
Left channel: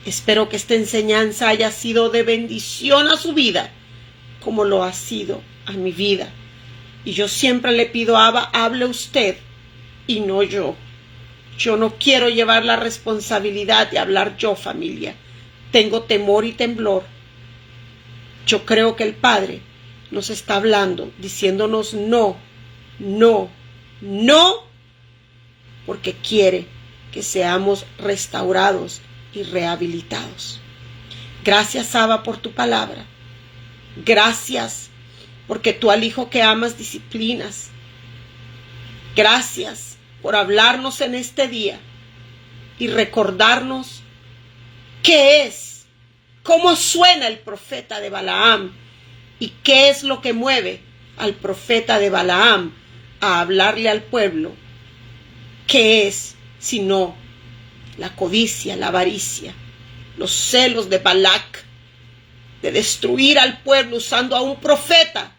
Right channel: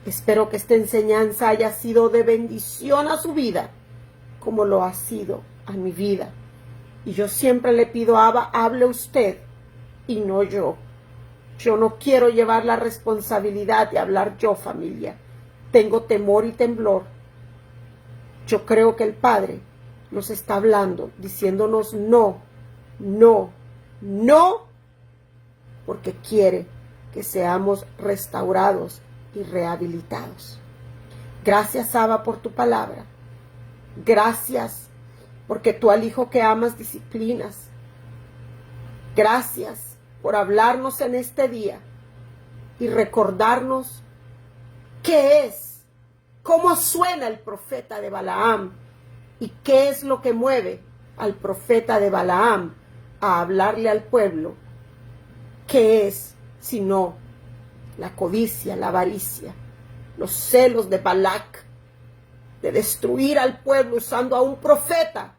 Espero que esta enseñanza haya sido de bendición a su vida, como lo ha sido a mi vida. Y yo siempre le pido a Abba, hable usted y no yo. Yo no quiero llevar la responsabilidad de hablar yo, familia. Tengo temor y temblor. Yo creo que el Padre nos está hablando, diciéndonos no, porque quiere que seamos restaurados y rehabilitados. Gracias, Abba, por tu palabra. Gracias, porque tú al hijo que amas disciplinas. Gracias por hablarnos en este día y recordarnos qué es, cómo suena el profeta de Balaam y qué es lo que mueve al profeta de Balaam a hablarle al pueblo. ¿Qué es sino la codicia, la avaricia, los celos de Balac, de destruir al pueblo usando a un profeta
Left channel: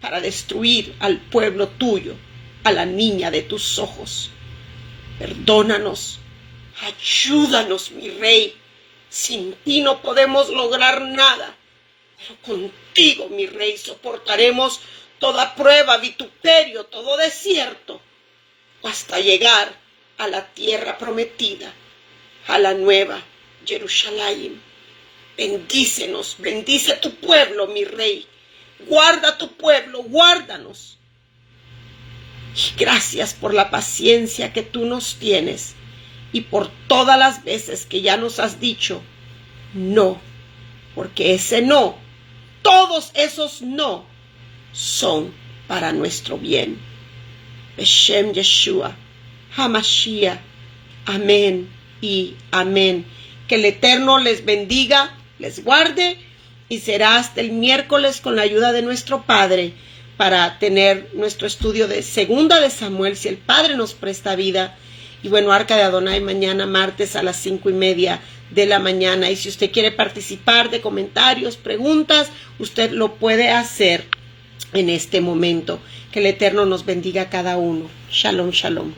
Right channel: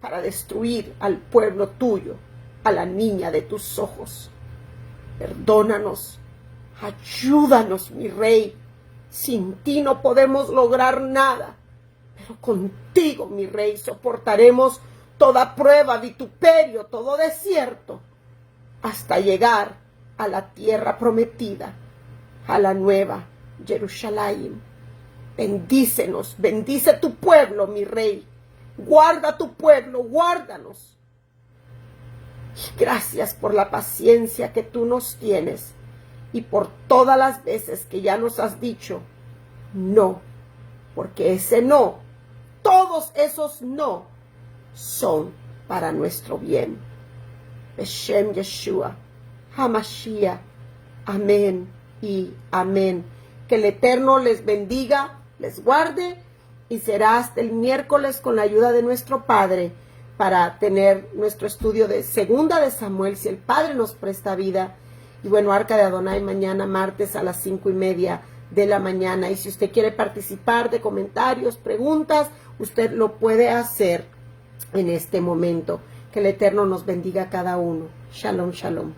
para destruir al pueblo tuyo, a la niña de tus ojos? Perdónanos, ayúdanos, mi Rey. Sin ti no podemos lograr nada, pero contigo, mi Rey, soportaremos toda prueba, vituperio, todo desierto, hasta llegar a la tierra prometida, a la nueva Jerusalén. Bendícenos, bendice tu pueblo, mi Rey. Guarda tu pueblo, guárdanos. Y gracias por la paciencia que tú nos tienes y por todas las veces que ya nos has dicho no, porque ese no, todos esos no, son para nuestro bien. Beshem Yeshua, Hamashiach, amén y amén. Que el Eterno les bendiga, les guarde, y será hasta el miércoles con la ayuda de nuestro Padre para tener nuestro estudio de Segunda de Samuel, si el Padre nos presta vida. Y bueno, Arca de Adonai mañana martes a las 5:30 de la mañana. Y si usted quiere participar de comentarios, preguntas, usted lo puede hacer en este momento. Que el Eterno nos bendiga a cada uno. Shalom, shalom.